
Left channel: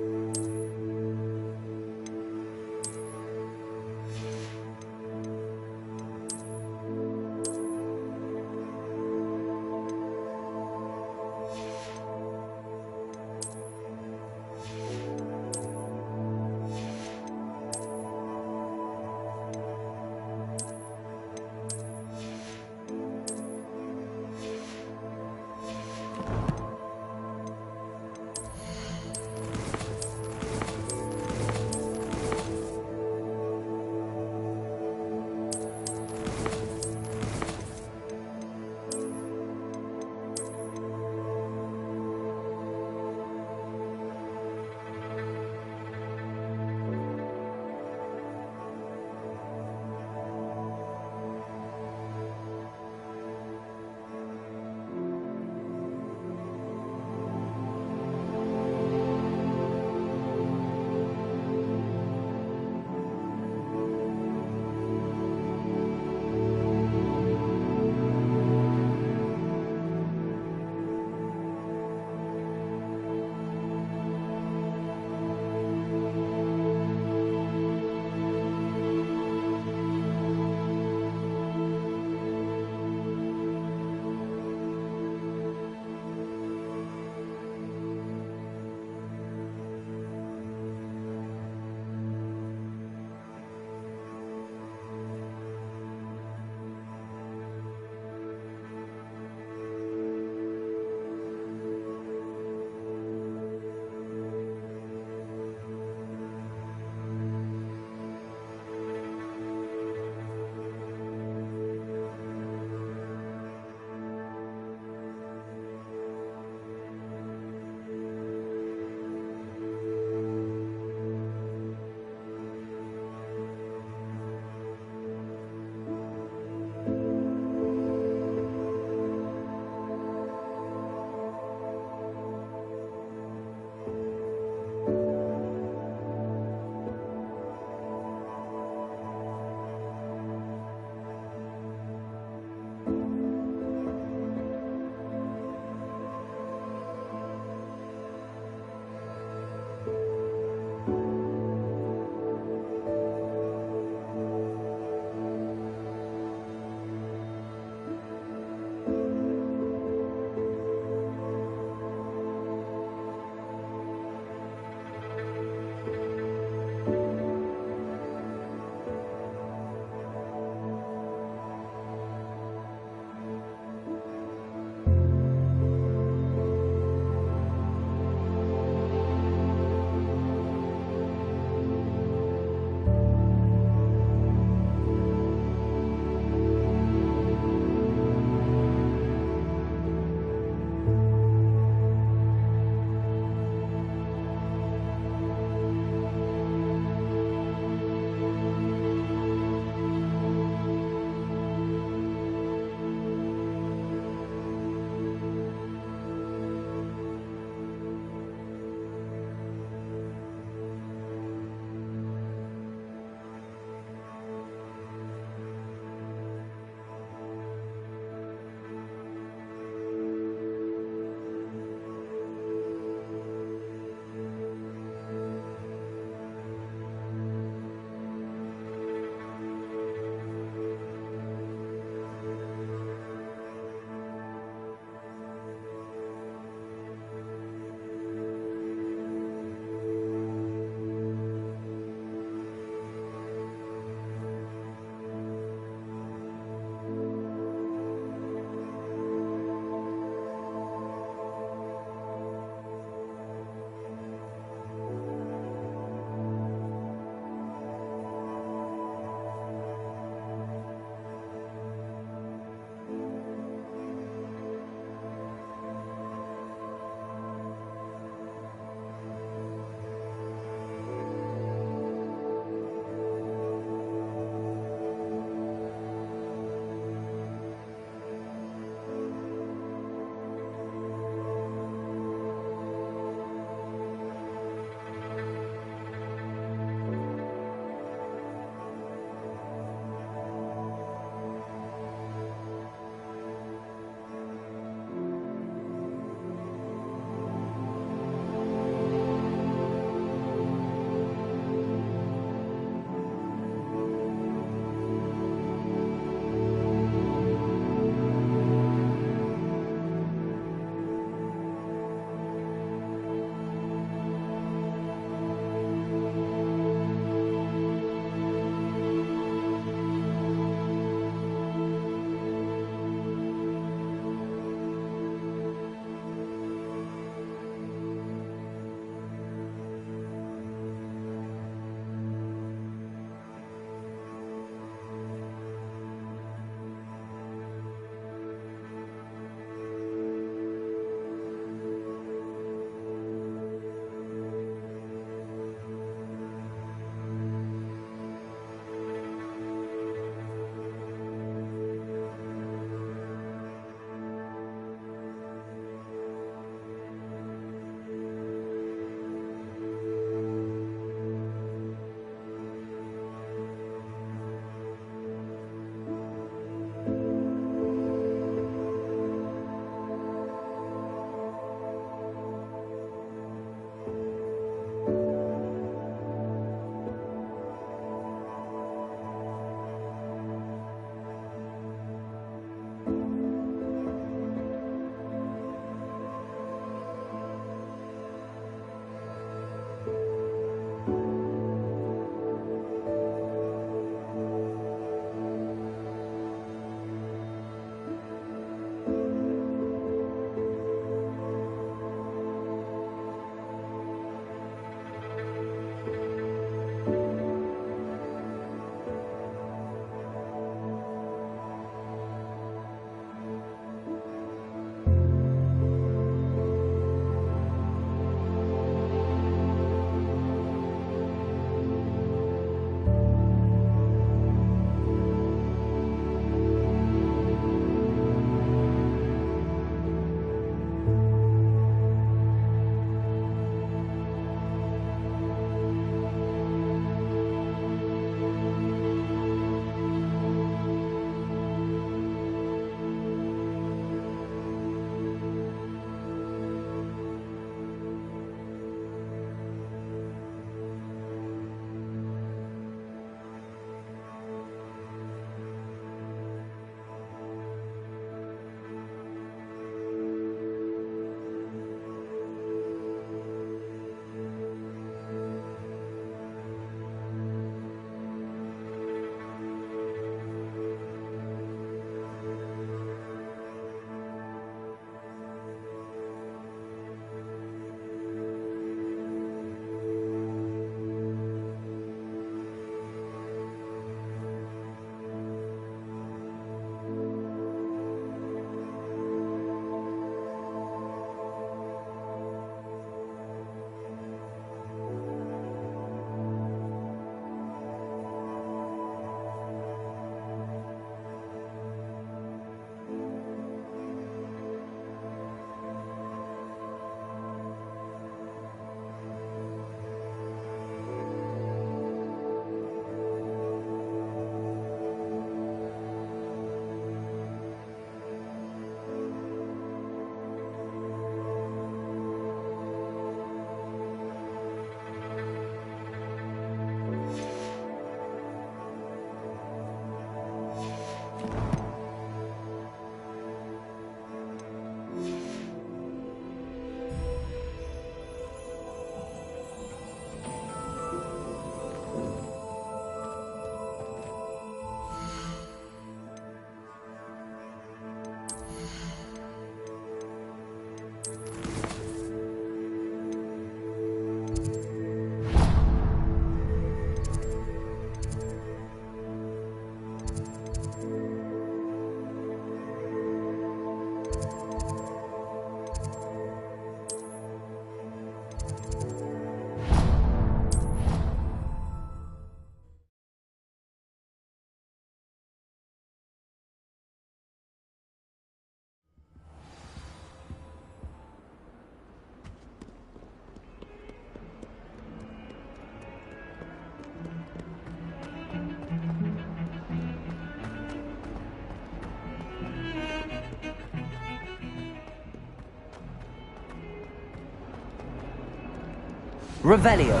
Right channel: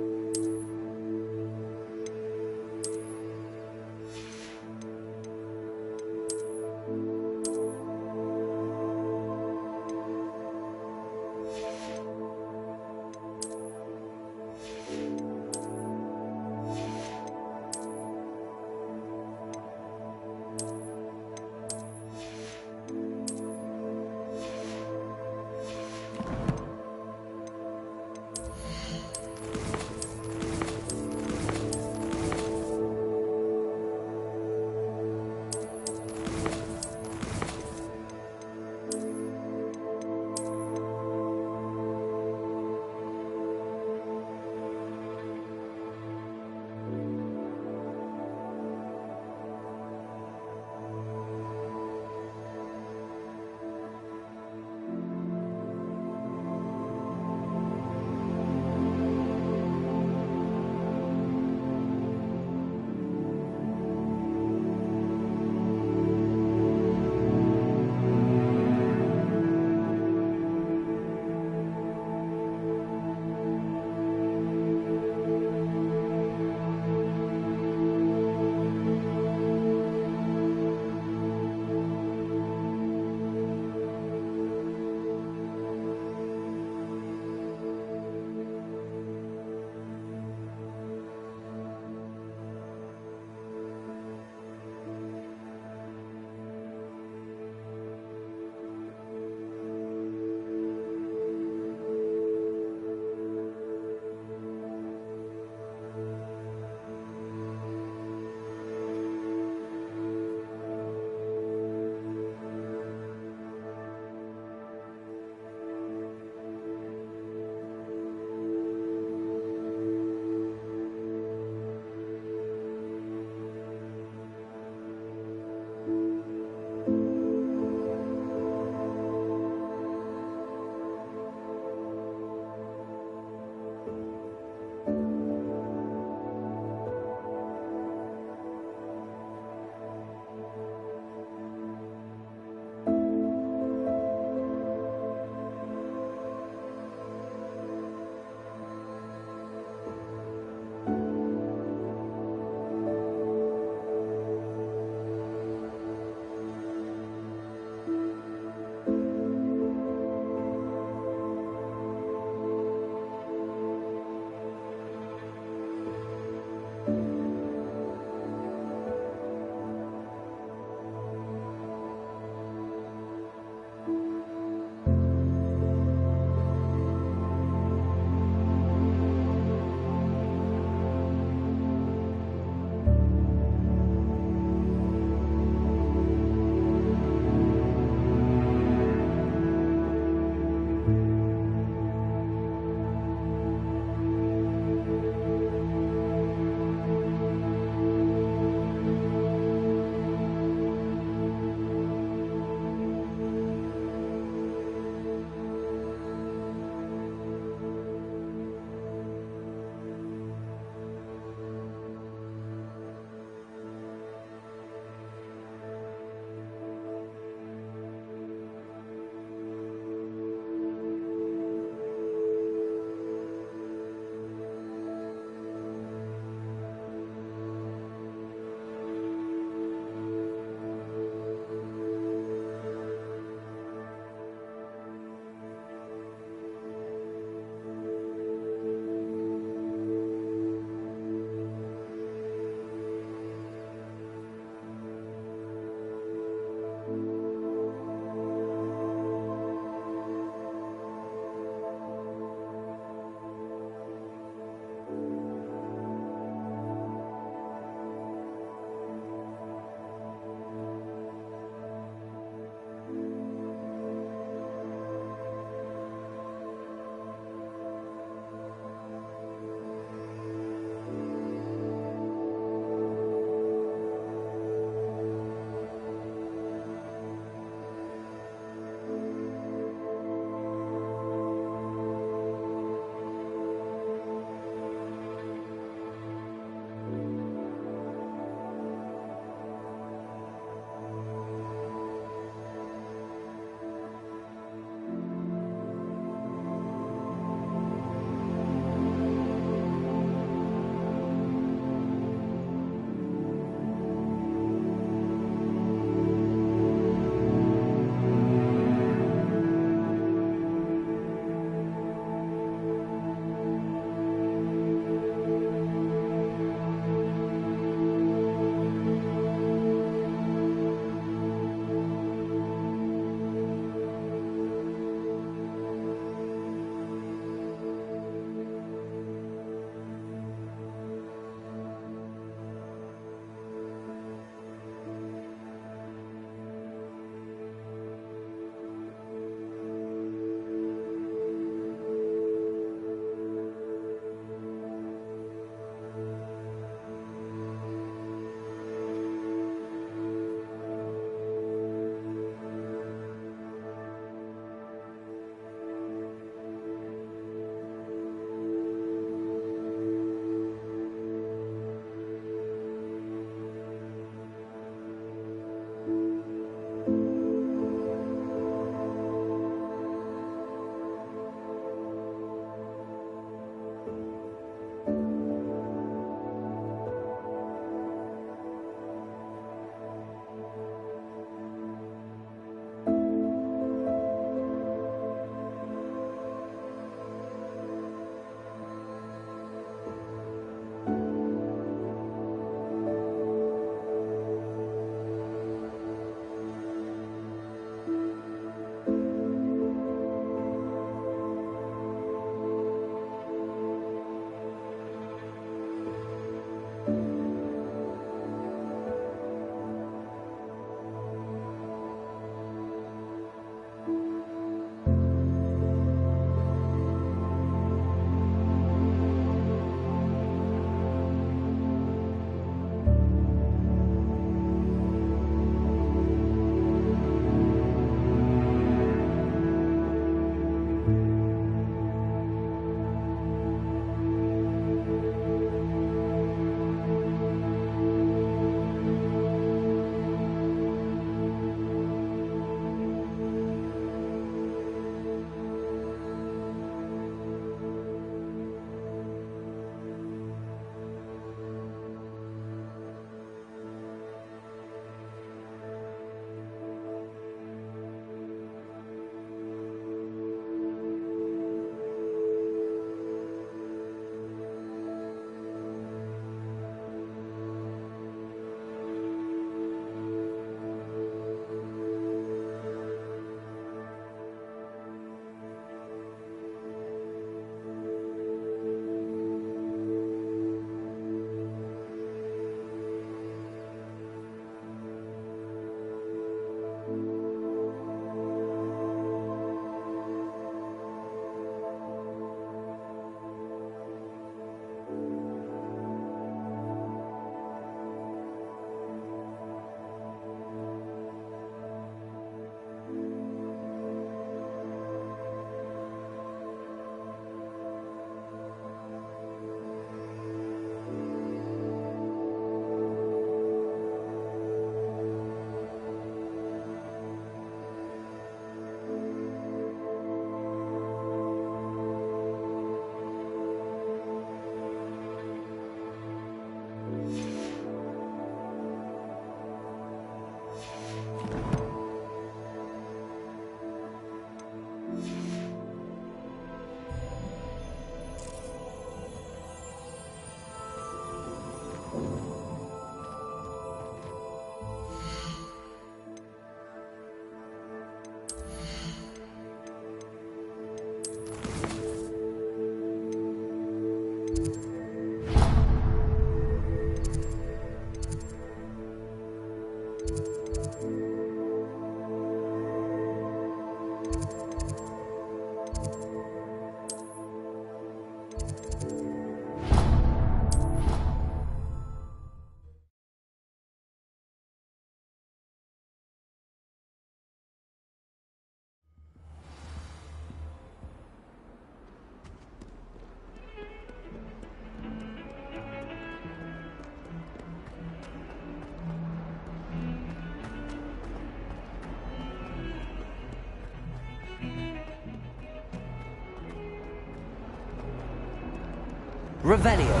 Revelio.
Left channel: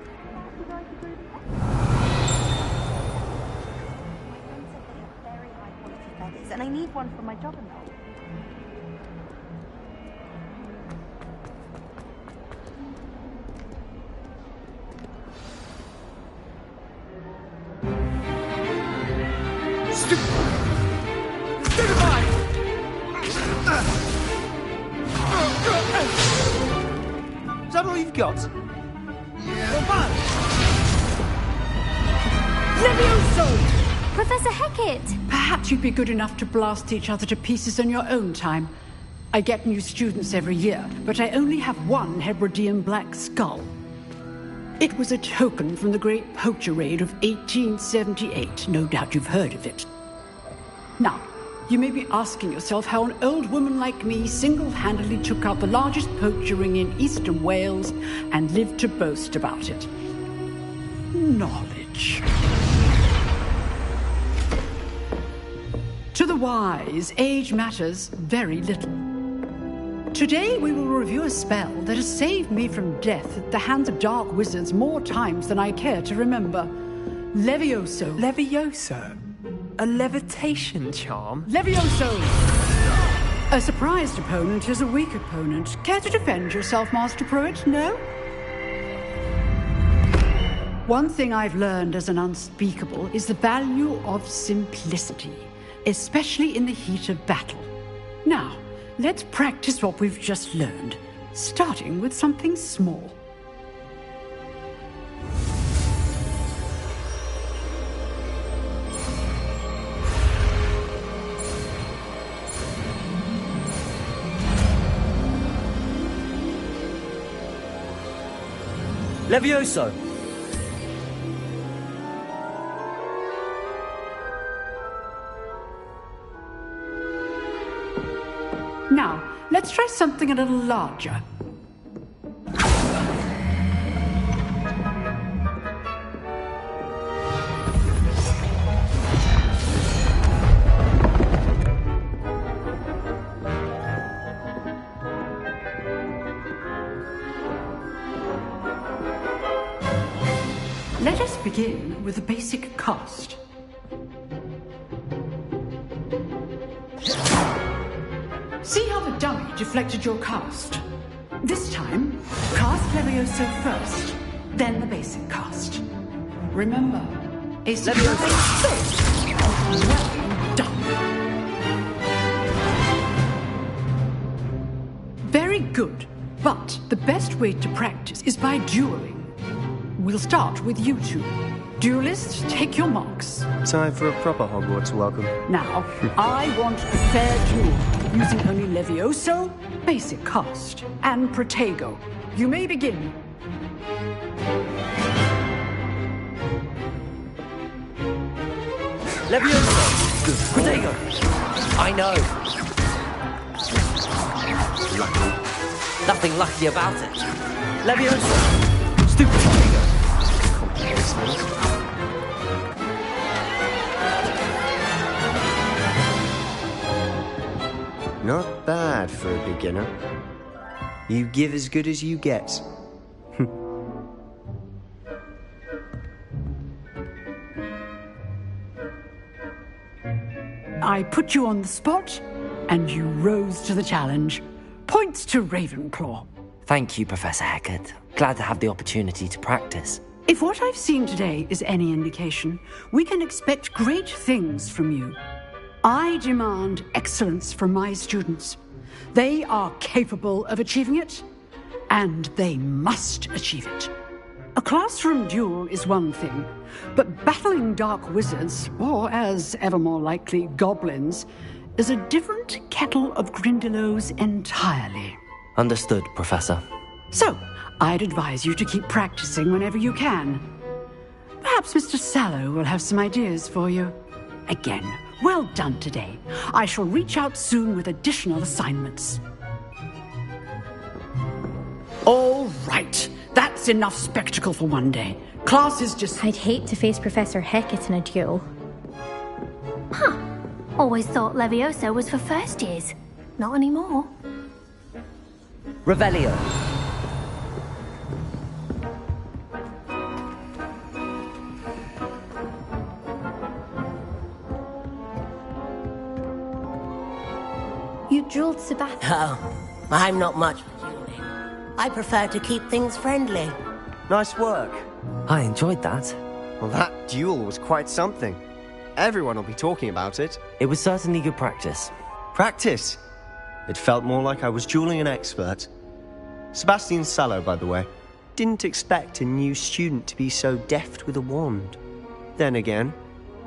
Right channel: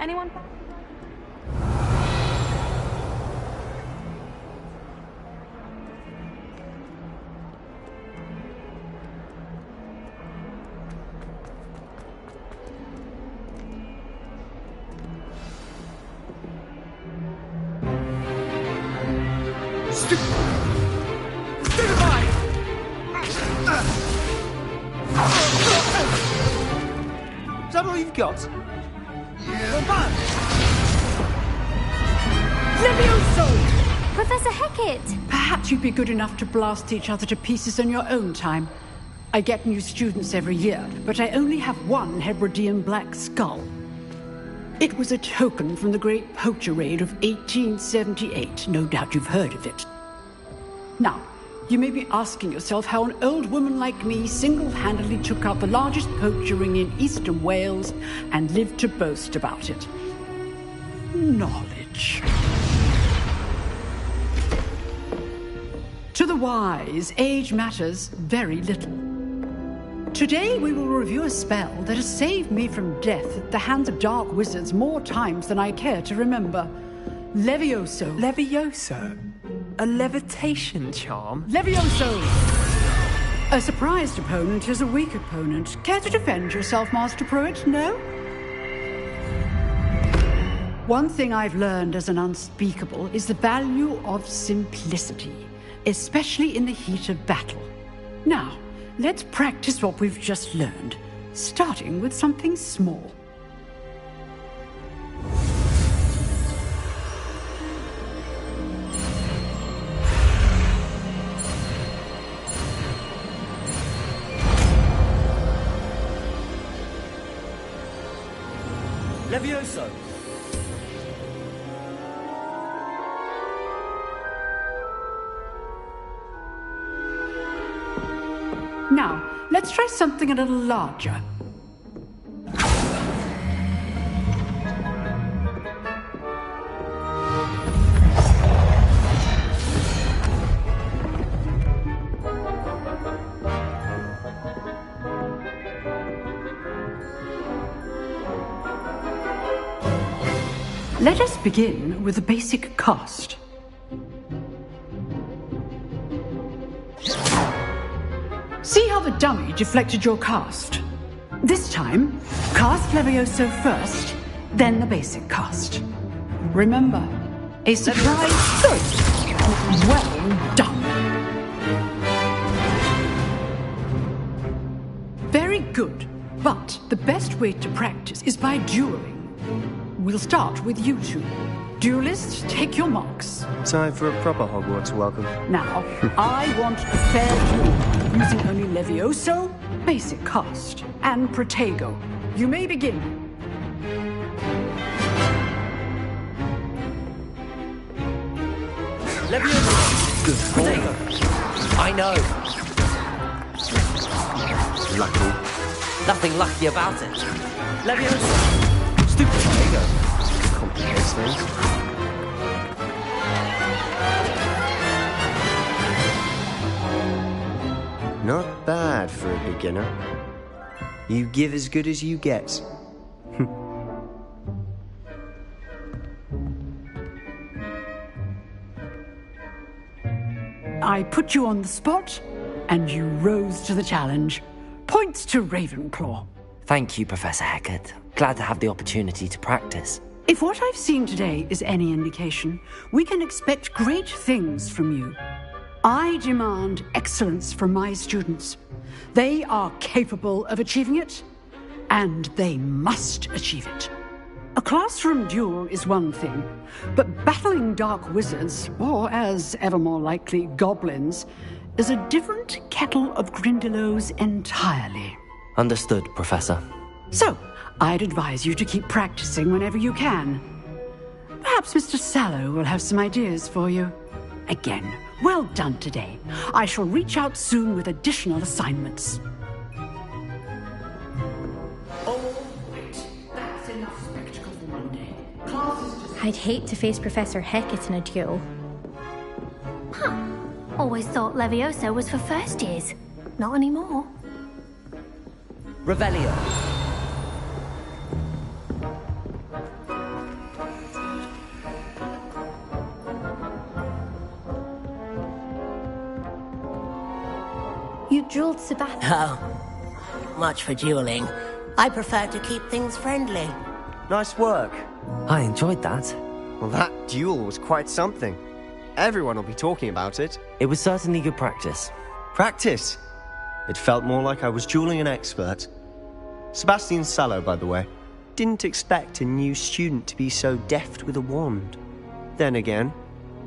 Anyone back to go through? Very high quality feathers, and I need one for my dog. Is that all you've got? Yeah. Levioso! Professor Hackett! Perhaps you'd be good enough to blast each other to pieces in your own time. I get new students every year, but I only have one Hebridean black skull. It was a token from the Great Poacher Raid of 1878. No doubt you've heard of it. Now, you may be asking yourself how an old woman like me single-handedly took out the largest poacher ring in eastern Wales and lived to boast about it. Knowledge. To the wise, age matters very little. Today we will review a spell that has saved me from death at the hands of dark wizards more times than I care to remember. Levioso. Levioso? A levitation charm? Levioso! A surprised opponent is a weak opponent. Care to defend yourself, Master Pruitt? No? One thing I've learned as an unspeakable is the value of simplicity, especially in the heat of battle. Now, let's practice what we've just learned, starting with something small. Levioso! Now, let's try something a little larger. Let us begin with the basic cast. See how the dummy deflected your cast? This time, cast Levioso first, then the basic cast. Remember, a surprise first. Well done. Very good, but the best way to practice is by dueling. We'll start with you two. Duelists, take your marks. Time for a proper Hogwarts welcome. Now, I want a fair duel, using only Levioso, basic cast, and Protego. You may begin. Levioso! Good. Protego! I know. Lucky. Nothing lucky about it. Levioso! Stupid Protego! Complicates things. Not bad for a beginner. You give as good as you get. I put you on the spot, and you rose to the challenge. Points to Ravenclaw. Thank you, Professor Hackett. Glad to have the opportunity to practice. If what I've seen today is any indication, we can expect great things from you. I demand excellence from my students. They are capable of achieving it, and they must achieve it. A classroom duel is one thing, but battling dark wizards, or as ever more likely, goblins, is a different kettle of Grindylows entirely. Understood, Professor. So, I'd advise you to keep practicing whenever you can. Perhaps Mr. Sallow will have some ideas for you. Again, well done today. I shall reach out soon with additional assignments. All right. That's enough spectacle for one day. Class is just... I'd hate to face Professor Hecat in a duel. Huh. Always thought Leviosa was for first years. Not anymore. Revelio. You dueled Sebastian. Oh, I'm not much for dueling. I prefer to keep things friendly. Nice work. I enjoyed that. Well, that duel was quite something. Everyone will be talking about it. It was certainly good practice. Practice? It felt more like I was dueling an expert. Sebastian Sallow, by the way. Didn't expect a new student to be so deft with a wand. Then again,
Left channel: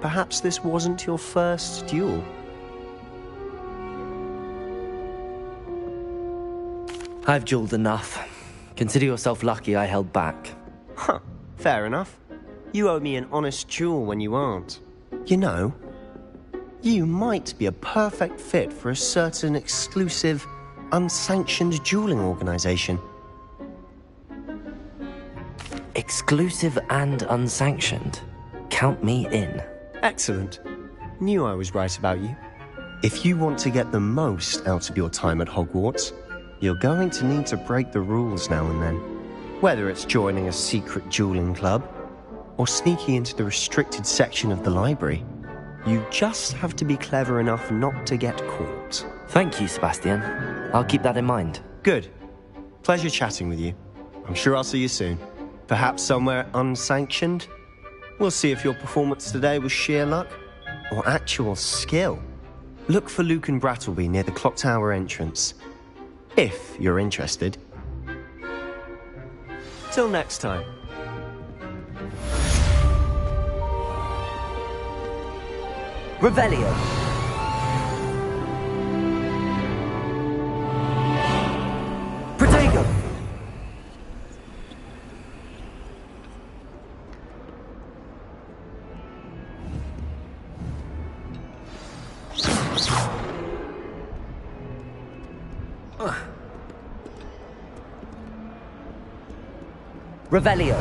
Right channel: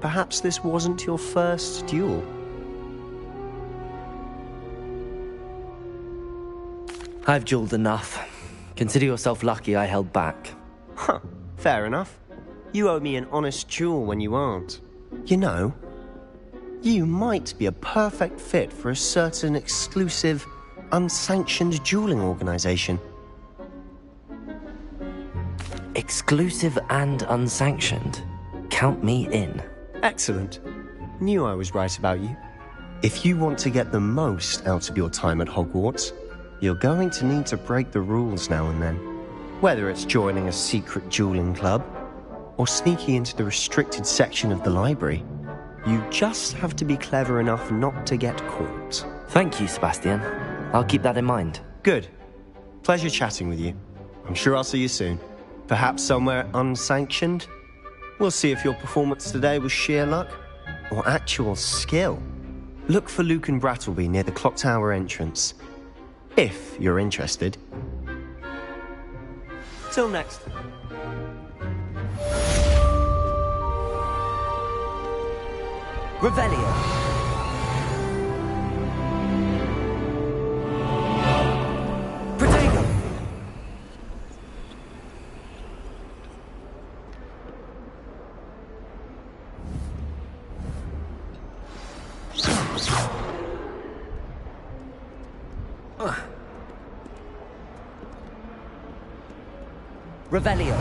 perhaps this wasn't your first duel. I've dueled enough. Consider yourself lucky I held back. Huh, fair enough. You owe me an honest duel when you aren't. You know, you might be a perfect fit for a certain exclusive, unsanctioned dueling organization. Exclusive and unsanctioned? Count me in. Excellent. Knew I was right about you. If you want to get the most out of your time at Hogwarts, you're going to need to break the rules now and then. Whether it's joining a secret dueling club, or sneaking into the restricted section of the library, you just have to be clever enough not to get caught. Thank you, Sebastian. I'll keep that in mind. Good. Pleasure chatting with you. I'm sure I'll see you soon. Perhaps somewhere unsanctioned? We'll see if your performance today was sheer luck, or actual skill. Look for Luke and Brattleby near the clock tower entrance. If you're interested. Till next time. Revelio. Protego. Revelio.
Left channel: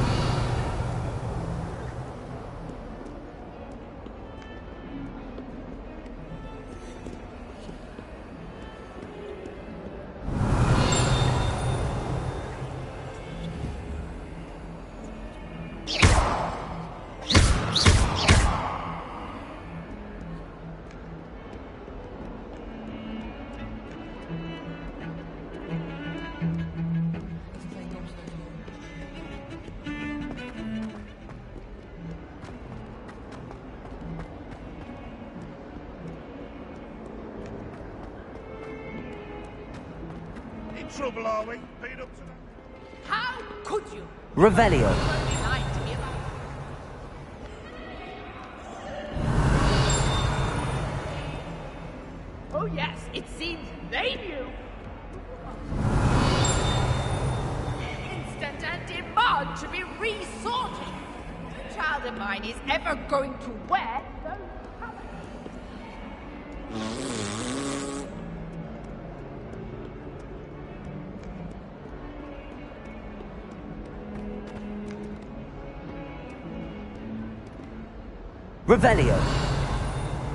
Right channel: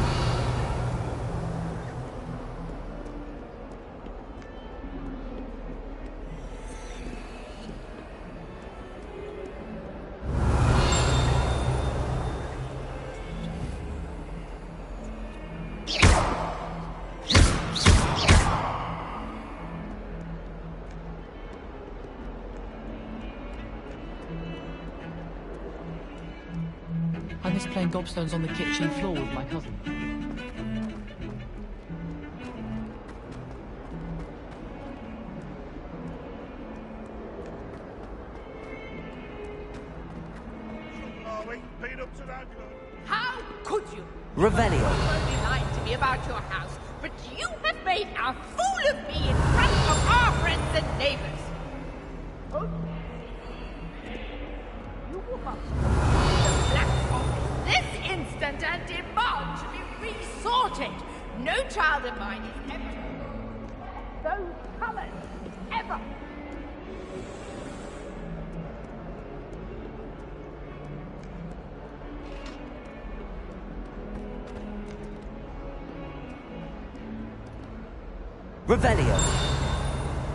I miss playing gobstones on the kitchen floor with my cousin. In trouble, are we? Been up to that? How could you? Revelio. You only lied to me about your house, but you have made a fool of me in front of our friends and neighbors. Oh yes, it seems they knew. You must this instant and demand to be resorted. No child of mine is ever going to wear those colors. Ever. Revelio.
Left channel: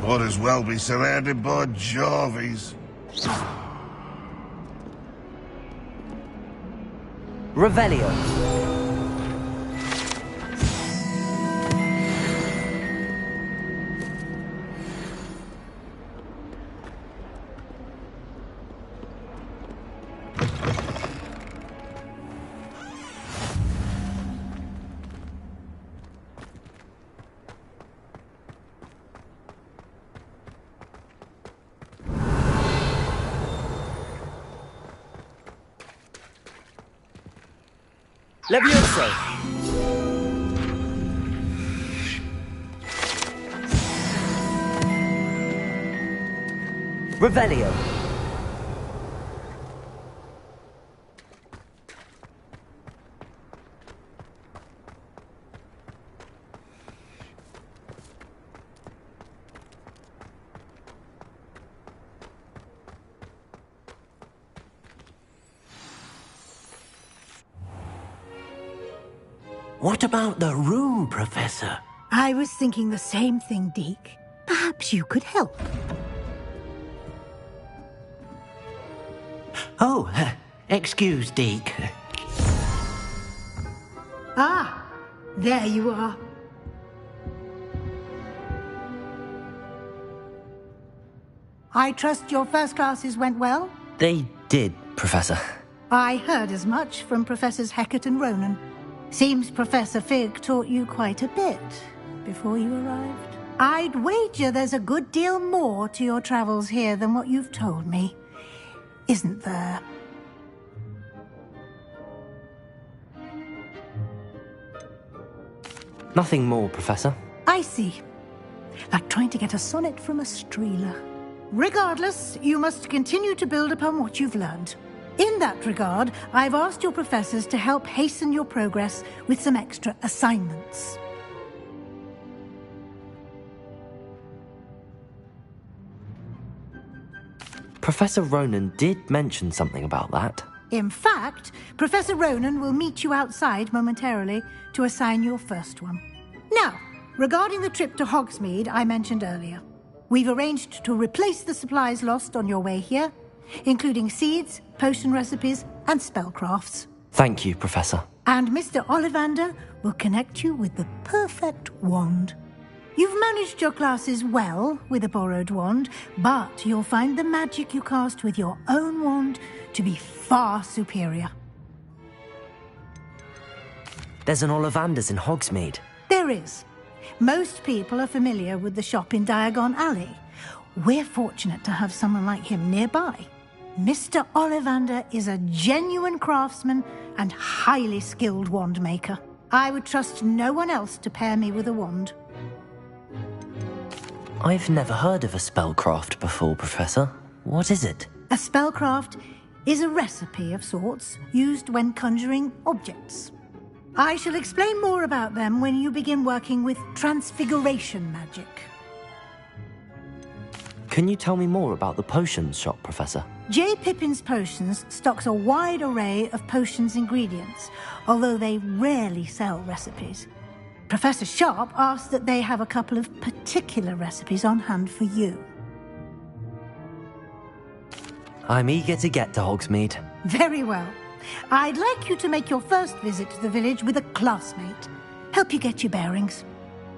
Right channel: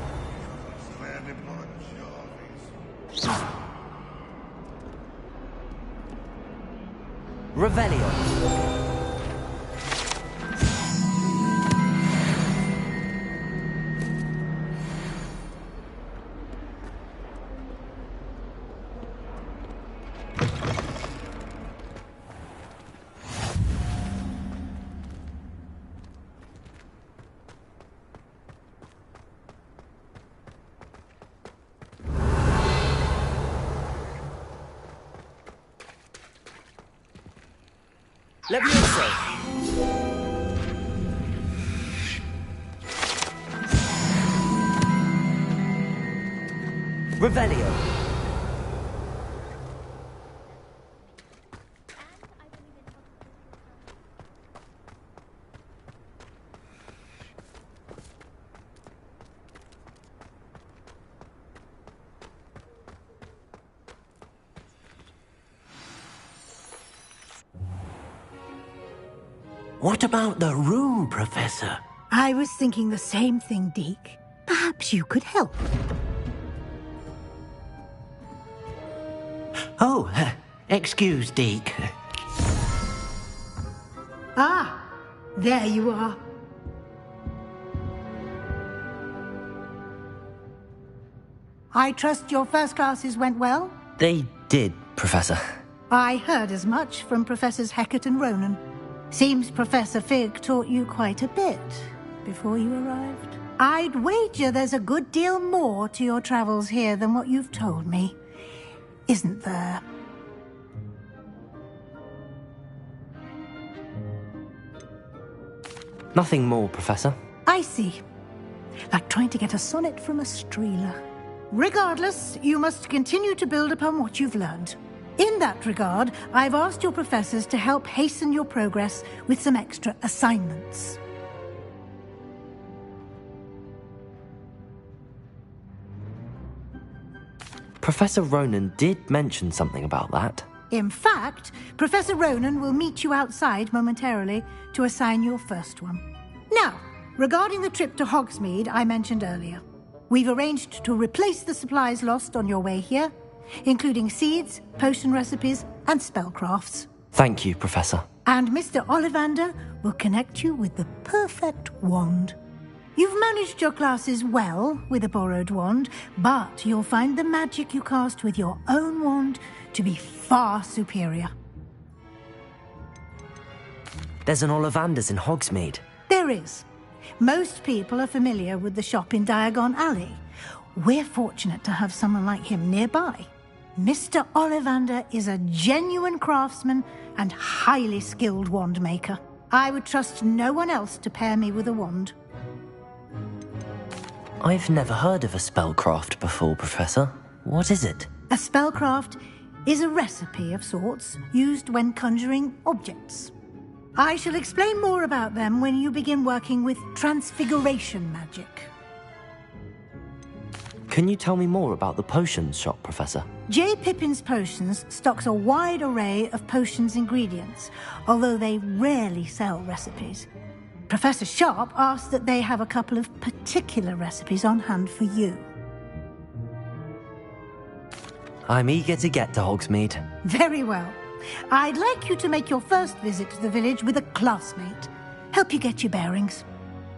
Might as well be surrounded by Jarvies. Revelio. Levioso. Revelio. What about the room, Professor? I was thinking the same thing, Deke. Perhaps you could help. Oh, excuse, Deke. Ah, there you are. I trust your first classes went well? They did, Professor. I heard as much from Professors Hecat and Ronan. Seems Professor Fig taught you quite a bit before you arrived. I'd wager there's a good deal more to your travels here than what you've told me. Isn't there? Nothing more, Professor. I see. Like trying to get a sonnet from a streeler. Regardless, you must continue to build upon what you've learned. In that regard, I've asked your professors to help hasten your progress with some extra assignments. Professor Ronan did mention something about that. In fact, Professor Ronan will meet you outside momentarily to assign your first one. Now, regarding the trip to Hogsmeade I mentioned earlier, we've arranged to replace the supplies lost on your way here, including seeds, potion recipes, and spellcrafts. Thank you, Professor. And Mr. Ollivander will connect you with the perfect wand. You've managed your classes well with a borrowed wand, but you'll find the magic you cast with your own wand to be far superior. There's an Ollivander's in Hogsmeade. There is. Most people are familiar with the shop in Diagon Alley. We're fortunate to have someone like him nearby. Mr. Ollivander is a genuine craftsman and highly skilled wand maker. I would trust no one else to pair me with a wand. I've never heard of a spellcraft before, Professor. What is it? A spellcraft is a recipe of sorts used when conjuring objects. I shall explain more about them when you begin working with transfiguration magic. Can you tell me more about the potions shop, Professor? J. Pippin's Potions stocks a wide array of potions ingredients, although they rarely sell recipes. Professor Sharp asked that they have a couple of particular recipes on hand for you. I'm eager to get to Hogsmeade. Very well. I'd like you to make your first visit to the village with a classmate. Help you get your bearings.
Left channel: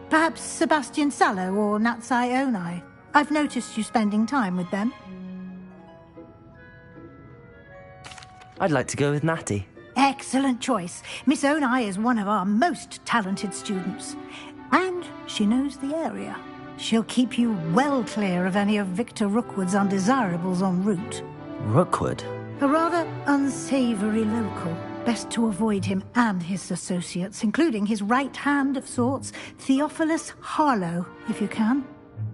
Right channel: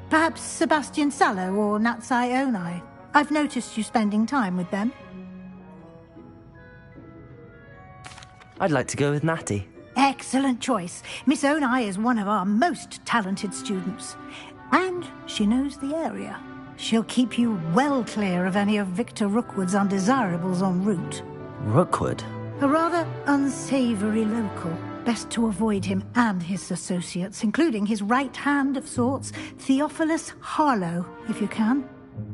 Perhaps Sebastian Sallow or Natsai Onai. I've noticed you spending time with them. I'd like to go with Natty. Excellent choice. Miss Onai is one of our most talented students. And she knows the area. She'll keep you well clear of any of Victor Rookwood's undesirables en route. Rookwood? A rather unsavory local. Best to avoid him and his associates, including his right hand of sorts, Theophilus Harlow, if you can.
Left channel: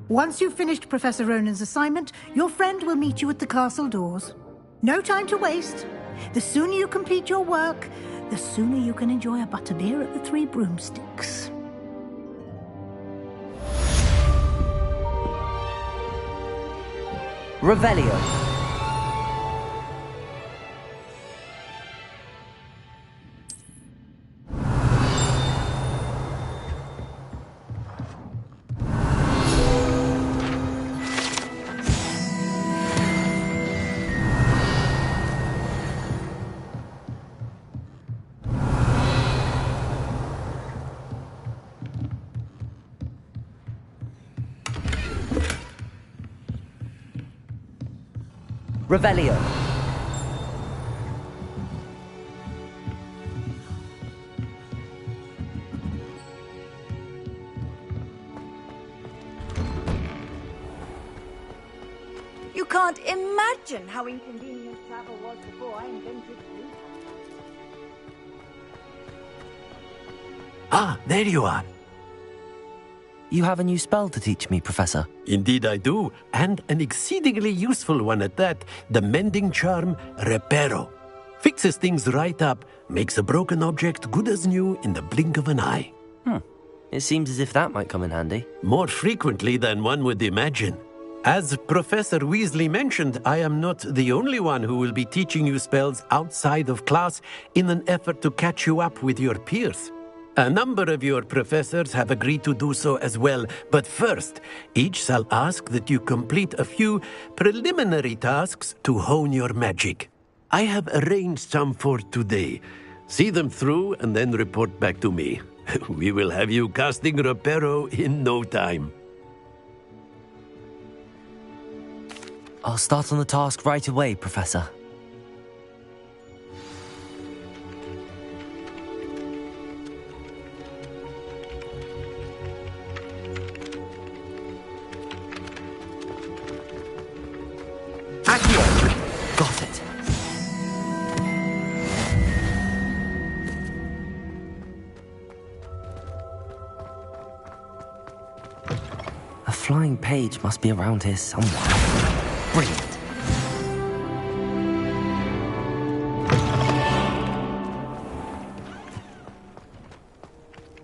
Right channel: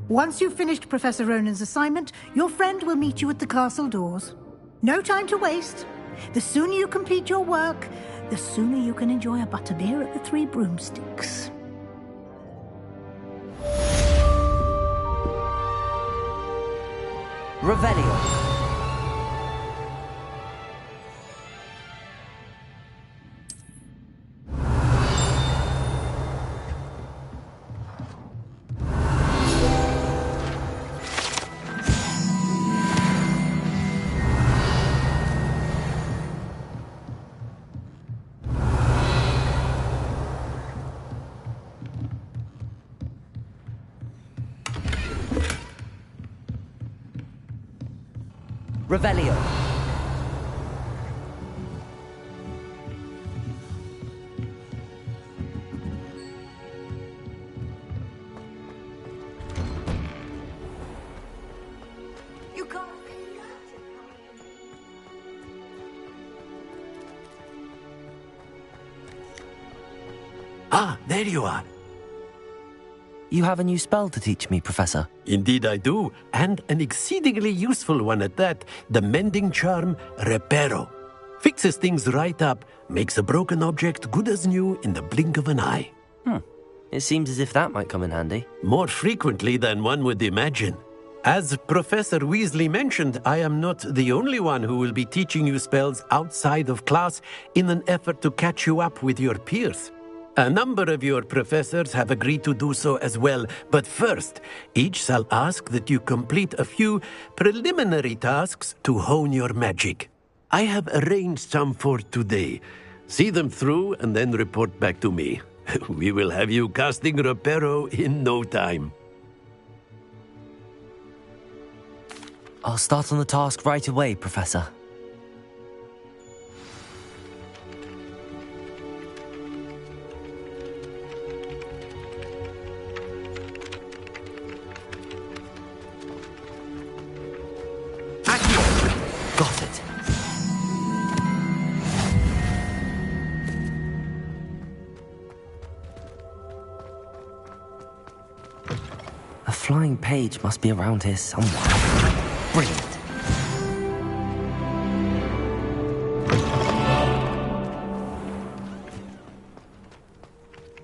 Once you've finished Professor Ronan's assignment, your friend will meet you at the castle doors. No time to waste. The sooner you complete your work, the sooner you can enjoy a butterbeer at the Three Broomsticks. Revelio. Revelio. You can't imagine how inconvenient travel was before I invented it. Ah, there you are. You have a new spell to teach me, Professor. Indeed I do, and an exceedingly useful one at that. The mending charm, Reparo. Fixes things right up, makes a broken object good as new in the blink of an eye. It seems as if that might come in handy. More frequently than one would imagine. As Professor Weasley mentioned, I am not the only one who will be teaching you spells outside of class in an effort to catch you up with your peers. A number of your professors have agreed to do so as well, but first, each shall ask that you complete a few preliminary tasks to hone your magic. I have arranged some for today. See them through and then report back to me. We will have you casting Reparo in no time. I'll start on the task right away, Professor. Got it. A flying page must be around here somewhere. Brilliant.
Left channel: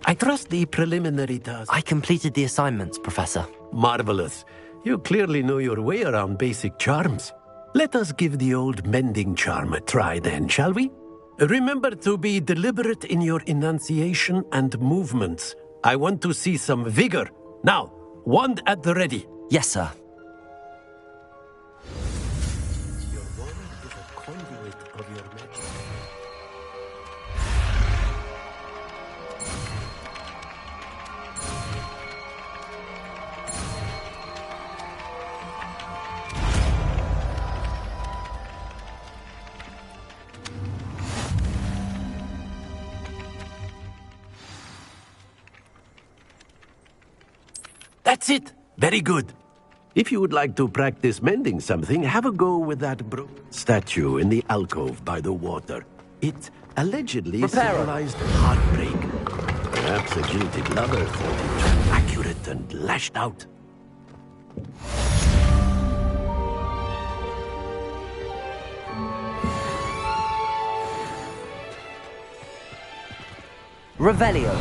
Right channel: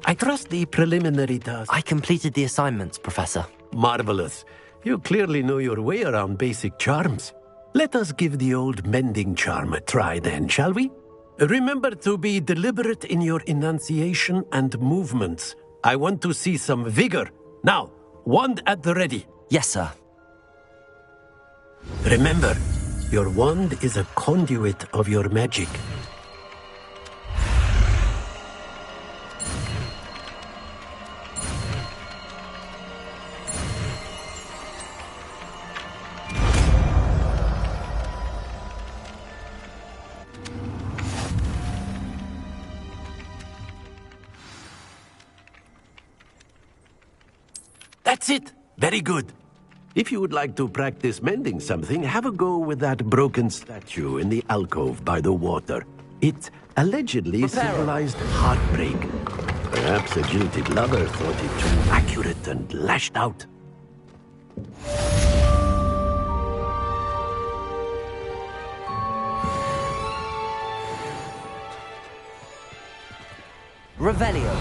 I trust the preliminary task. I completed the assignments, Professor. Marvelous. You clearly know your way around basic charms. Let us give the old mending charm a try then, shall we? Remember to be deliberate in your enunciation and movements. I want to see some vigor. Now, wand at the ready. Yes, sir. Remember, your wand is a conduit of your magic. That's it! Very good. If you would like to practice mending something, have a go with that broken statue in the alcove by the water. It allegedly symbolized heartbreak. Perhaps a jilted lover thought it too accurate and lashed out. Revelio.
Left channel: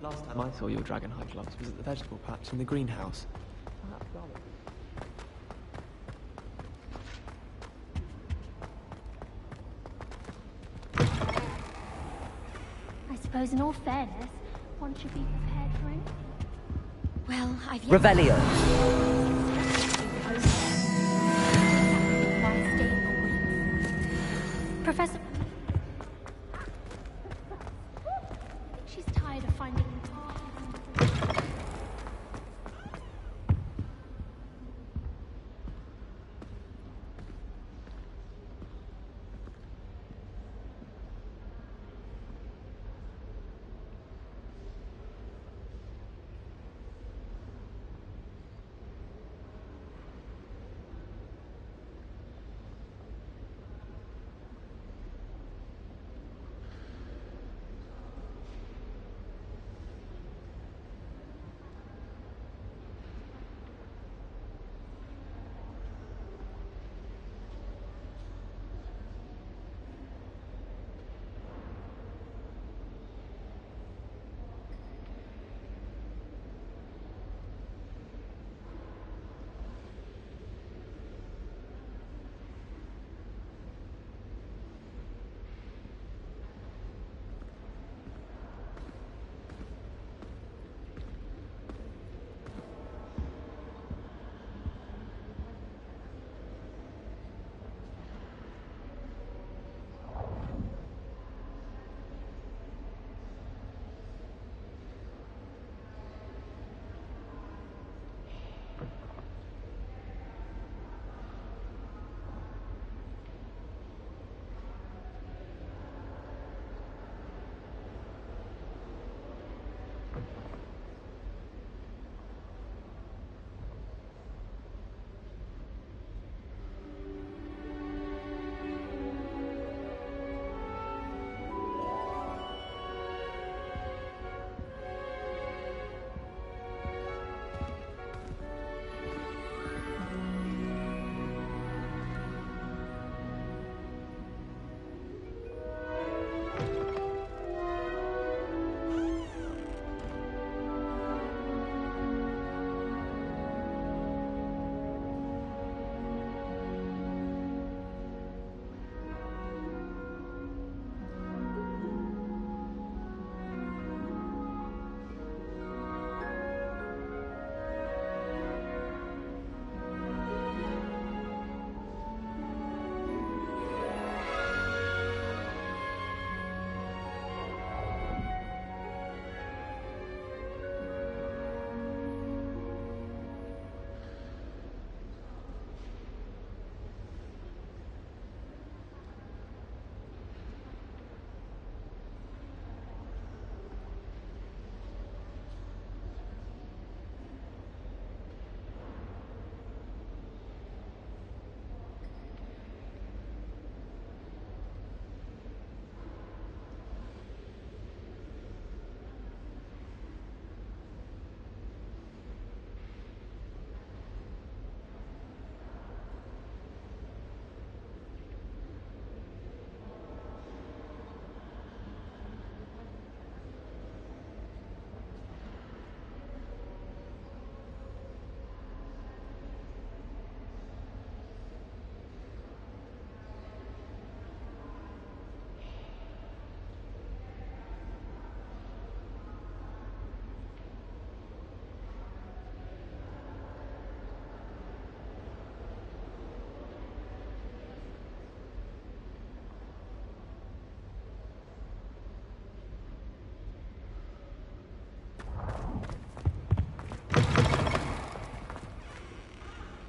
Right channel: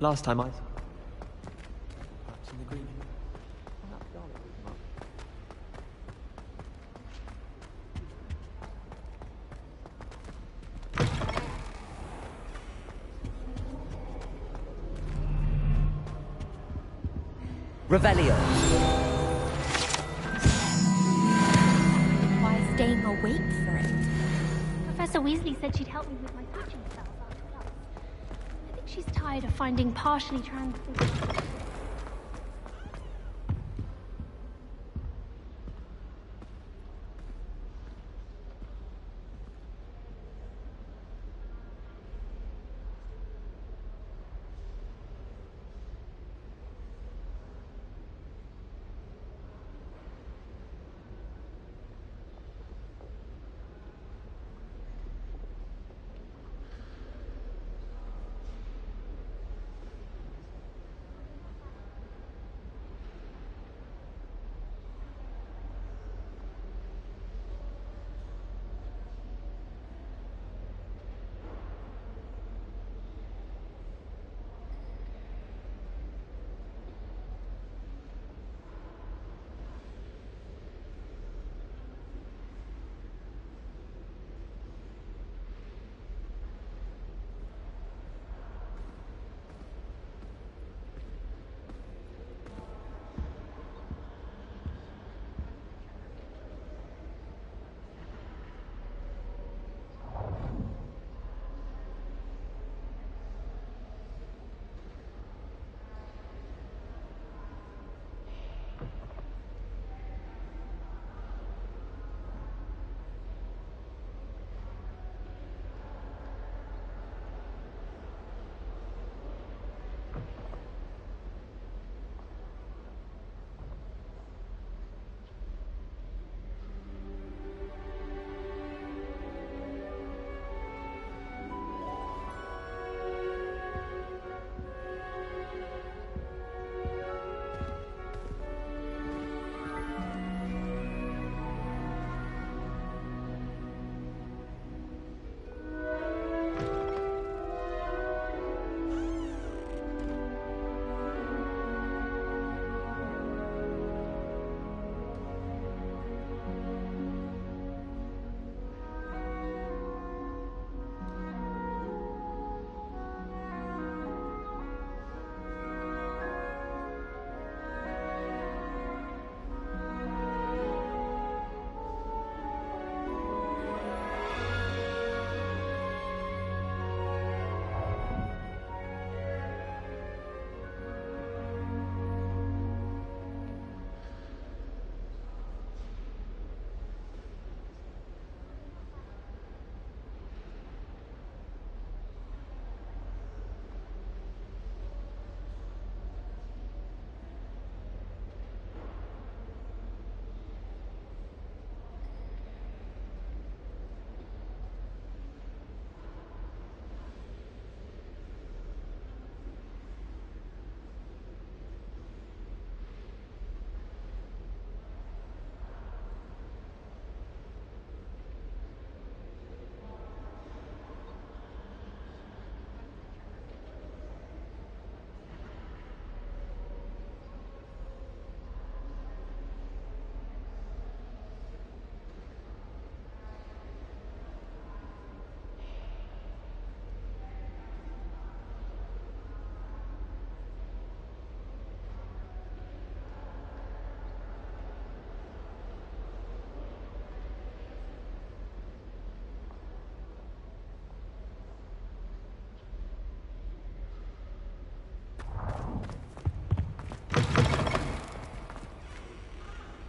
Last time I saw your dragonhide gloves was at the vegetable patch in the greenhouse. Perhaps Garlic. I suppose in all fairness, one should be careful. Well, I've... Revelio. That requires staying awake for it. Professor Weasley said she'd help me with my passion stuff. I think she's tired of finding partially translucent...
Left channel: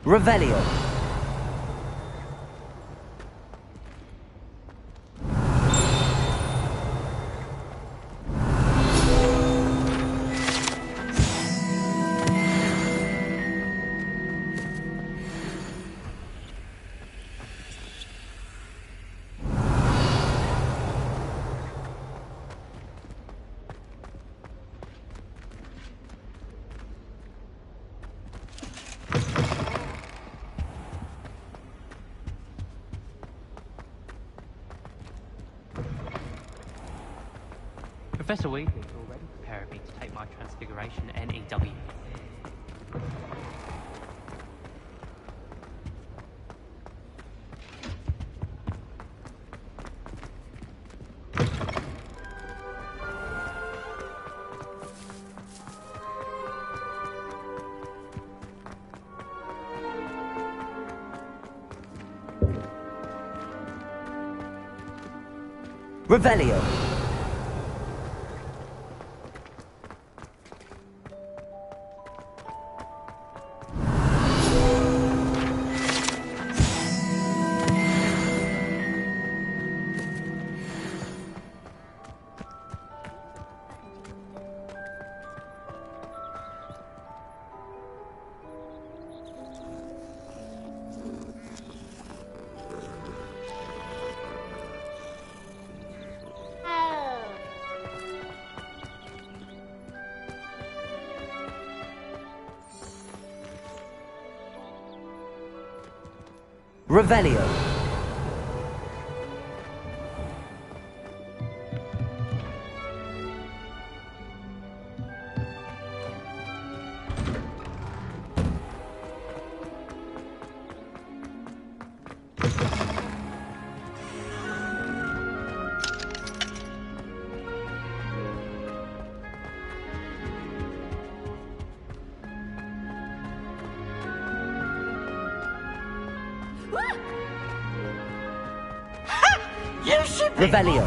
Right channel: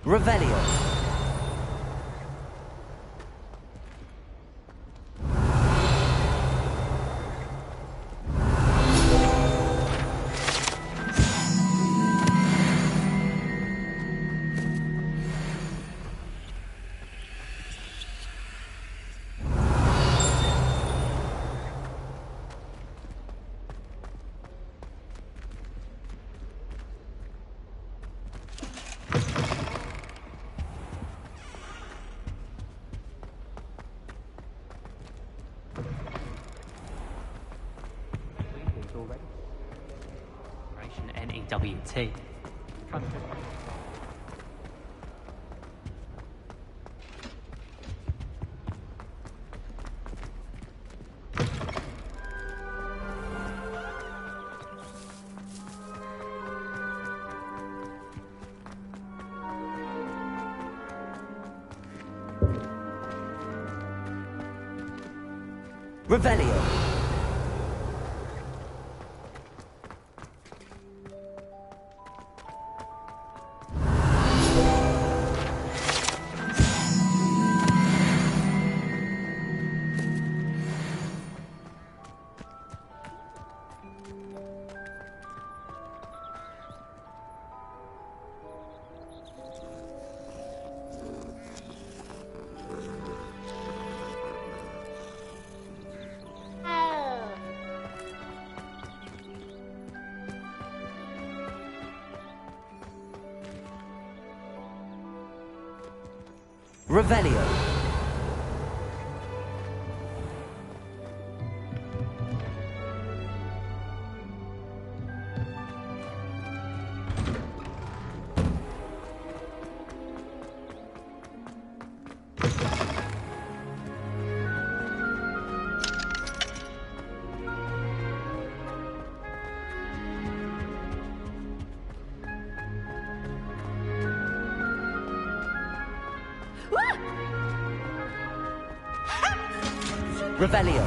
Revelio. Professor Weasley's already preparing me to take my transfiguration NEWT. Revelio. Revelio. Revelio.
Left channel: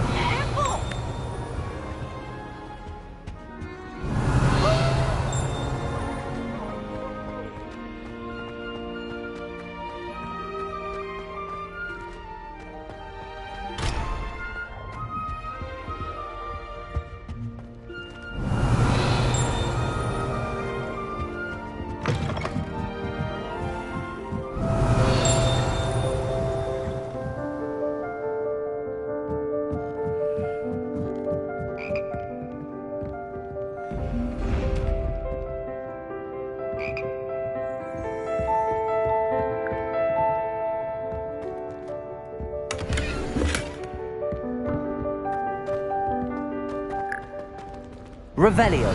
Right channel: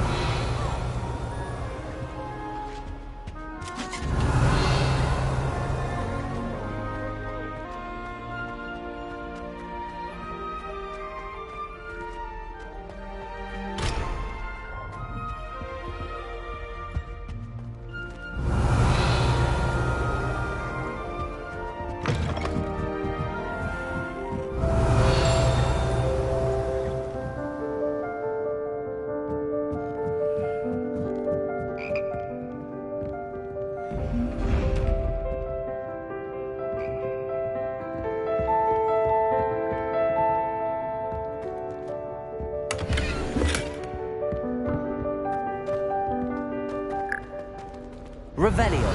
Revelio.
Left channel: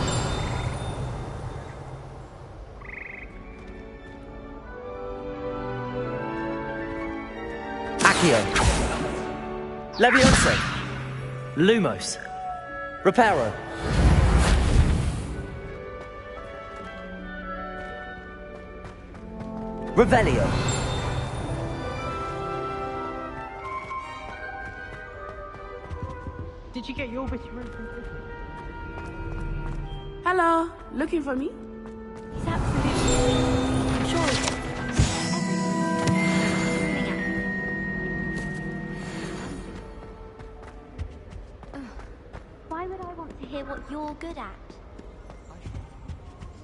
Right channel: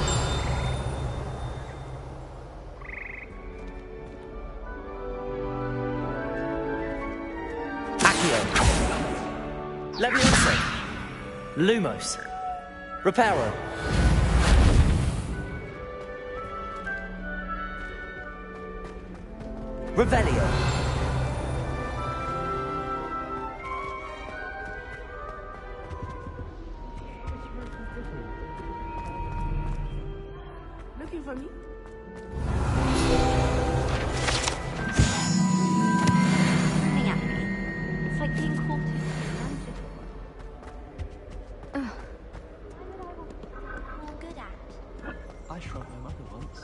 Accio. Leviosa. Lumos. Reparo. Revelio. Did you get your witch room from Disney? Hello, looking for me? Screaming at me. It's like being called magical. Ugh. Why would I want to hear what you're good at? I shrunk my mother once.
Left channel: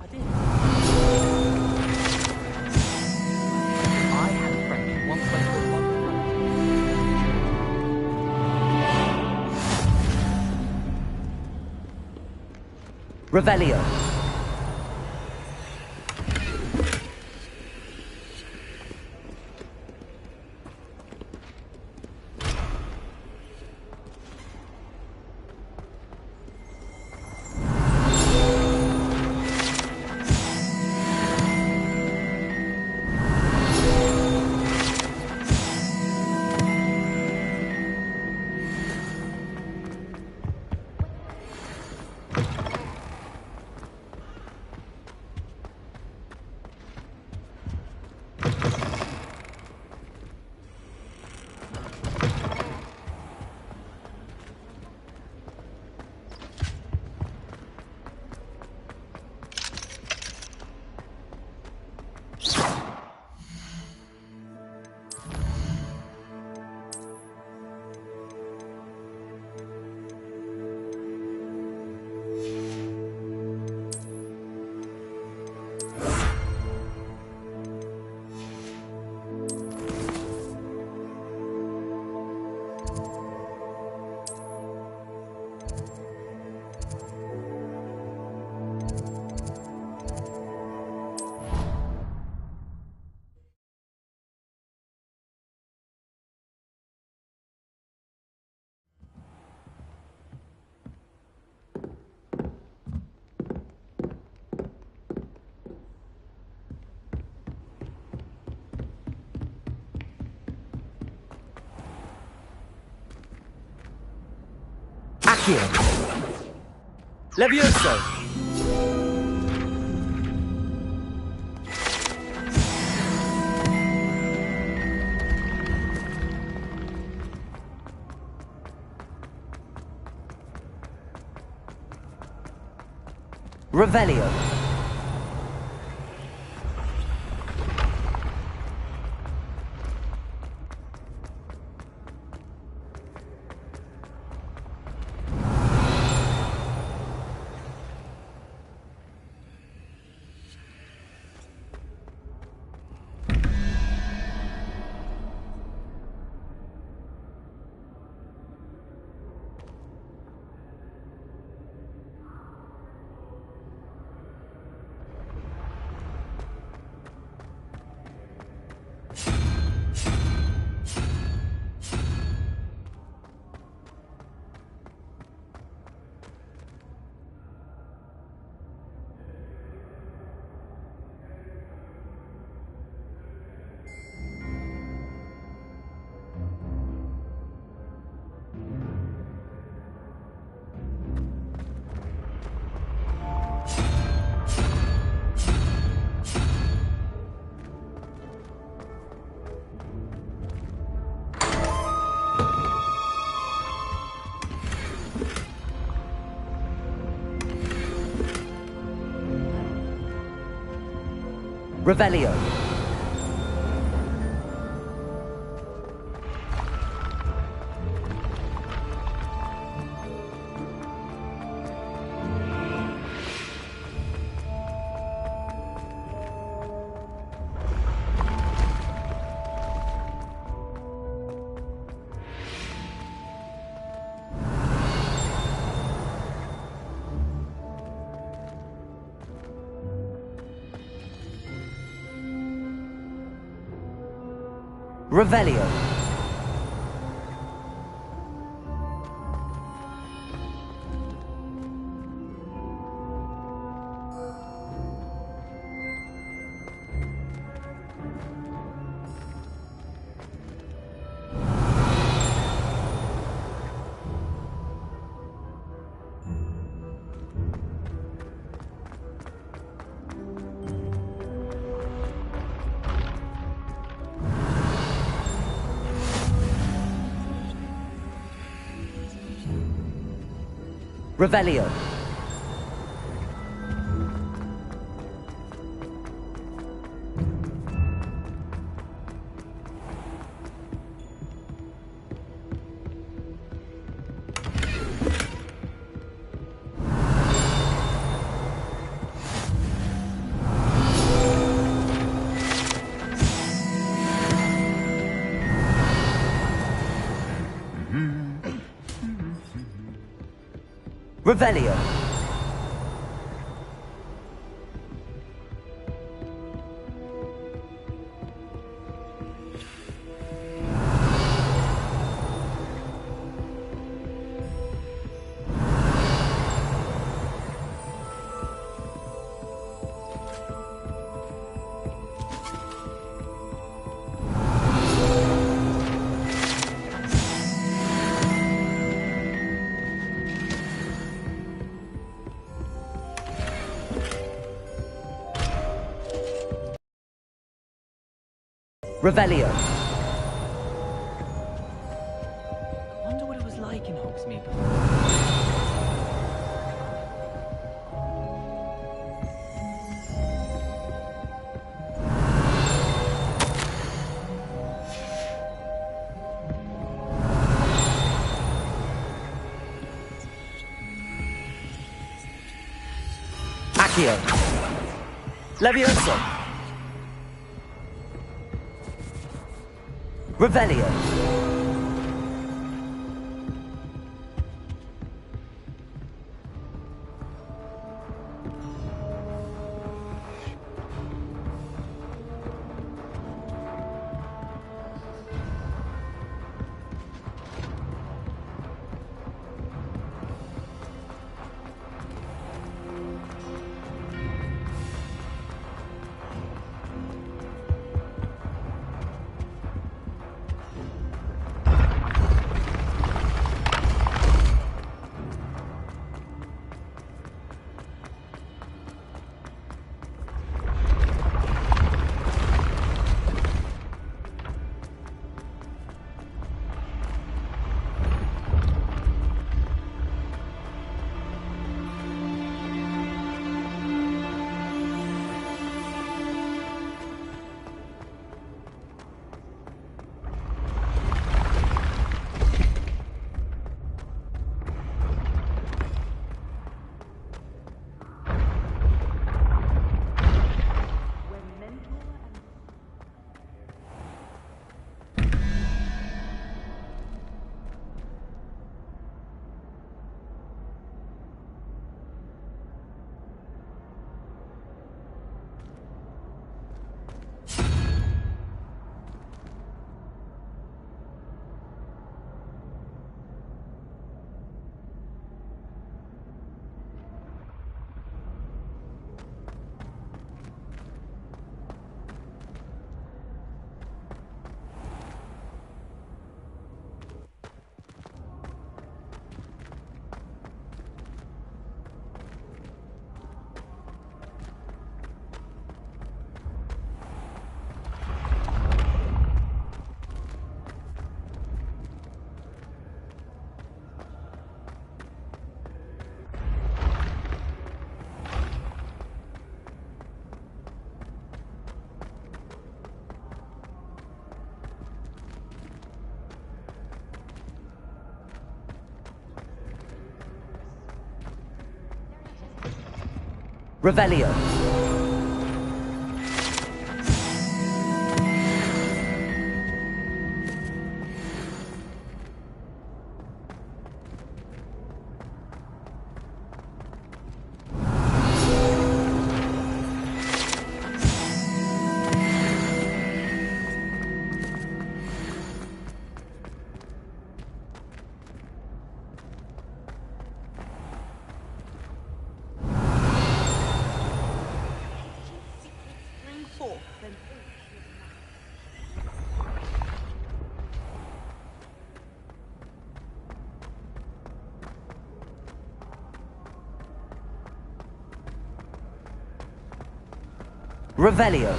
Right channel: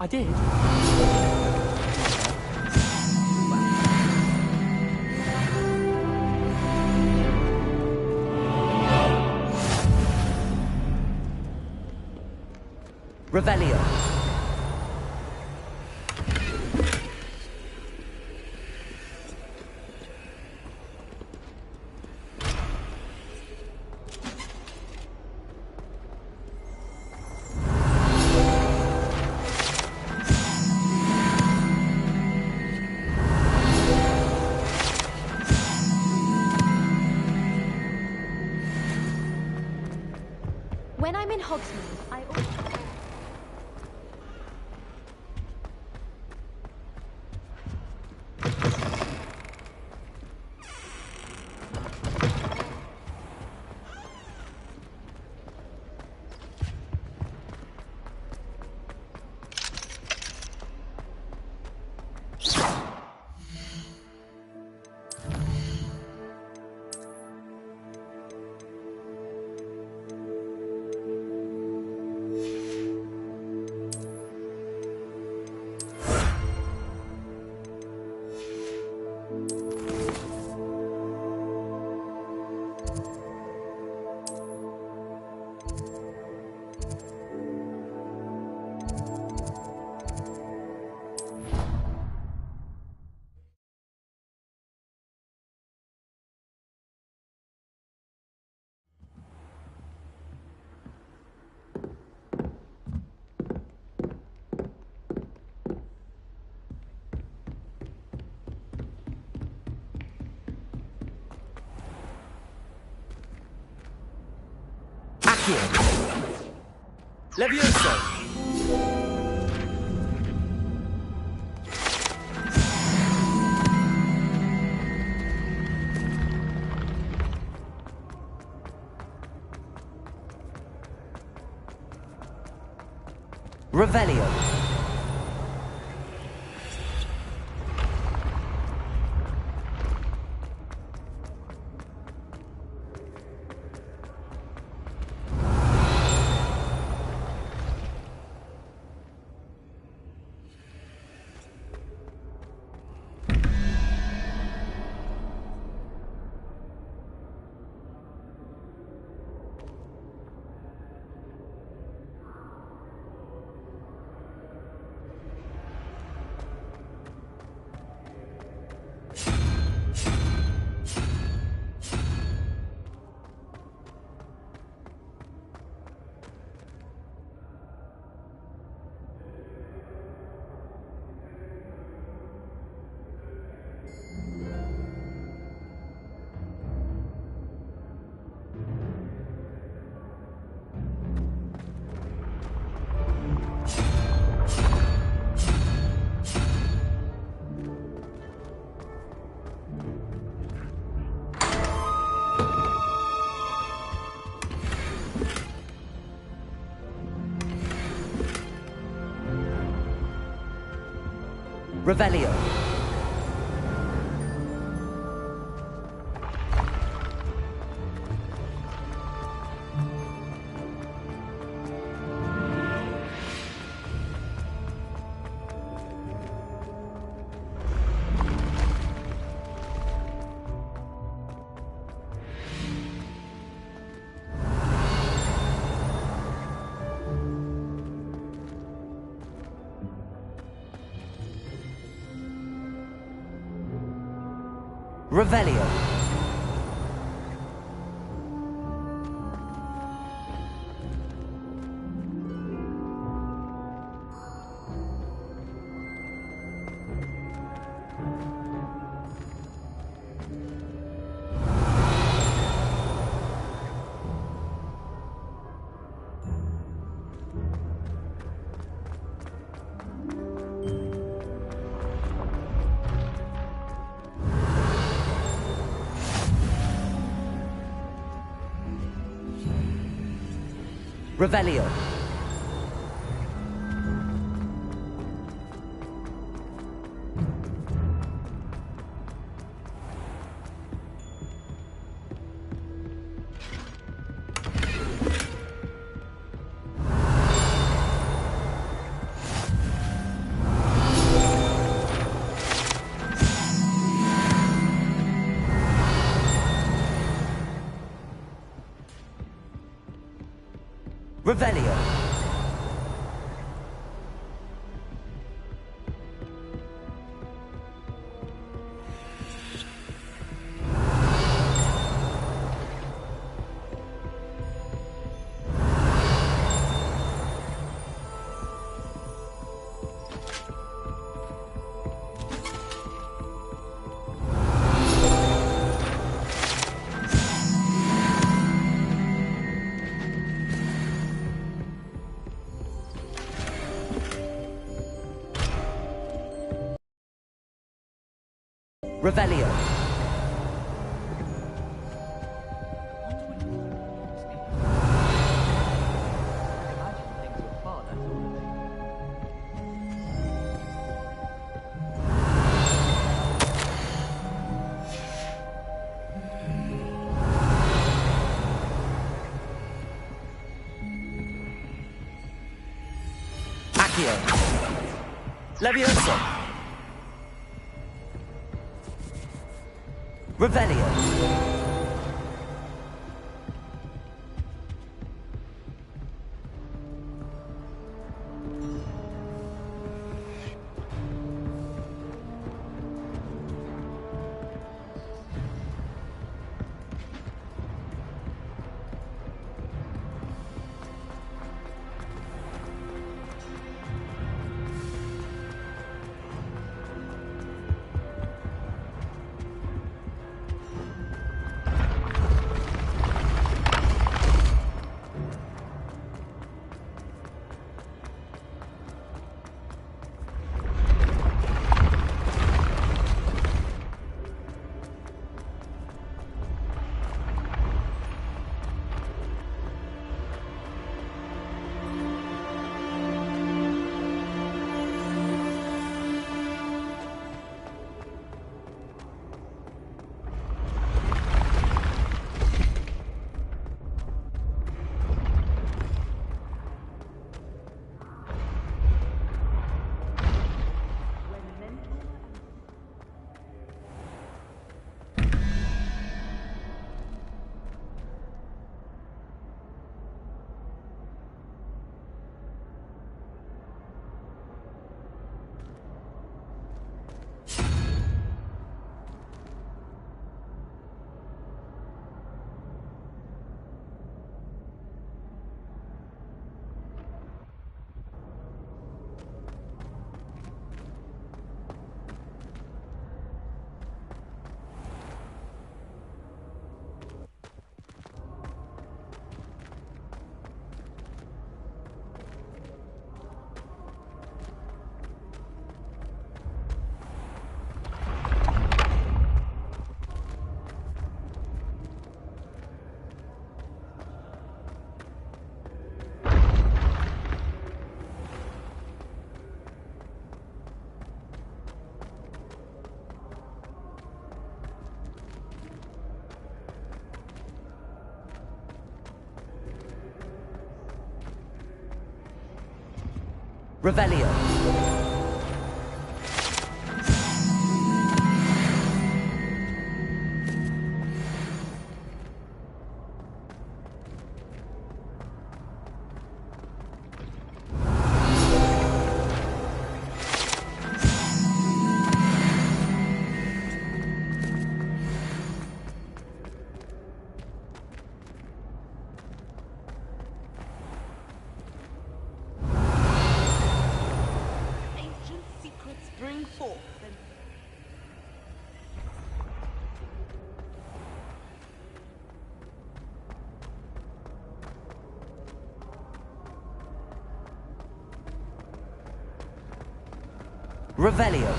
I did. Revelio. When I'm in Hogwarts, I always... Accio. Levioso. Revelio. Revelio. Revelio. Revelio. Revelio. Revelio. I wonder what it was like in Hogsmeade. Accio. Levioso. Revelio. Revelio. Revelio.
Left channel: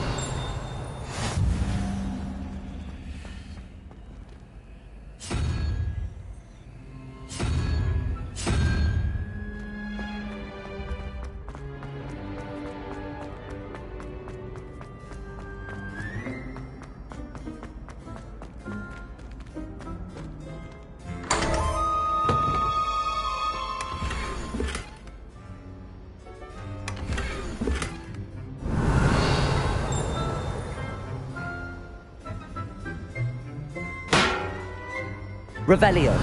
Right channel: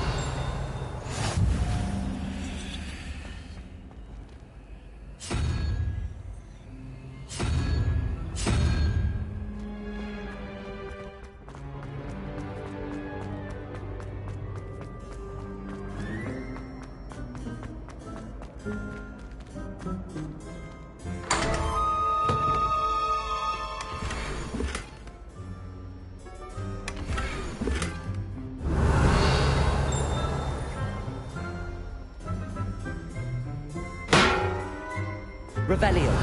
Revelio.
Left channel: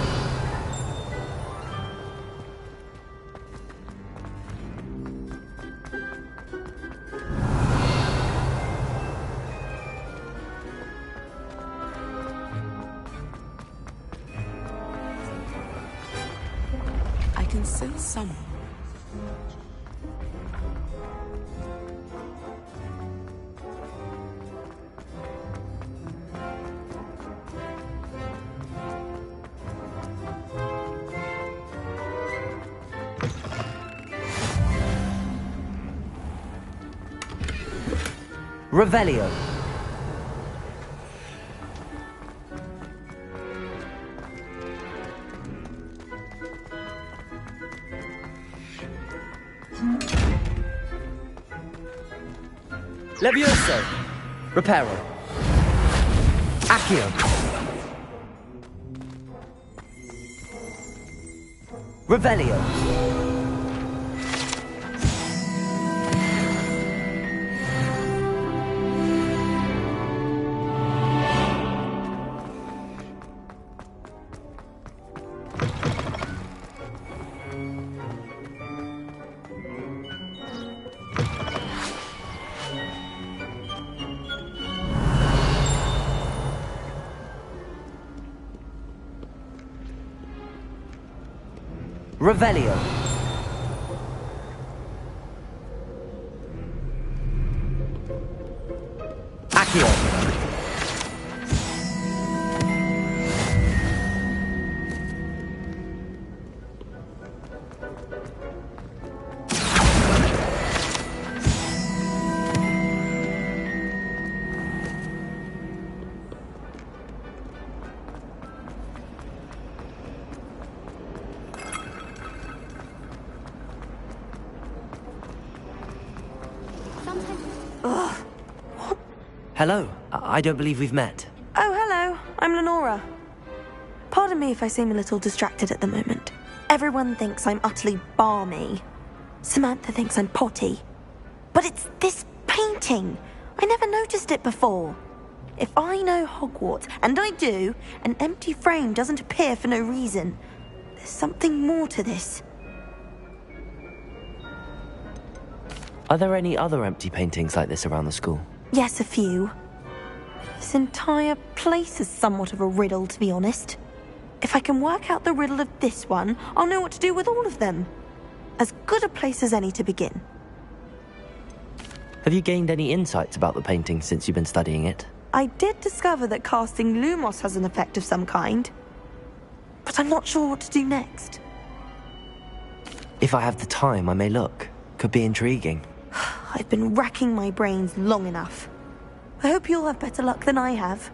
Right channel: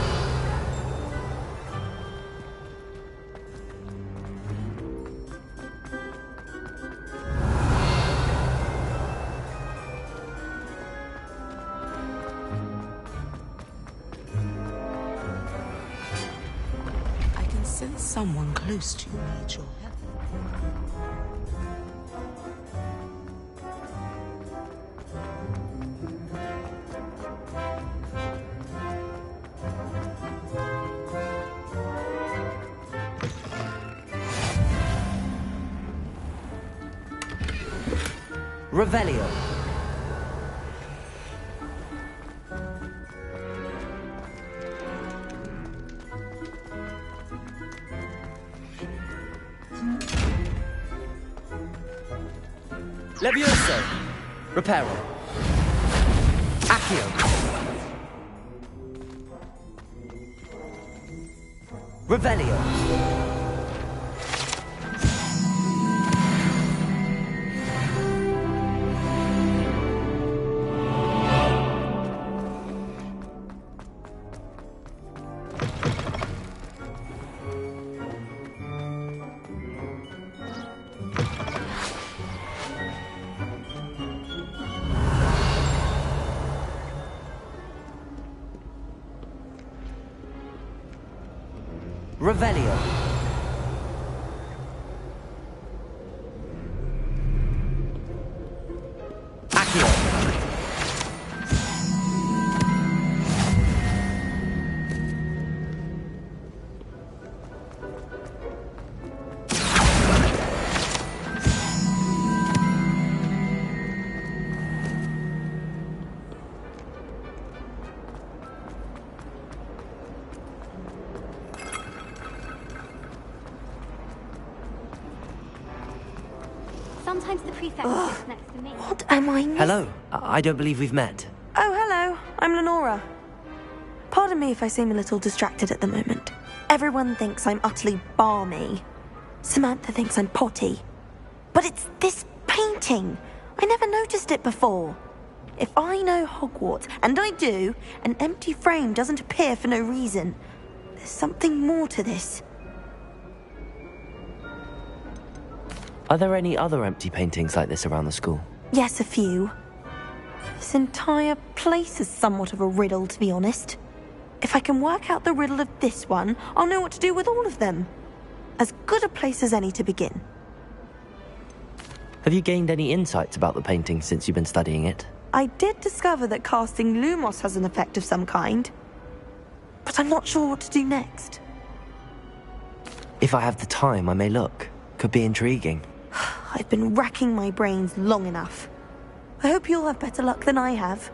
I can sense someone close to you, Rachel. Revelio. Levioso. Reparo. Accio. Revelio. Revelio. Accio. Sometimes the prefect. What am I missing? Hello. I don't believe we've met. Oh, hello. I'm Lenora. Pardon me if I seem a little distracted at the moment. Everyone thinks I'm utterly balmy. Samantha thinks I'm potty. But it's this painting. I never noticed it before. If I know Hogwarts, and I do, an empty frame doesn't appear for no reason. There's something more to this. Are there any other empty paintings like this around the school? Yes, a few. This entire place is somewhat of a riddle, to be honest. If I can work out the riddle of this one, I'll know what to do with all of them. As good a place as any to begin. Have you gained any insights about the painting since you've been studying it? I did discover that casting Lumos has an effect of some kind. But I'm not sure what to do next. If I have the time, I may look. Could be intriguing. I've been racking my brains long enough. I hope you'll have better luck than I have.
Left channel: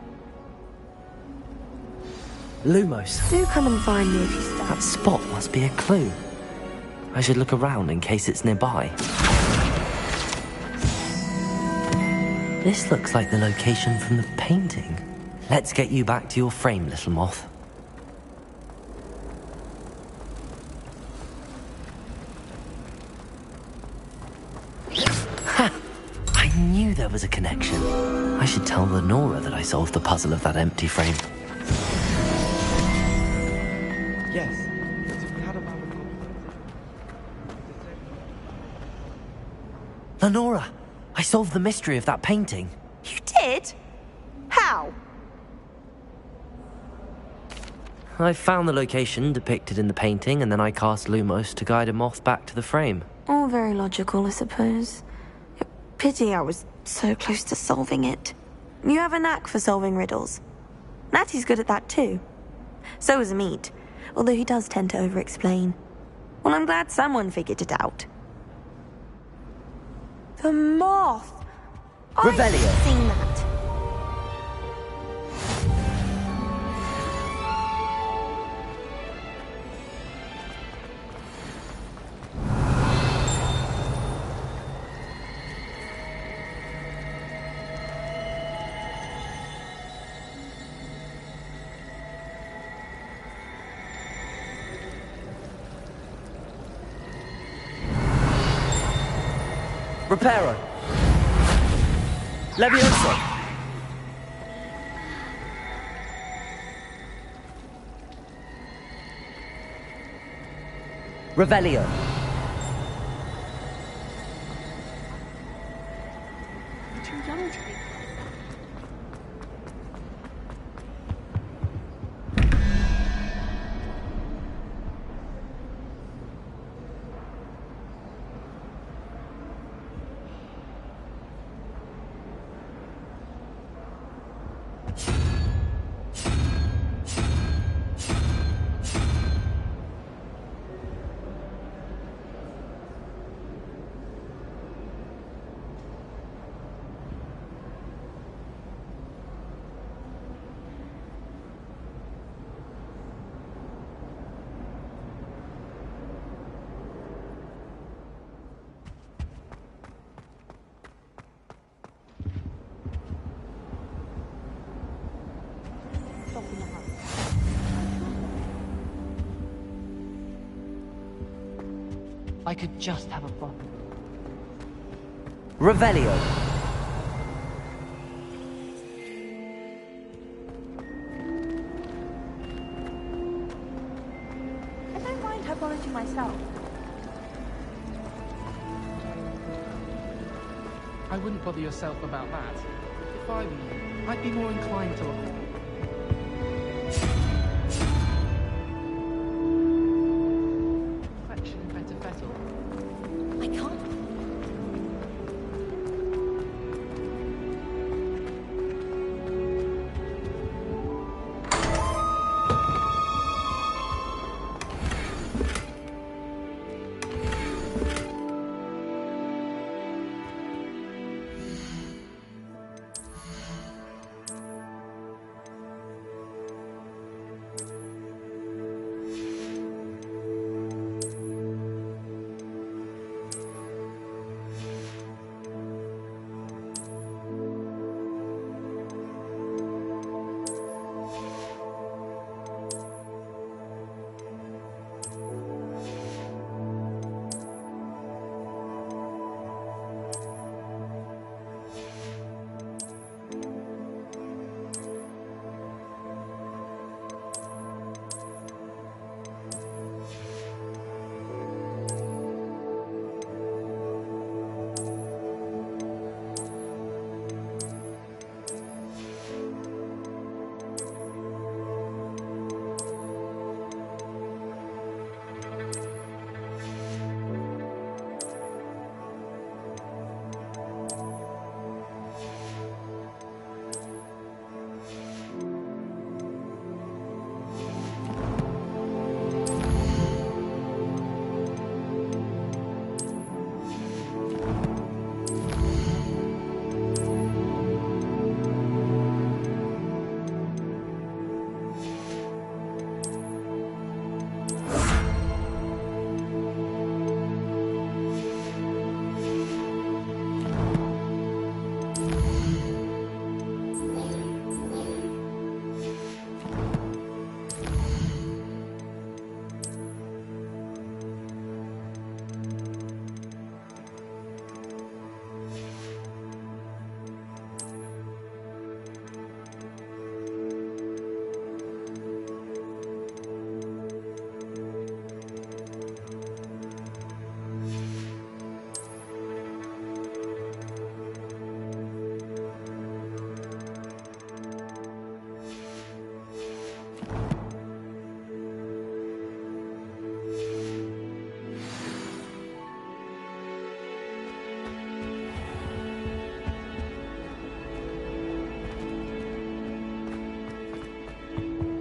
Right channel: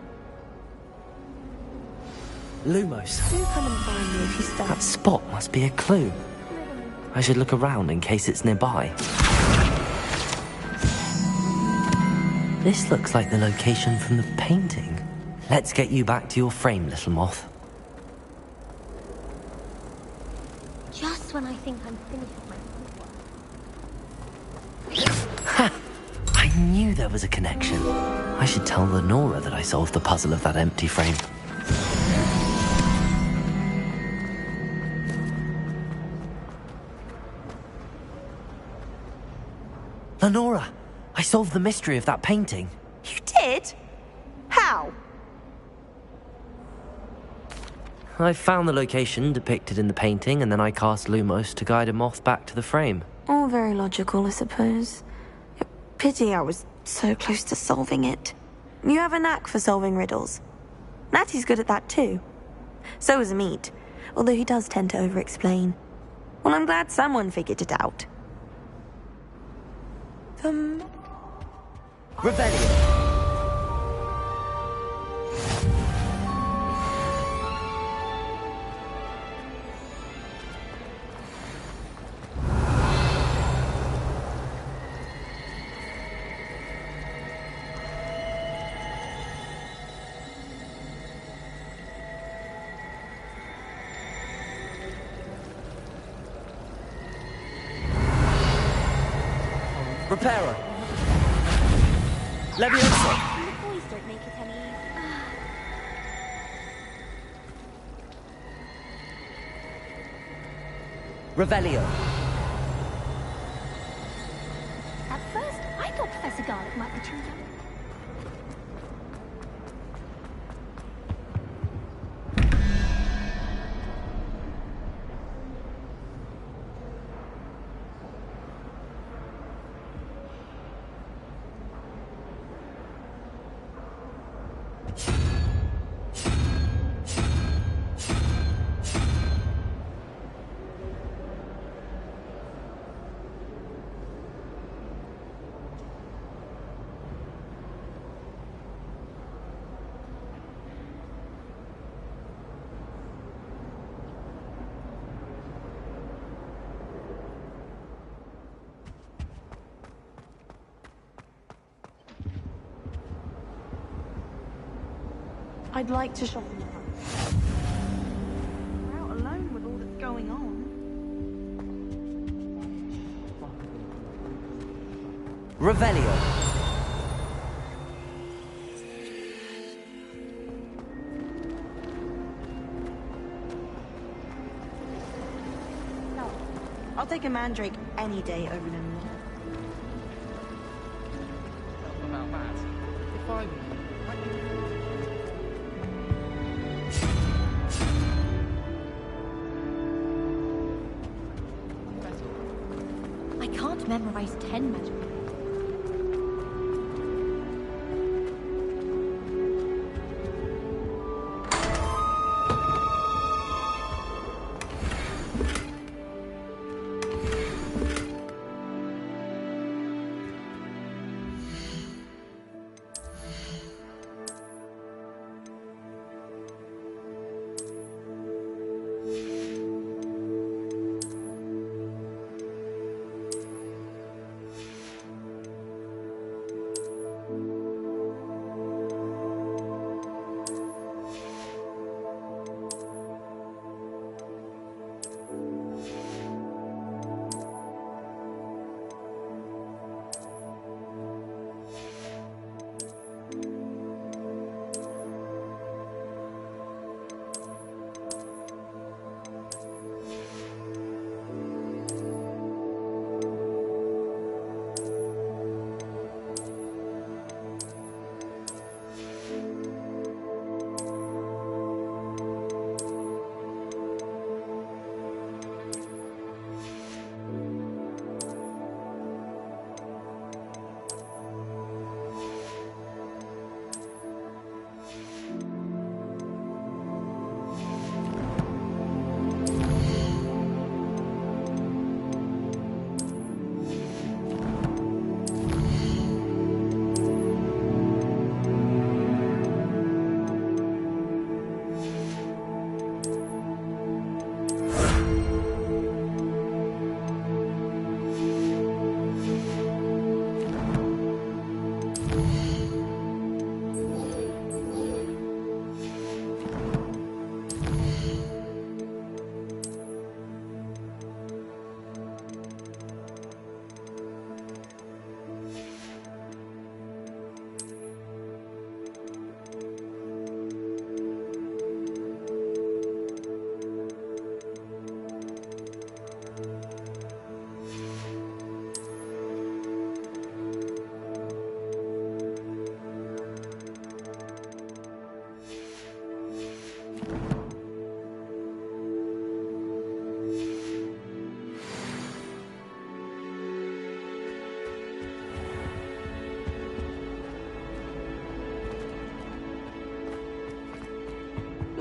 Lumos. Do come and find me if you stay. That spot must be a clue. I should look around in case it's nearby. This looks like the location from the painting. Let's get you back to your frame, little moth. Just when I think I'm there was a connection. I should tell Lenora that I solved the puzzle of that empty frame. Yes. Lenora, I solved the mystery of that painting. You did? How? I found the location depicted in the painting, and then I cast Lumos to guide a moth back to the frame. All very logical, I suppose. Pity I was so close to solving it. You have a knack for solving riddles. Natty's good at that too. So is Amit, although he does tend to over-explain. Well, I'm glad someone figured it out. The moth! Revelio! Reparo. Levioso. Revelio. At first, I thought Professor Dark might be too young to be. I'd like to shop in a hut. We're out alone with all that's going on. I could just have a bottle. Revelio. I don't mind herbology myself. I'll take a mandrake any day over the I wouldn't bother yourself about that. If I were you, I'd be more inclined to avoid. I can't memorize 10 rituals.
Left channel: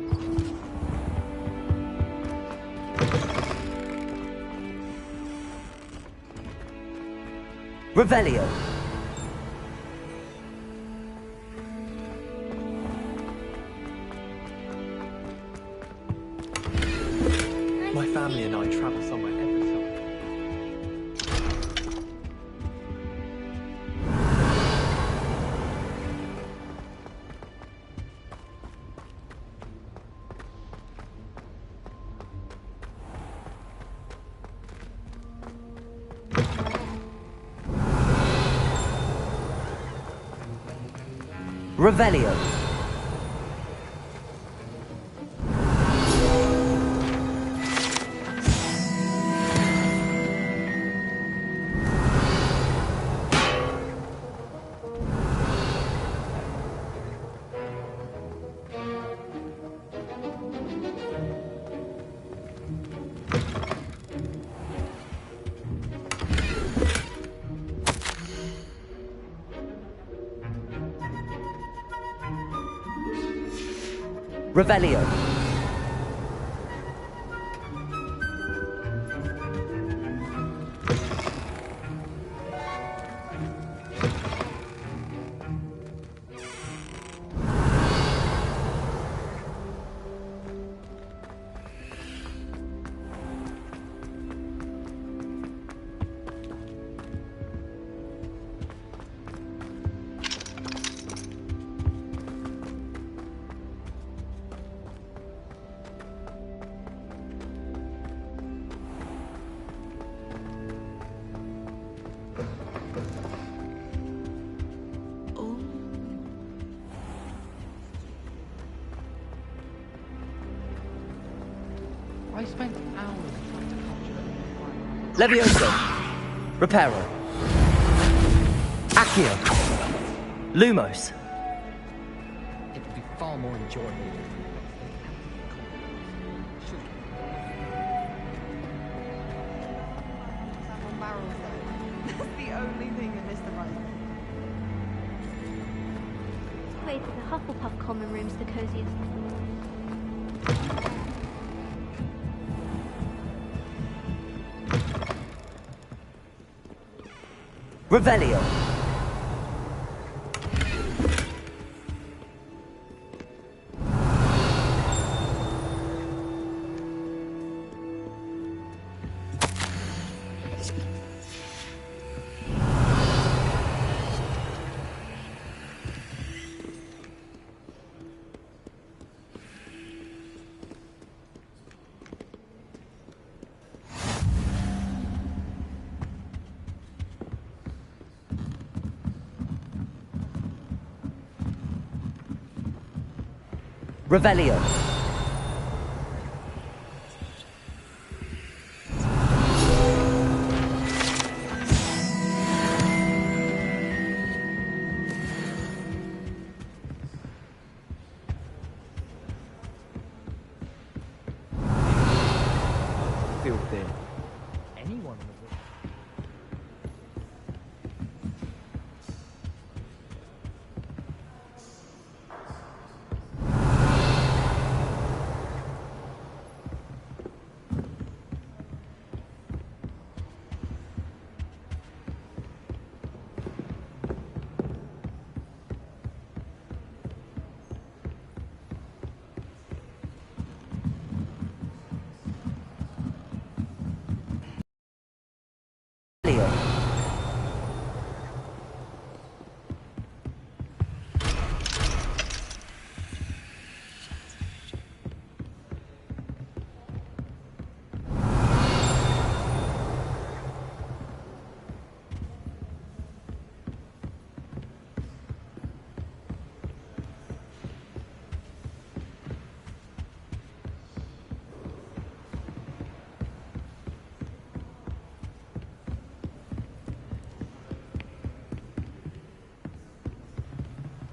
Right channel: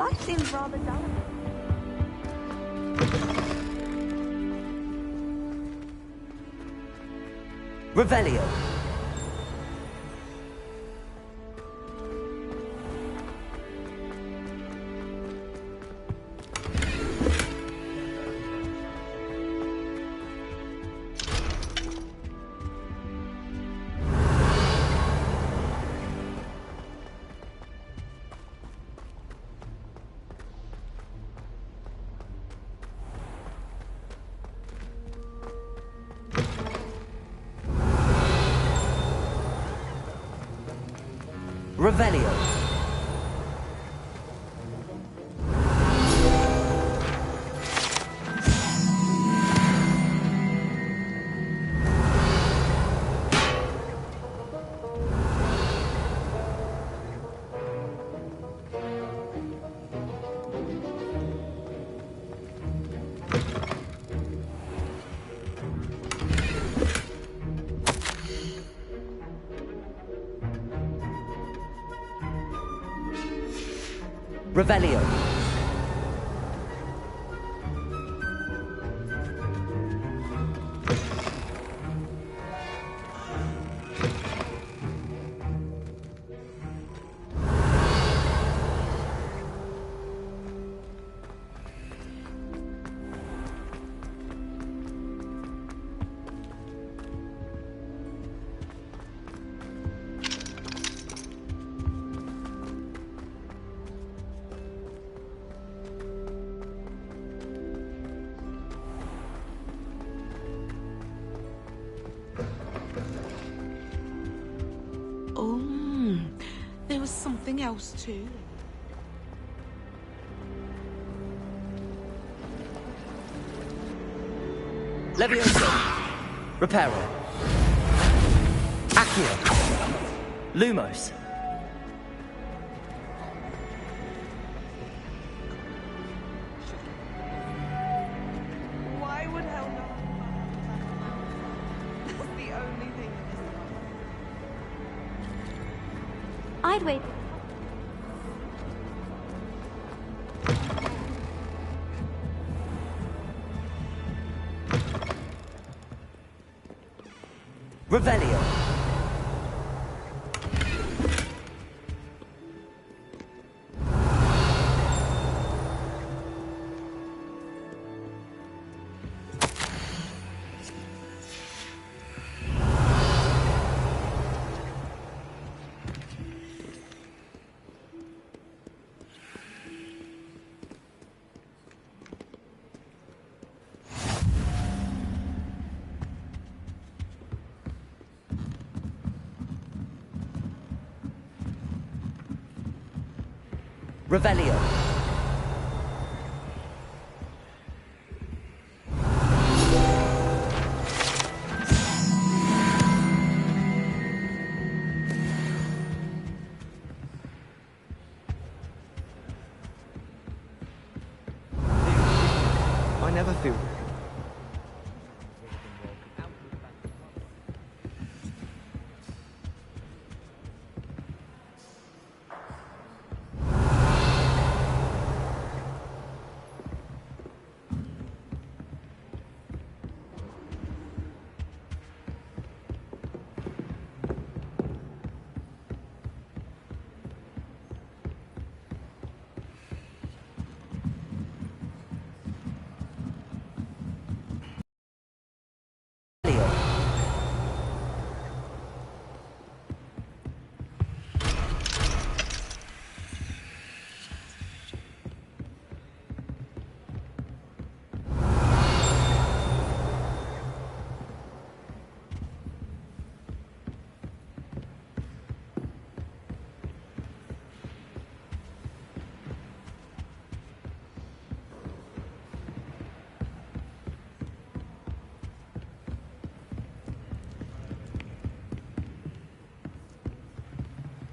Life seems rather dull. Revelio. My family and I travel somewhere every summer. Revelio. Revelio. Oh, there was something else too. I spent hours. Levioso. Reparo. Accio. Lumos. It would be far more enjoyable if we should Why would Helga have a barrel though? That's the only thing that missed the run. I'd wait for the Hufflepuff common room's the coziest. Revelio. Revelio. I never feel thin. anyone in the Raven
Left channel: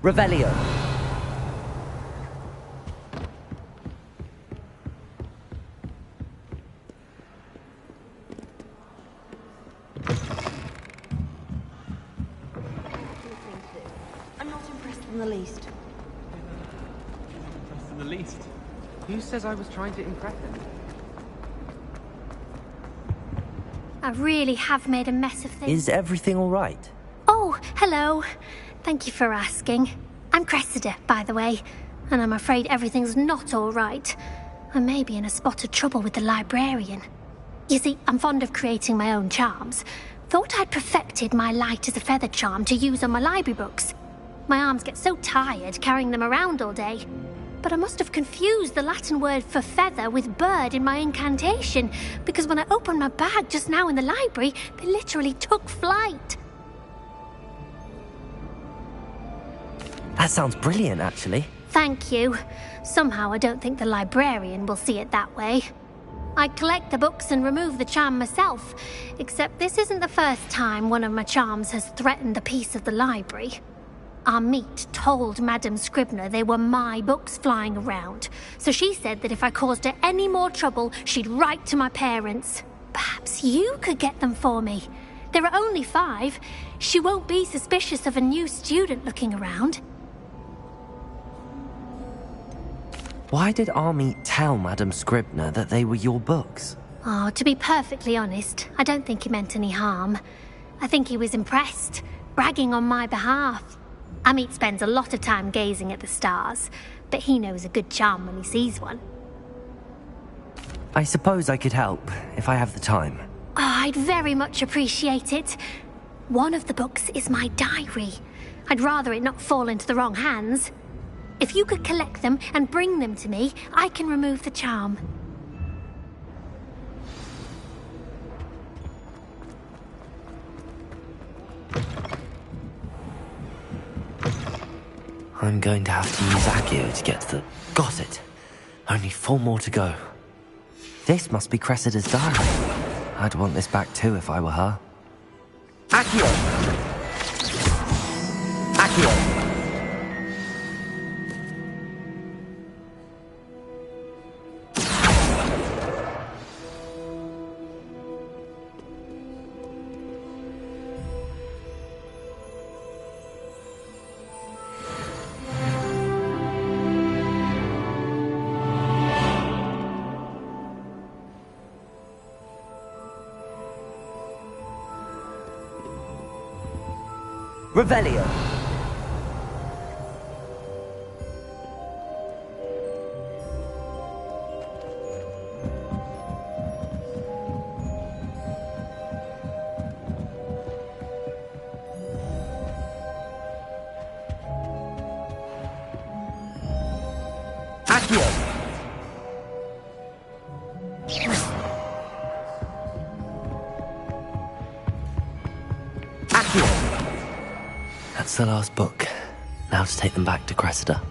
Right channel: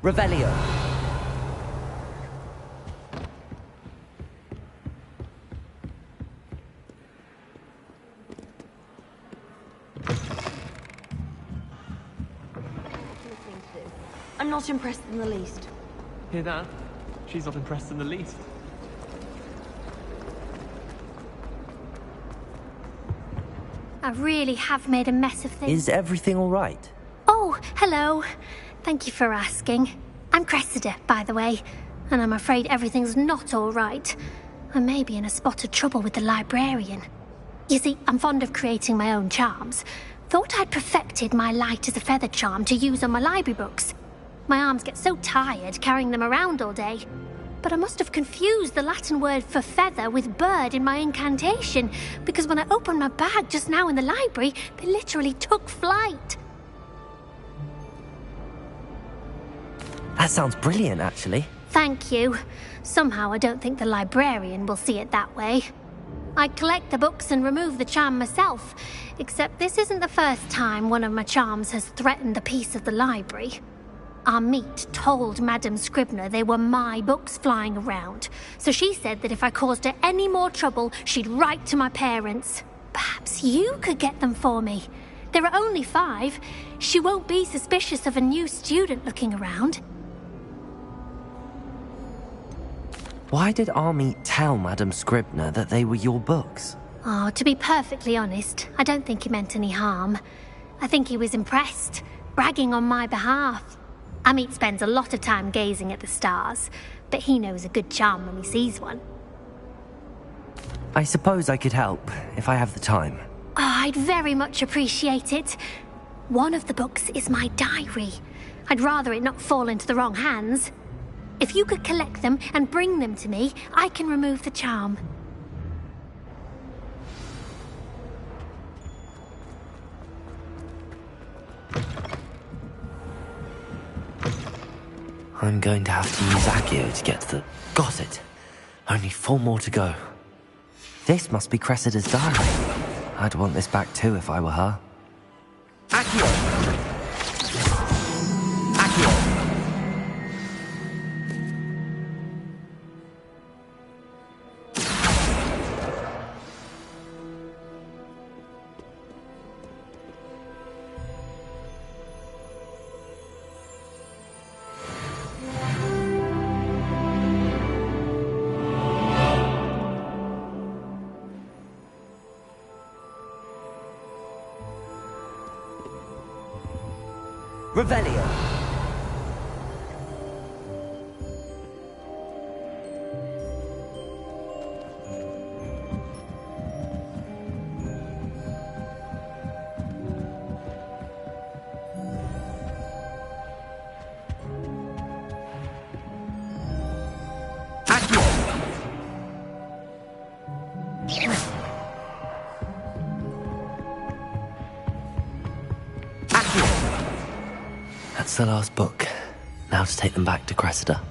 Revelio. I'm not impressed in the least. Hear that? She's not impressed in the least. Who says I was trying to impress him? I really have made a mess of things. Is everything all right? Oh, hello. Thank you for asking. I'm Cressida, by the way, and I'm afraid everything's not all right. I may be in a spot of trouble with the librarian. You see, I'm fond of creating my own charms. Thought I'd perfected my light as a feather charm to use on my library books. My arms get so tired carrying them around all day. But I must have confused the Latin word for feather with bird in my incantation, because when I opened my bag just now in the library, they literally took flight. That sounds brilliant, actually. Thank you. Somehow I don't think the librarian will see it that way. I collect the books and remove the charm myself, except this isn't the first time one of my charms has threatened the peace of the library. Our meet told Madame Scribner they were my books flying around, so she said that if I caused her any more trouble, she'd write to my parents. Perhaps you could get them for me. There are only 5. She won't be suspicious of a new student looking around. Why did Army tell Madame Scribner that they were your books? Oh, to be perfectly honest, I don't think he meant any harm. I think he was impressed, bragging on my behalf. Amit spends a lot of time gazing at the stars, but he knows a good charm when he sees one. I suppose I could help, if I have the time. Oh, I'd very much appreciate it. One of the books is my diary. I'd rather it not fall into the wrong hands. If you could collect them and bring them to me, I can remove the charm. I'm going to have to use Accio to get to the... Got it! Only 4 more to go. This must be Cressida's diary. I'd want this back too if I were her. Accio! Accio! Revelio! That's the last book. Now to take them back to Cressida.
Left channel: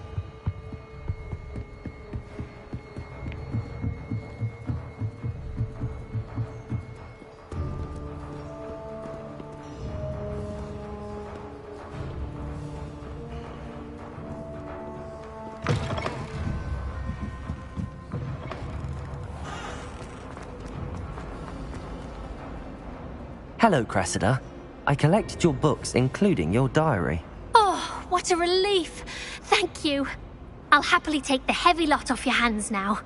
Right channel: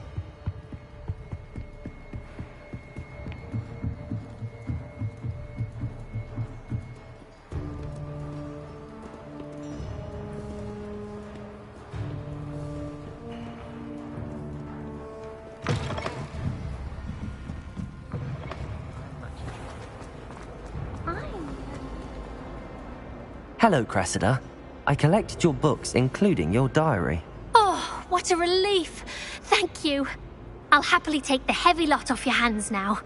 Hello, Cressida. I collected your books, including your diary. Oh, what a relief. Thank you. I'll happily take the heavy lot off your hands now.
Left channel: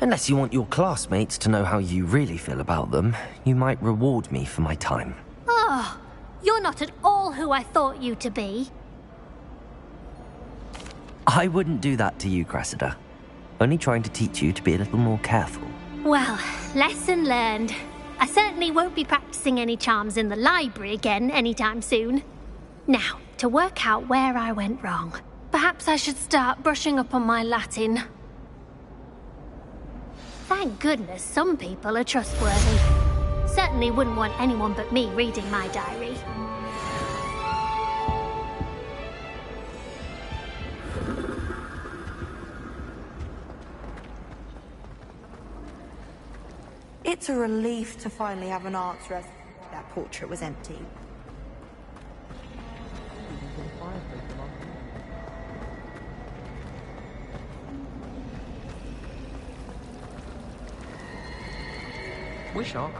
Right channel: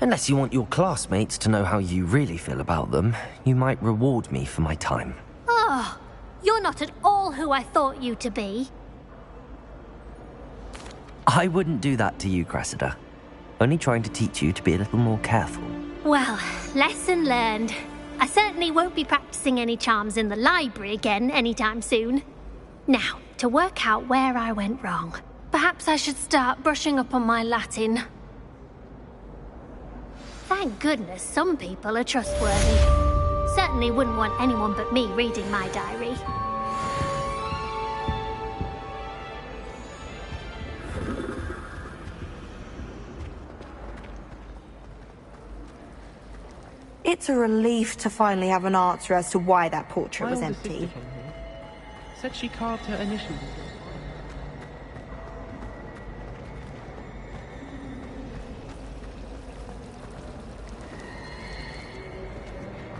Unless you want your classmates to know how you really feel about them, you might reward me for my time. Oh, you're not at all who I thought you to be. I wouldn't do that to you, Cressida. Only trying to teach you to be a little more careful. Well, lesson learned. I certainly won't be practicing any charms in the library again anytime soon. Now, to work out where I went wrong. Perhaps I should start brushing up on my Latin. Thank goodness some people are trustworthy. Certainly wouldn't want anyone but me reading my diary. It's a relief to finally have an answer as to why that portrait was empty. Said she carved her initials into the fireplace. Wish on.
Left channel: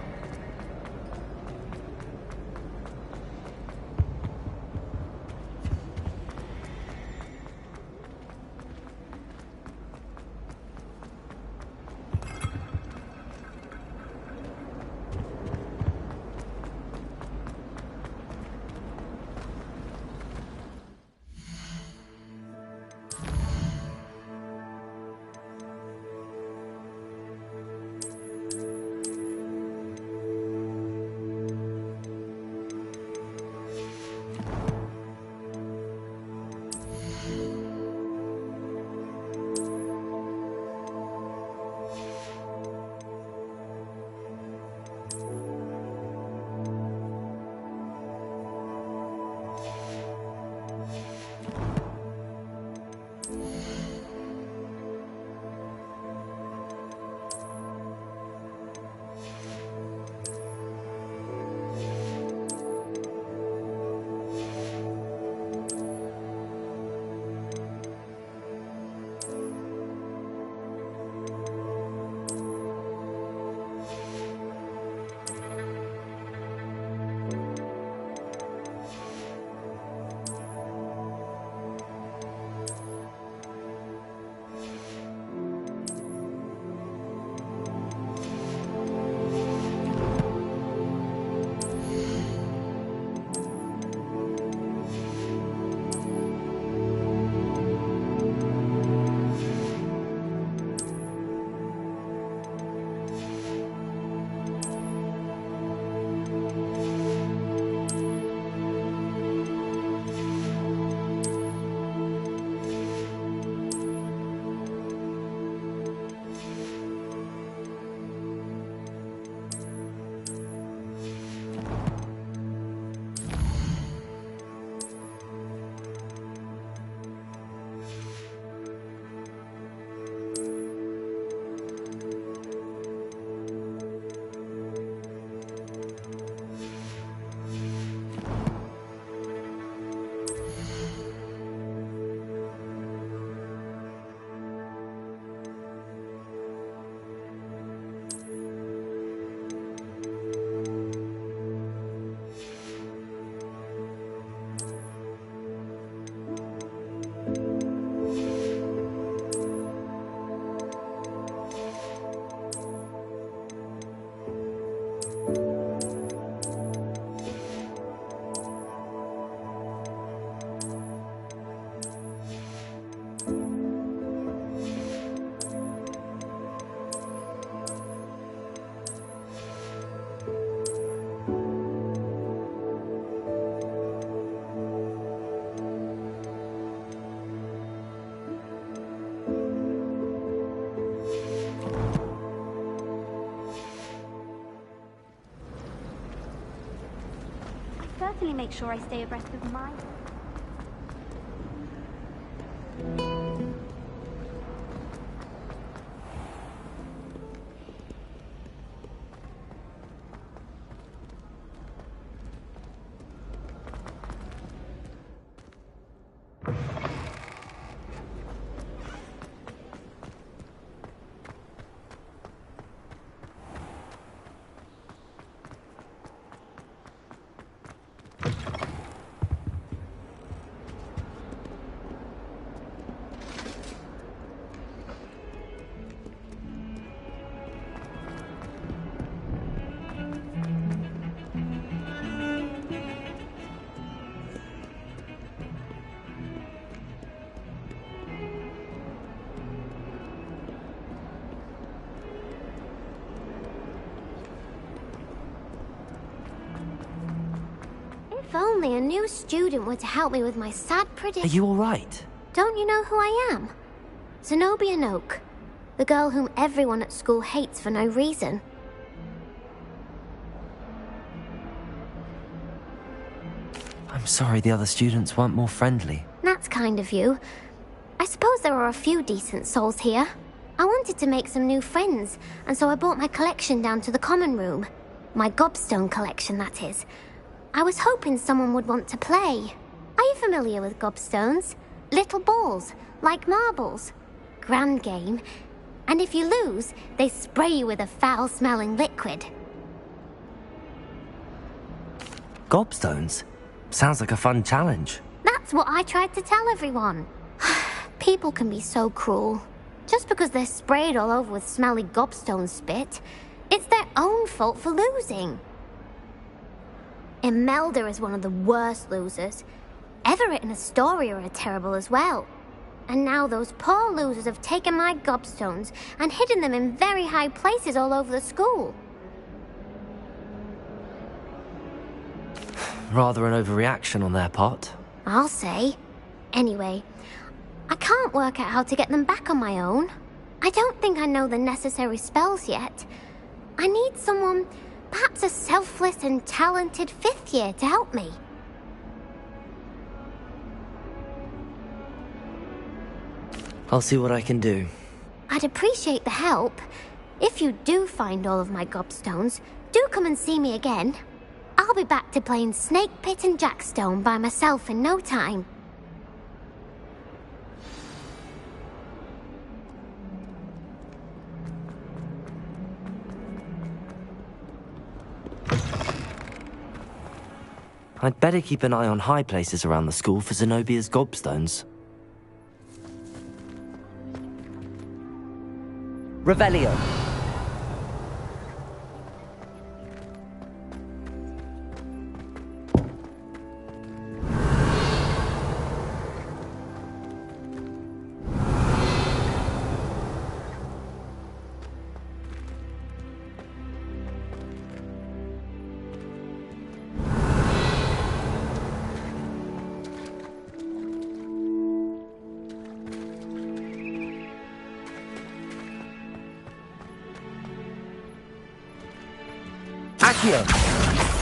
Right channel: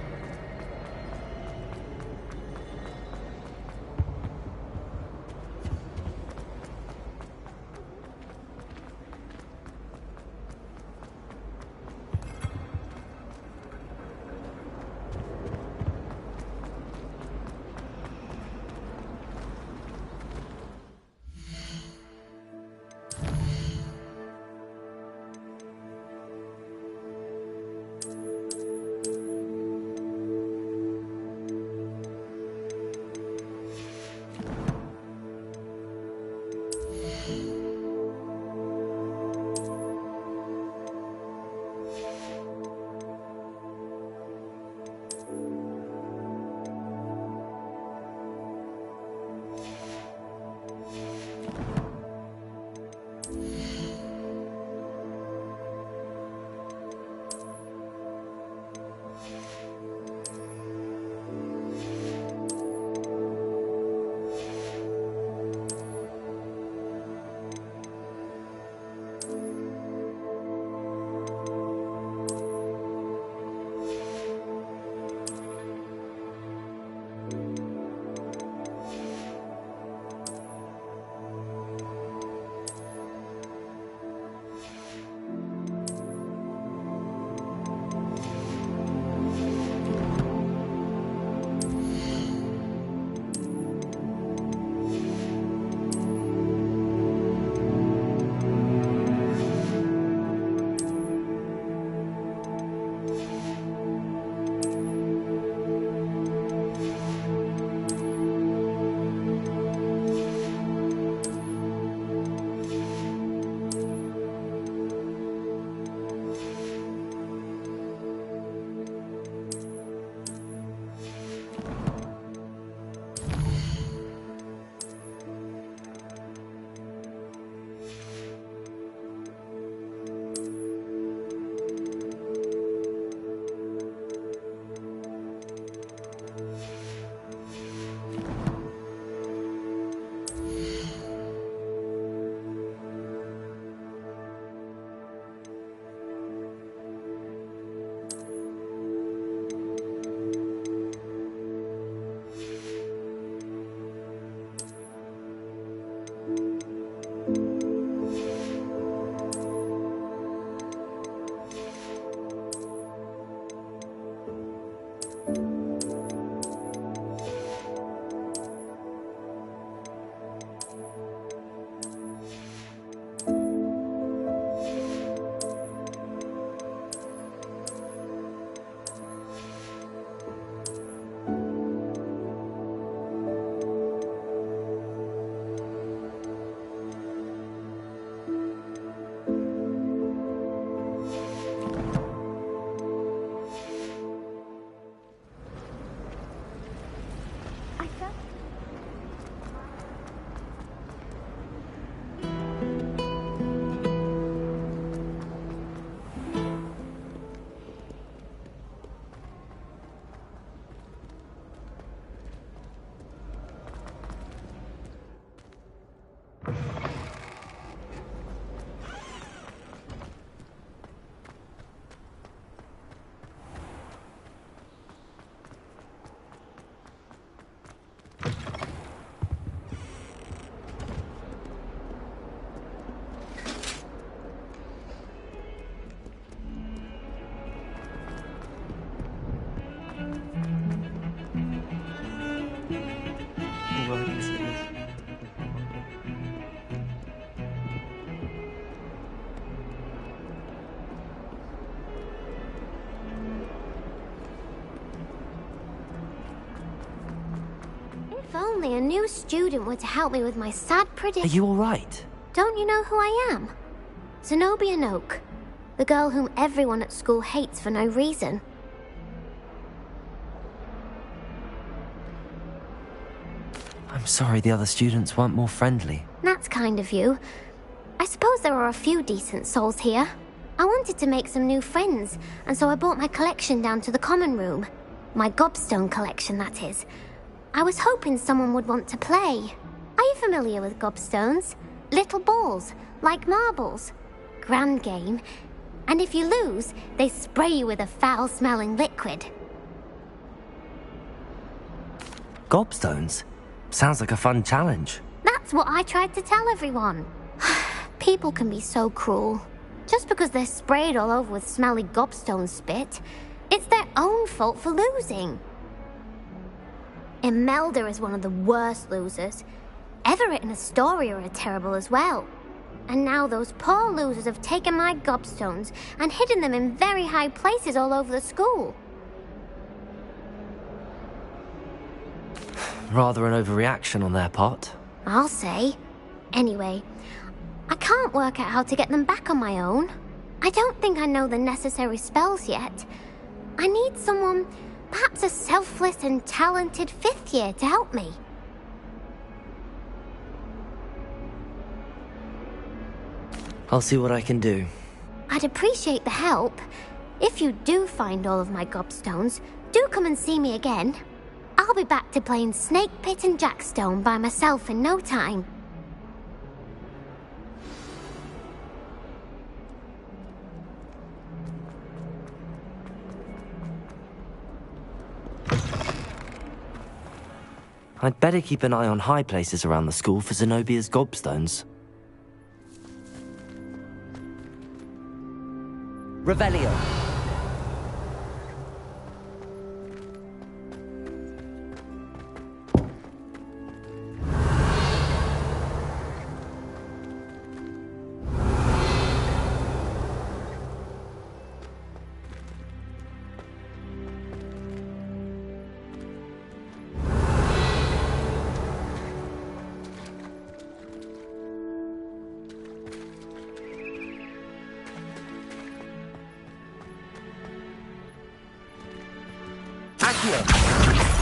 I certainly make sure I stay abreast of my... If only a new student were to help me with my sad Are prediction. you alright? Don't you know who I am? Zenobia Noak, the girl whom everyone at school hates for no reason. I'm sorry the other students weren't more friendly. That's kind of you. I suppose there are a few decent souls here. I wanted to make some new friends, and so I brought my collection down to the common room. My gobstone collection, that is. I was hoping someone would want to play. Are you familiar with gobstones? Little balls, like marbles. Grand game. And if you lose, they spray you with a foul-smelling liquid. Gobstones? Sounds like a fun challenge. That's what I tried to tell everyone. People can be so cruel. Just because they're sprayed all over with smelly gobstone spit, it's their own fault for losing. Imelda is one of the worst losers. Everett and Astoria are terrible as well. And now those poor losers have taken my gobstones and hidden them in very high places all over the school. Rather an overreaction on their part. I'll say. Anyway, I can't work out how to get them back on my own. I don't think I know the necessary spells yet. I need someone, perhaps a selfless and talented fifth year to help me. I'll see what I can do. I'd appreciate the help. If you do find all of my gobstones, do come and see me again. I'll be back to playing Snake Pit and Jackstone by myself in no time. I'd better keep an eye on high places around the school for Zenobia's gobstones. Revelio.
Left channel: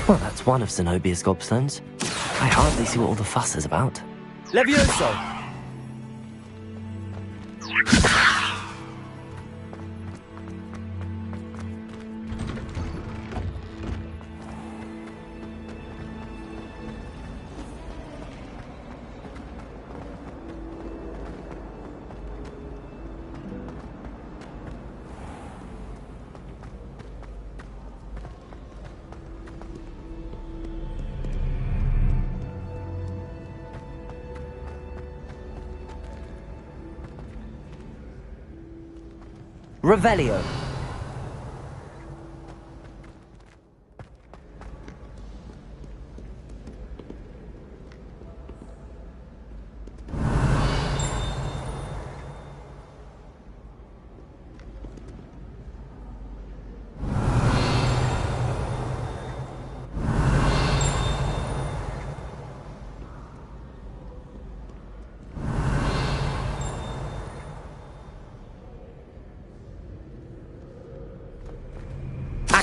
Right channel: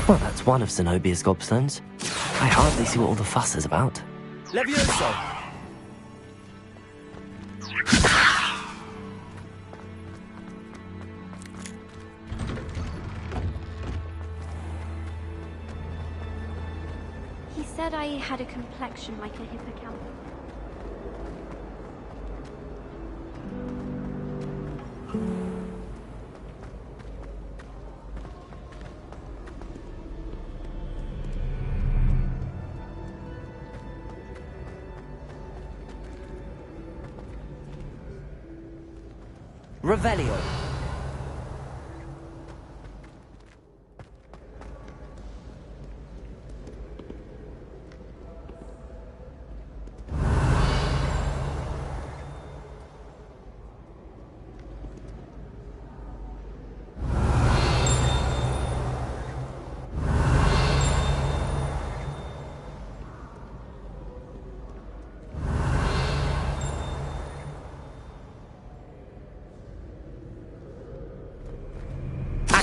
Well, that's one of Zenobia's gobstones. I hardly see what all the fuss is about. Levioso! He said I had a complexion like a hippocampus. Revelio.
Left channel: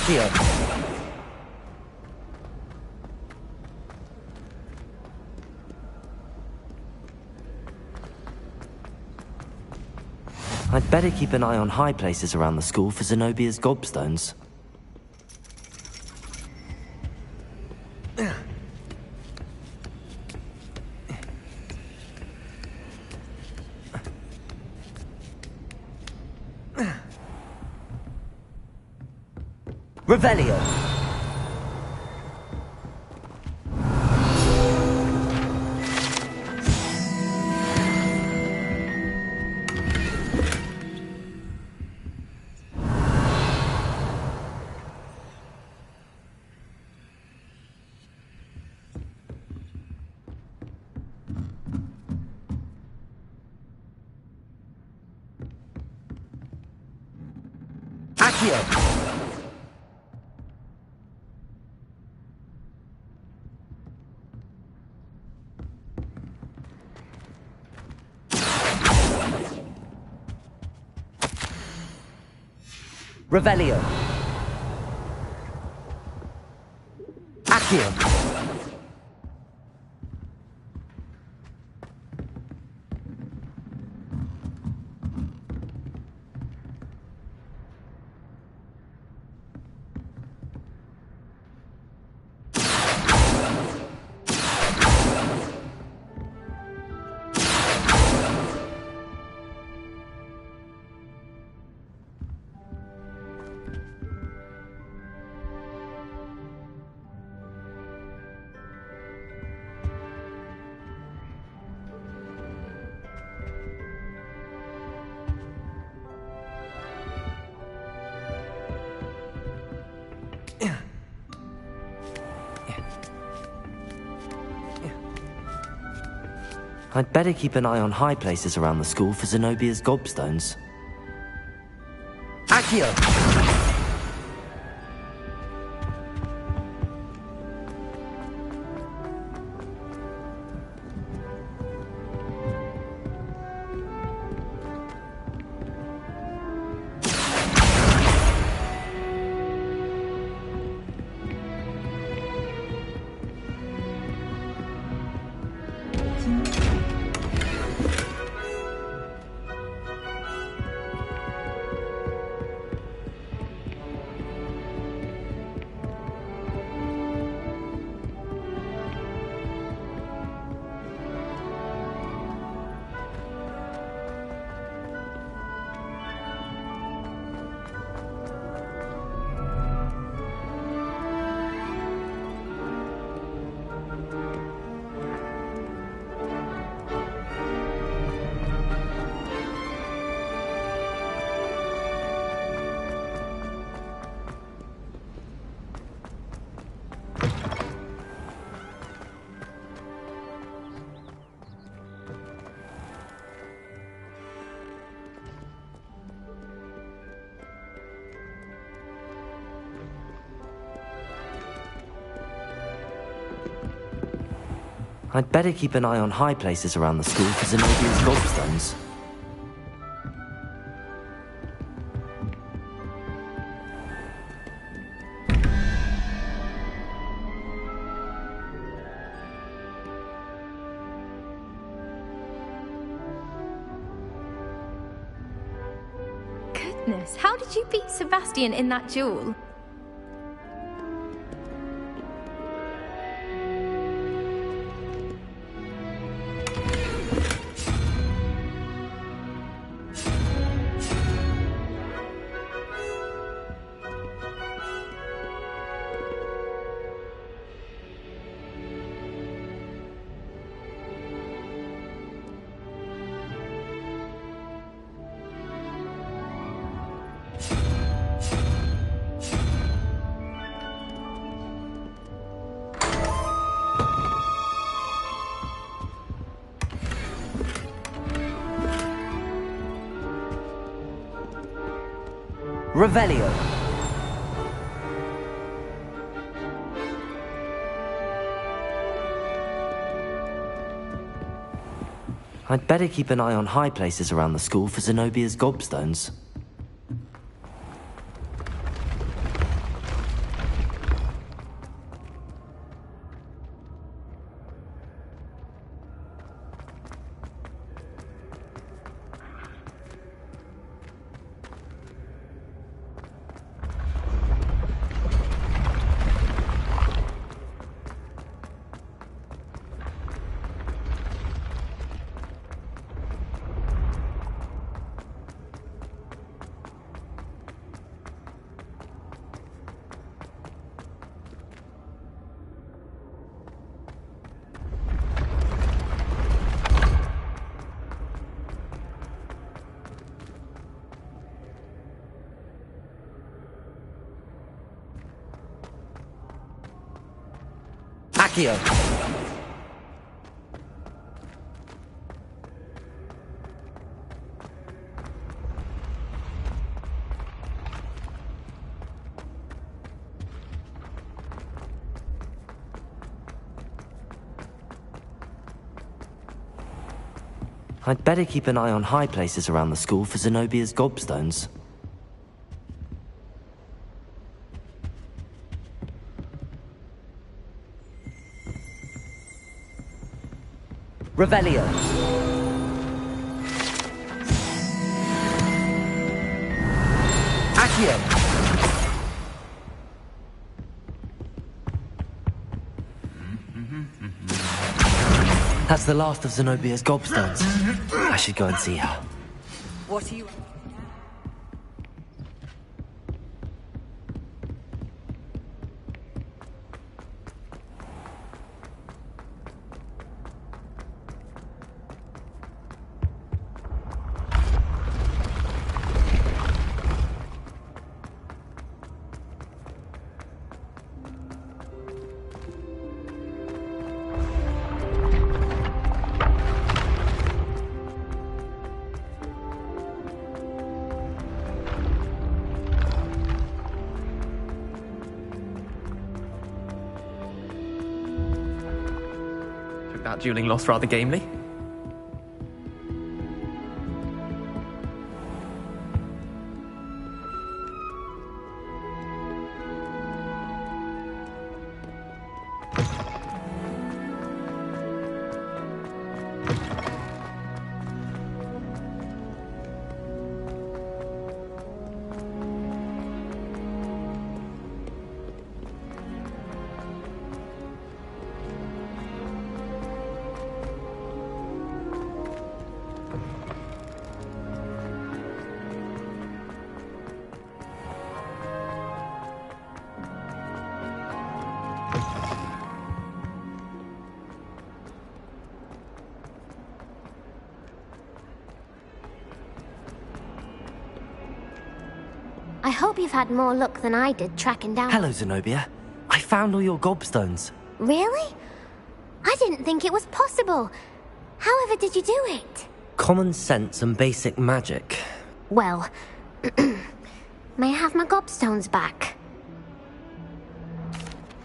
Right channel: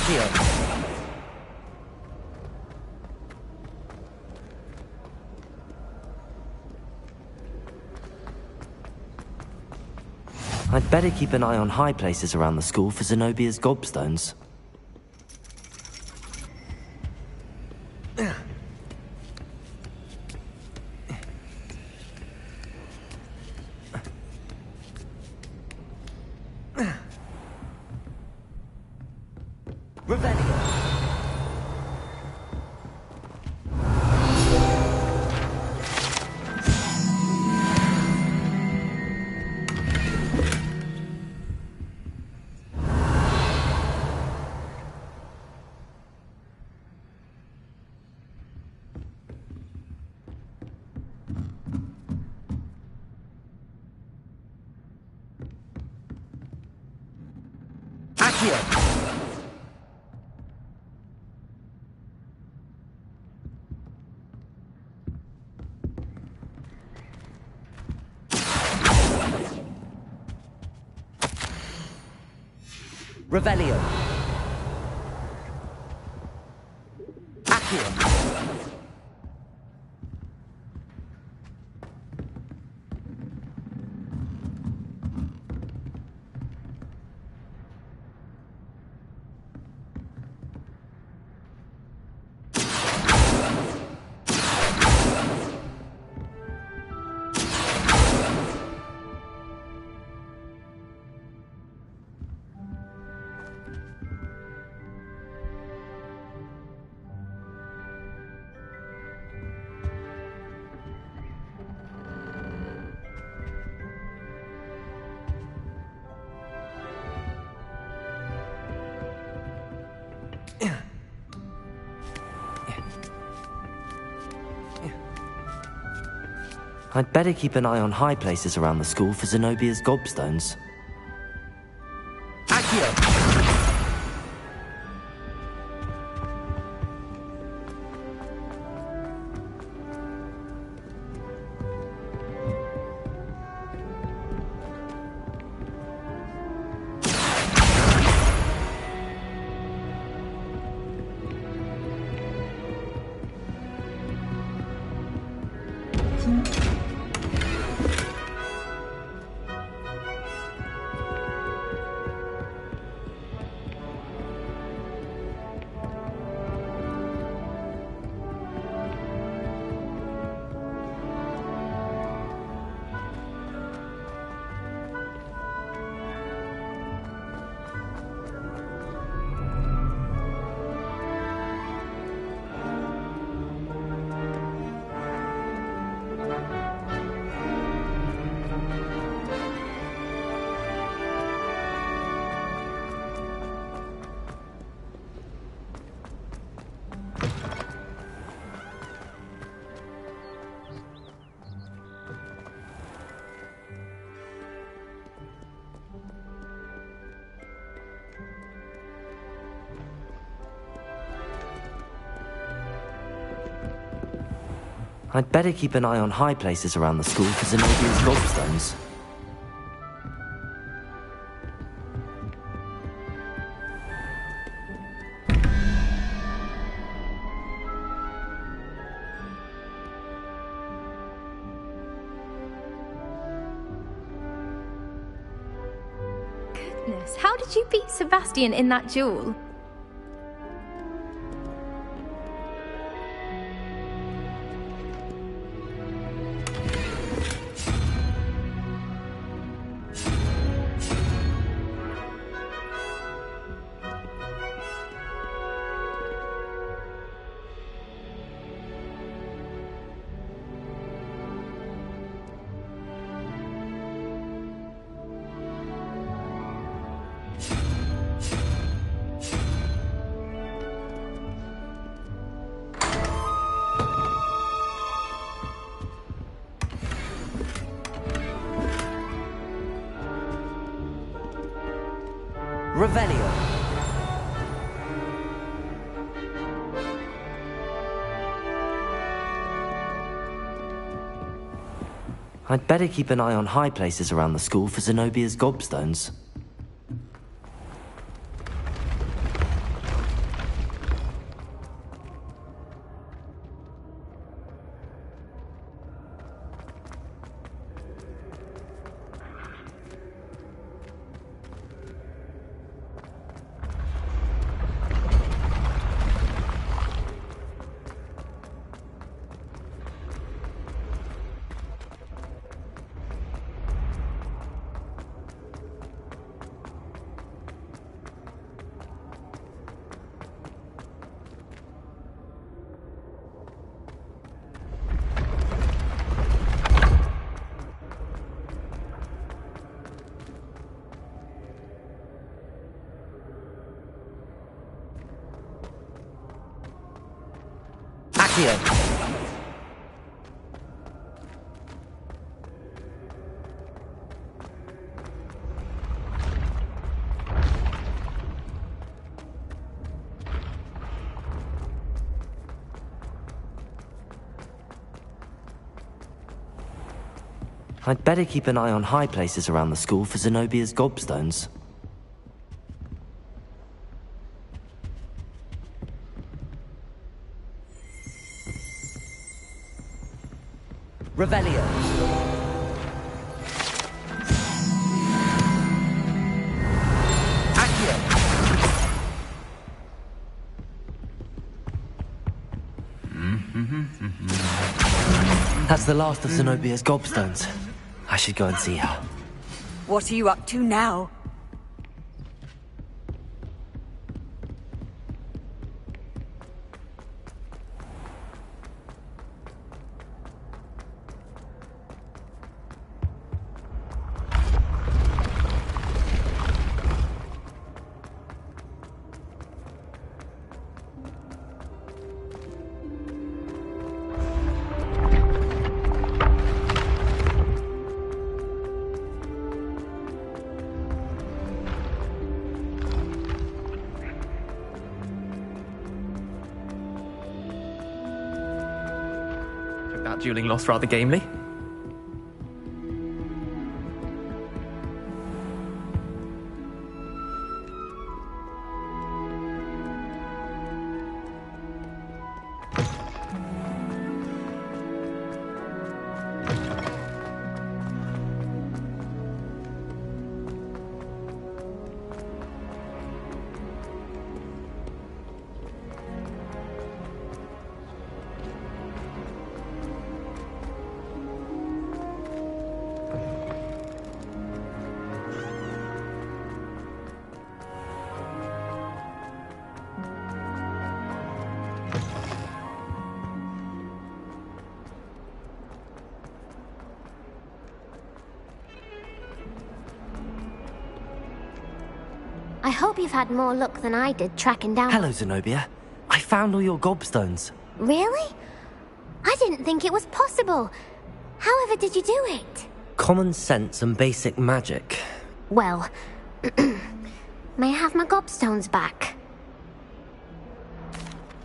Accio! I'd better keep an eye on high places around the school for Zenobia's gobstones. Revelio! Accio! Revelio. Accio. I'd better keep an eye on high places around the school for Zenobia's gobstones. Accio! I'd better keep an eye on high places around the school for Zenobia's gobstones. Goodness, how did you beat Sebastian in that duel? Revelio. I'd better keep an eye on high places around the school for Zenobia's gobstones. Accio! I'd better keep an eye on high places around the school for Zenobia's gobstones. Revelio. Accio. That's the last of Zenobia's gobstones. I should go and see her. What are you up to now? Took that dueling loss rather gamely. I hope you've had more luck than I did tracking down... Hello, Zenobia. I found all your gobstones. Really? I didn't think it was possible. However did you do it? Common sense and basic magic. Well, may I have my gobstones back?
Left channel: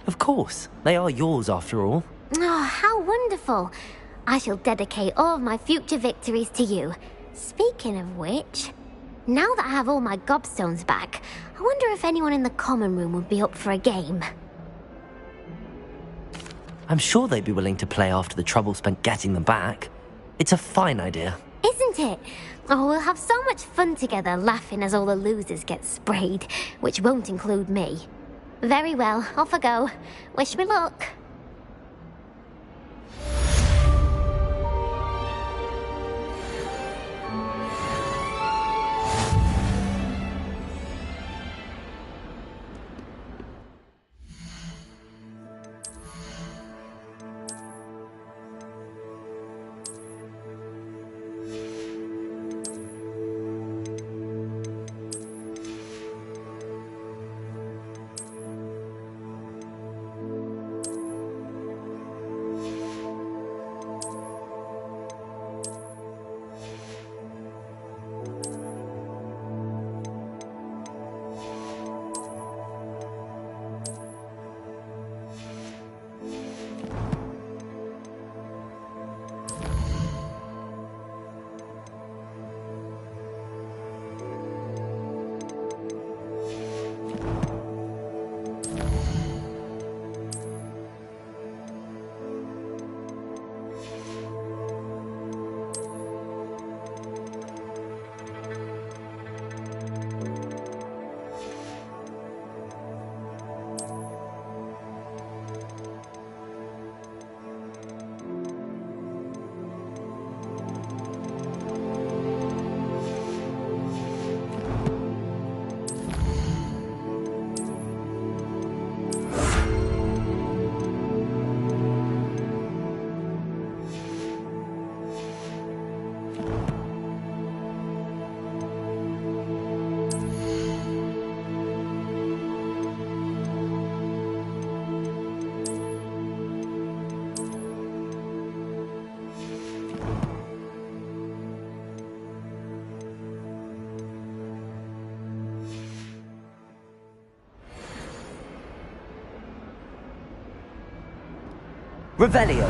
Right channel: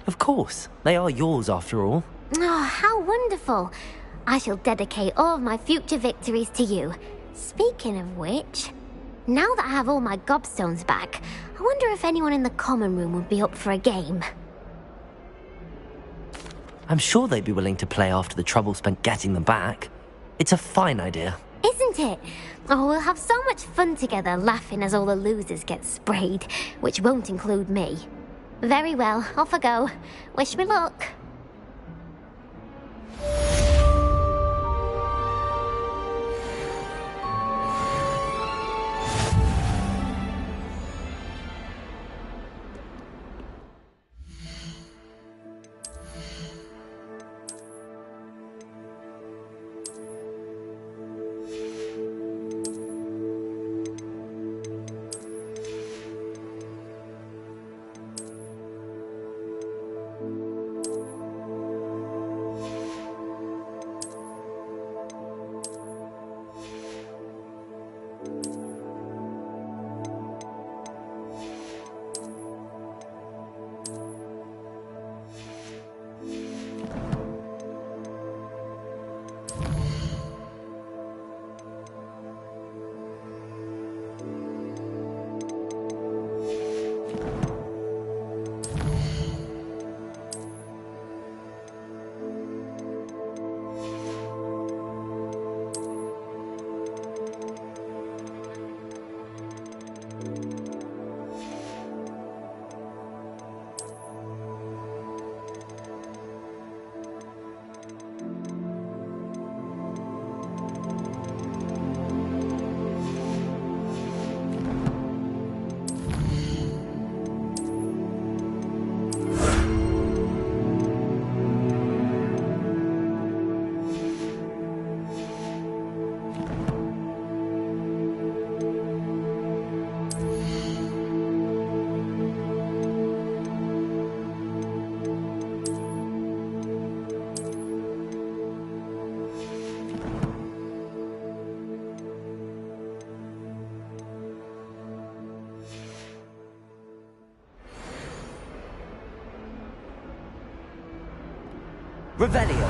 Of course. They are yours, after all. Oh, how wonderful. I shall dedicate all of my future victories to you. Speaking of which, now that I have all my gobstones back, I wonder if anyone in the common room would be up for a game. I'm sure they'd be willing to play after the trouble spent getting them back. It's a fine idea. Isn't it? Oh, we'll have so much fun together laughing as all the losers get sprayed, which won't include me. Very well, off I go. Wish me luck. Revelio.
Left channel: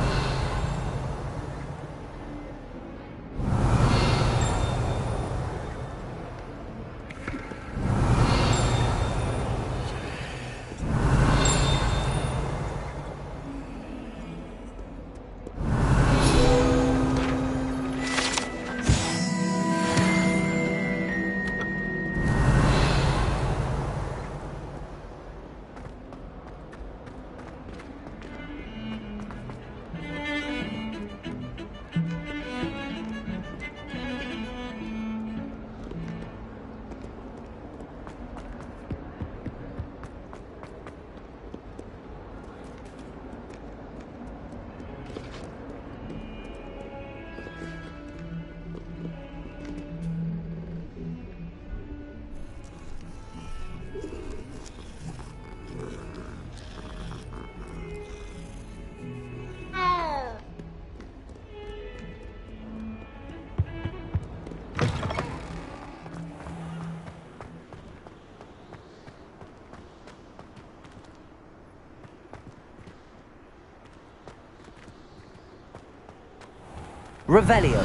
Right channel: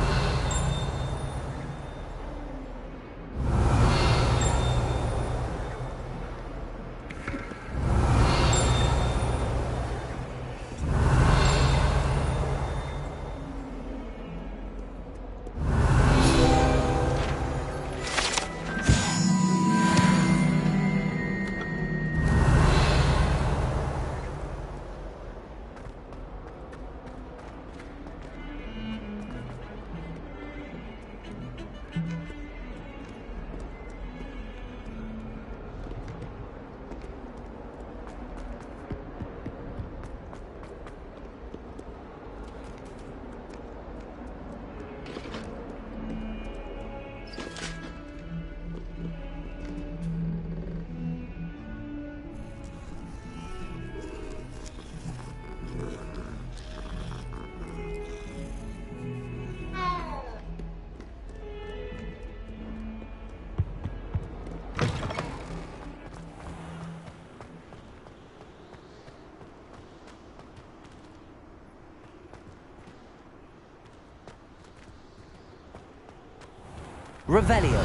Revelio.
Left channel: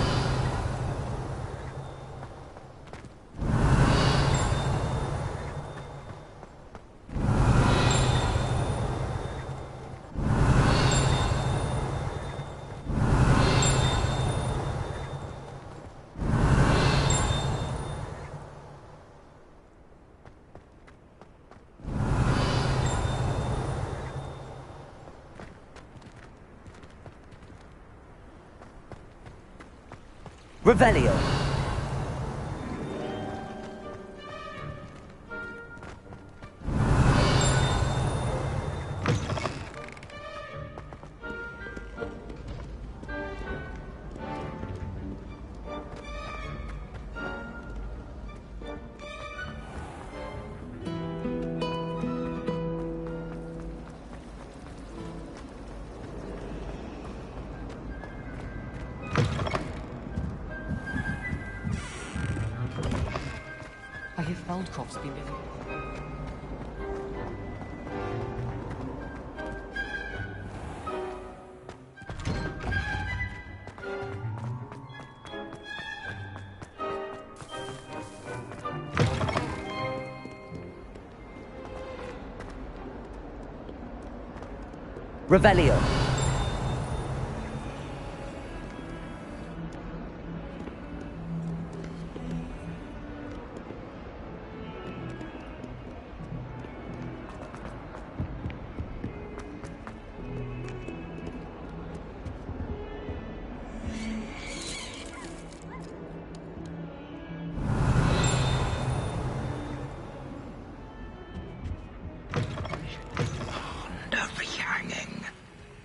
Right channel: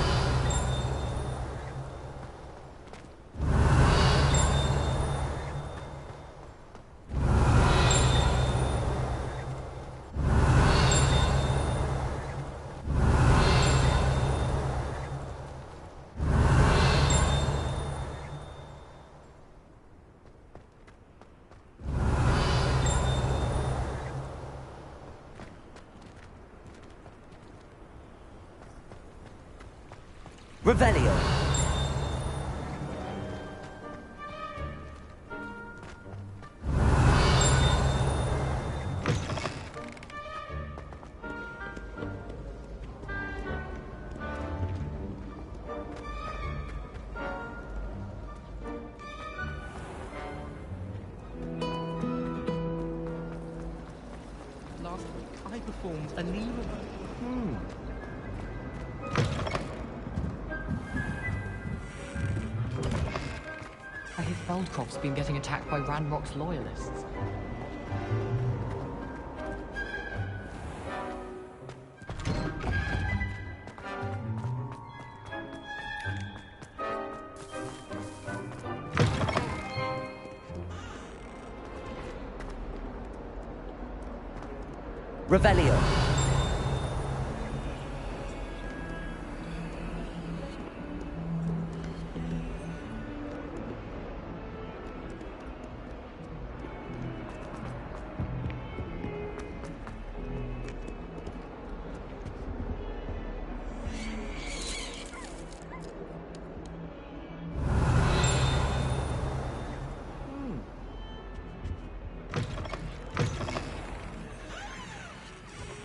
Revelio. I hear Feldcroft's been getting attacked by Ranrock's loyalists. Revelio.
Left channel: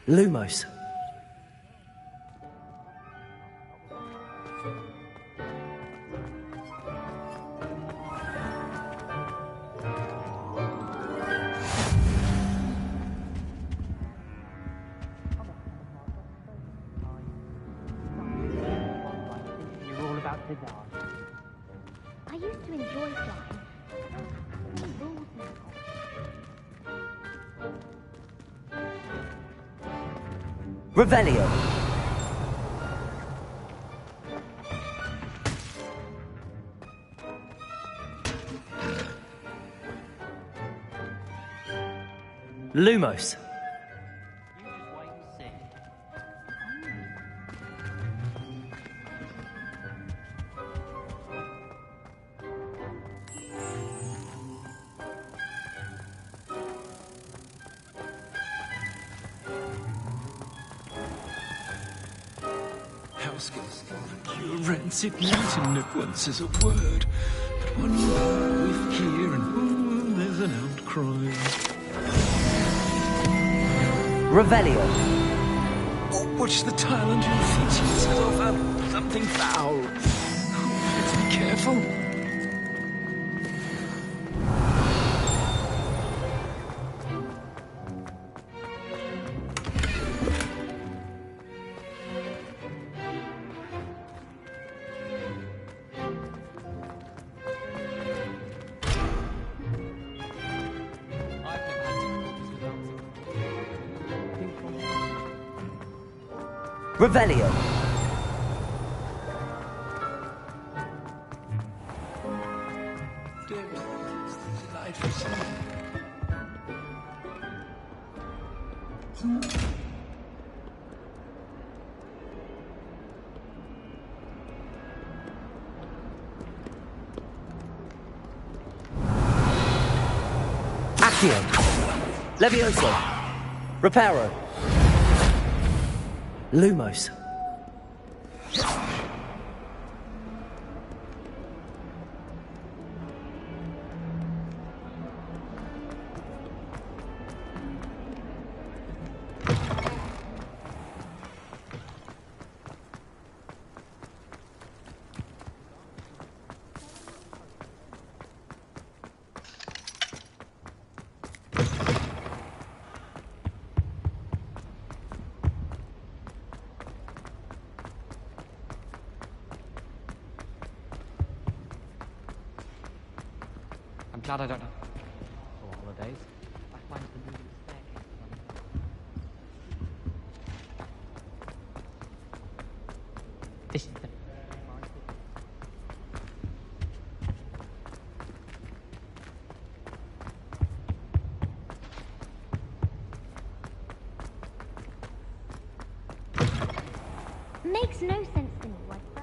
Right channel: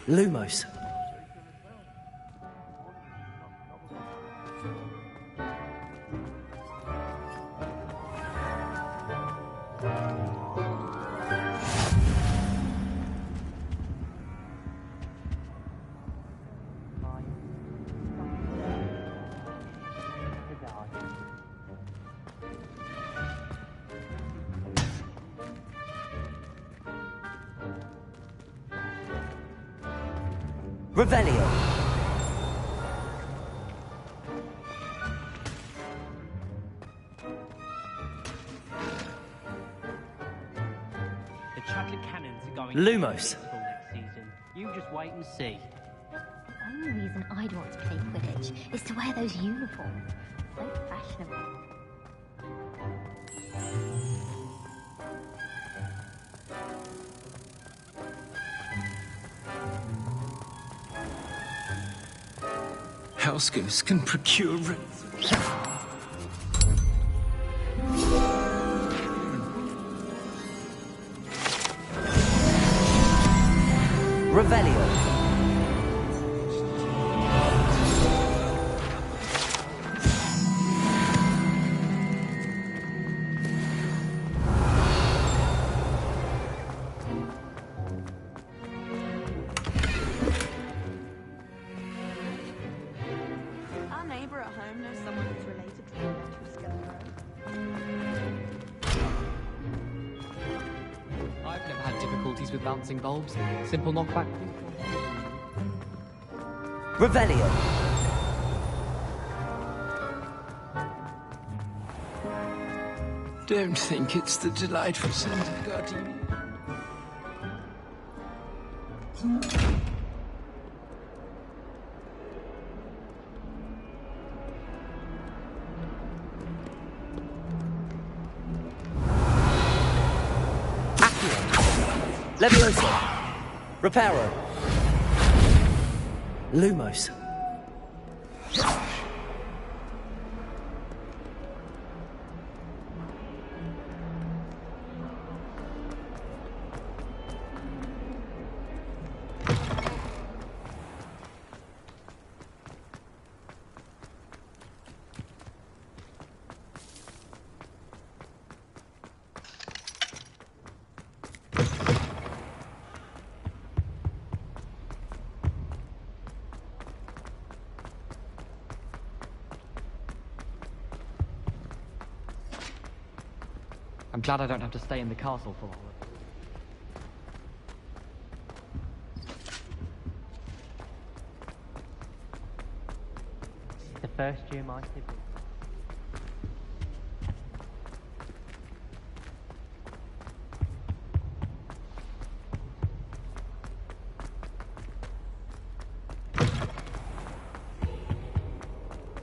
Lumos. You're all about to die. I used to enjoy Revelio. The Chucker cannons are going Lumos. You just wait and see. The only reason I'd want to play Quidditch is to wear those uniforms. So fashionable. Housegoose can procure rancid mountain nibblings as a word. But when you here and there's an outcry. Revelio. Oh, watch the tile under your feet. Something foul. Be careful. Our neighbour at home knows someone who's related to I've never had difficulties with bouncing bulbs. Simple knockback ping pong. Revelio. Don't think it's the delightful scent of gardenia. Accio. Levioso. Reparo. Lumos. I'm glad I don't have to stay in the castle for the holidays. This is the first year my siblings. Makes no sense to me like that.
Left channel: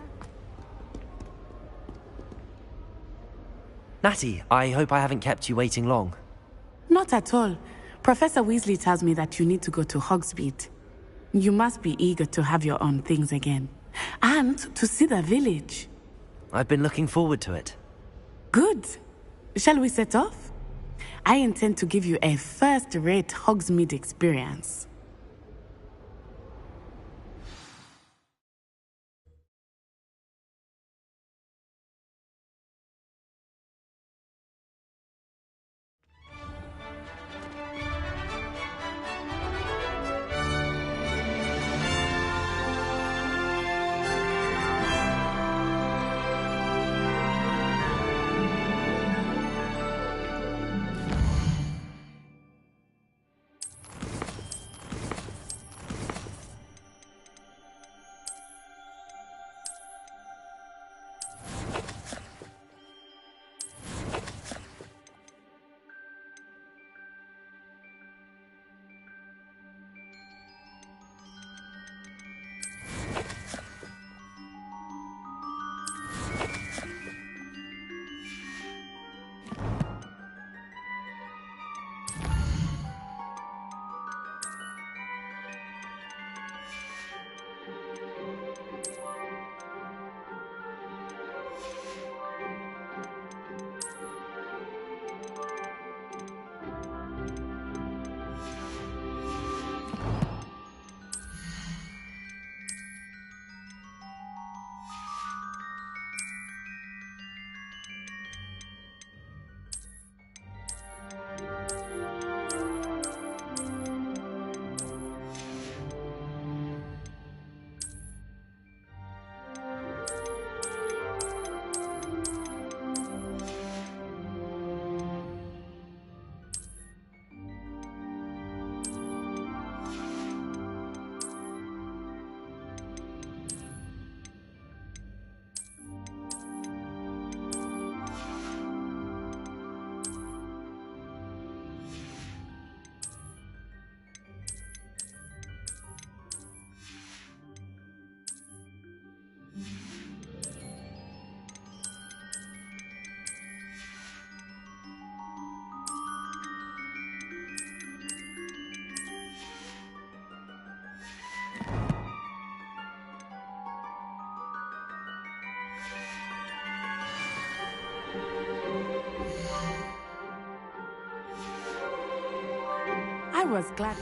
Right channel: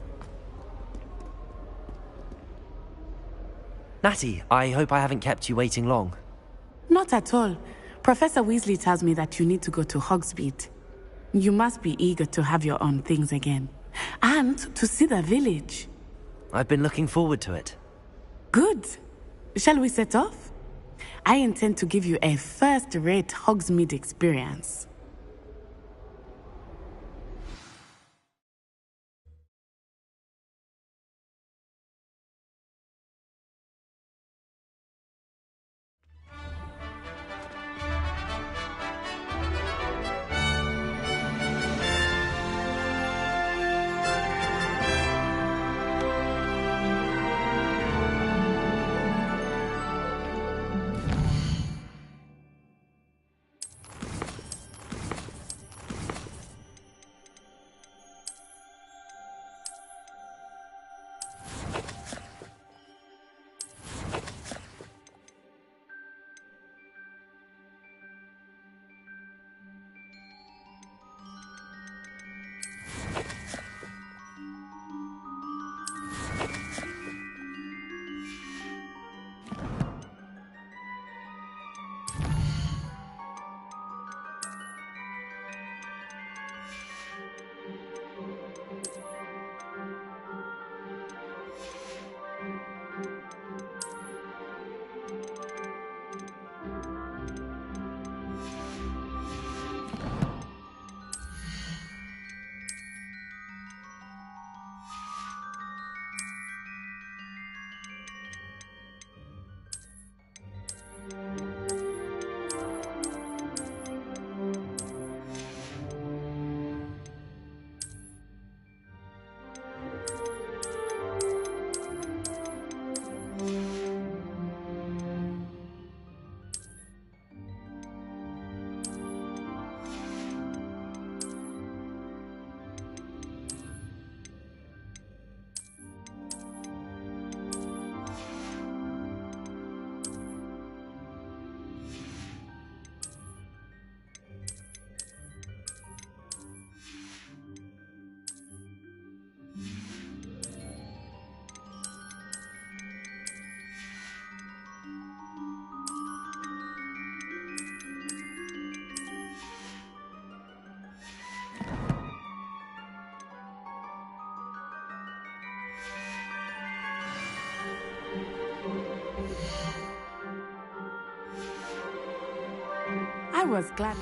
Natty, I hope I haven't kept you waiting long. Not at all. Professor Weasley tells me that you need to go to Hogsmeade. You must be eager to have your own things again. And to see the village. I've been looking forward to it. Good. Shall we set off? I intend to give you a first-rate Hogsmeade experience. I was glad.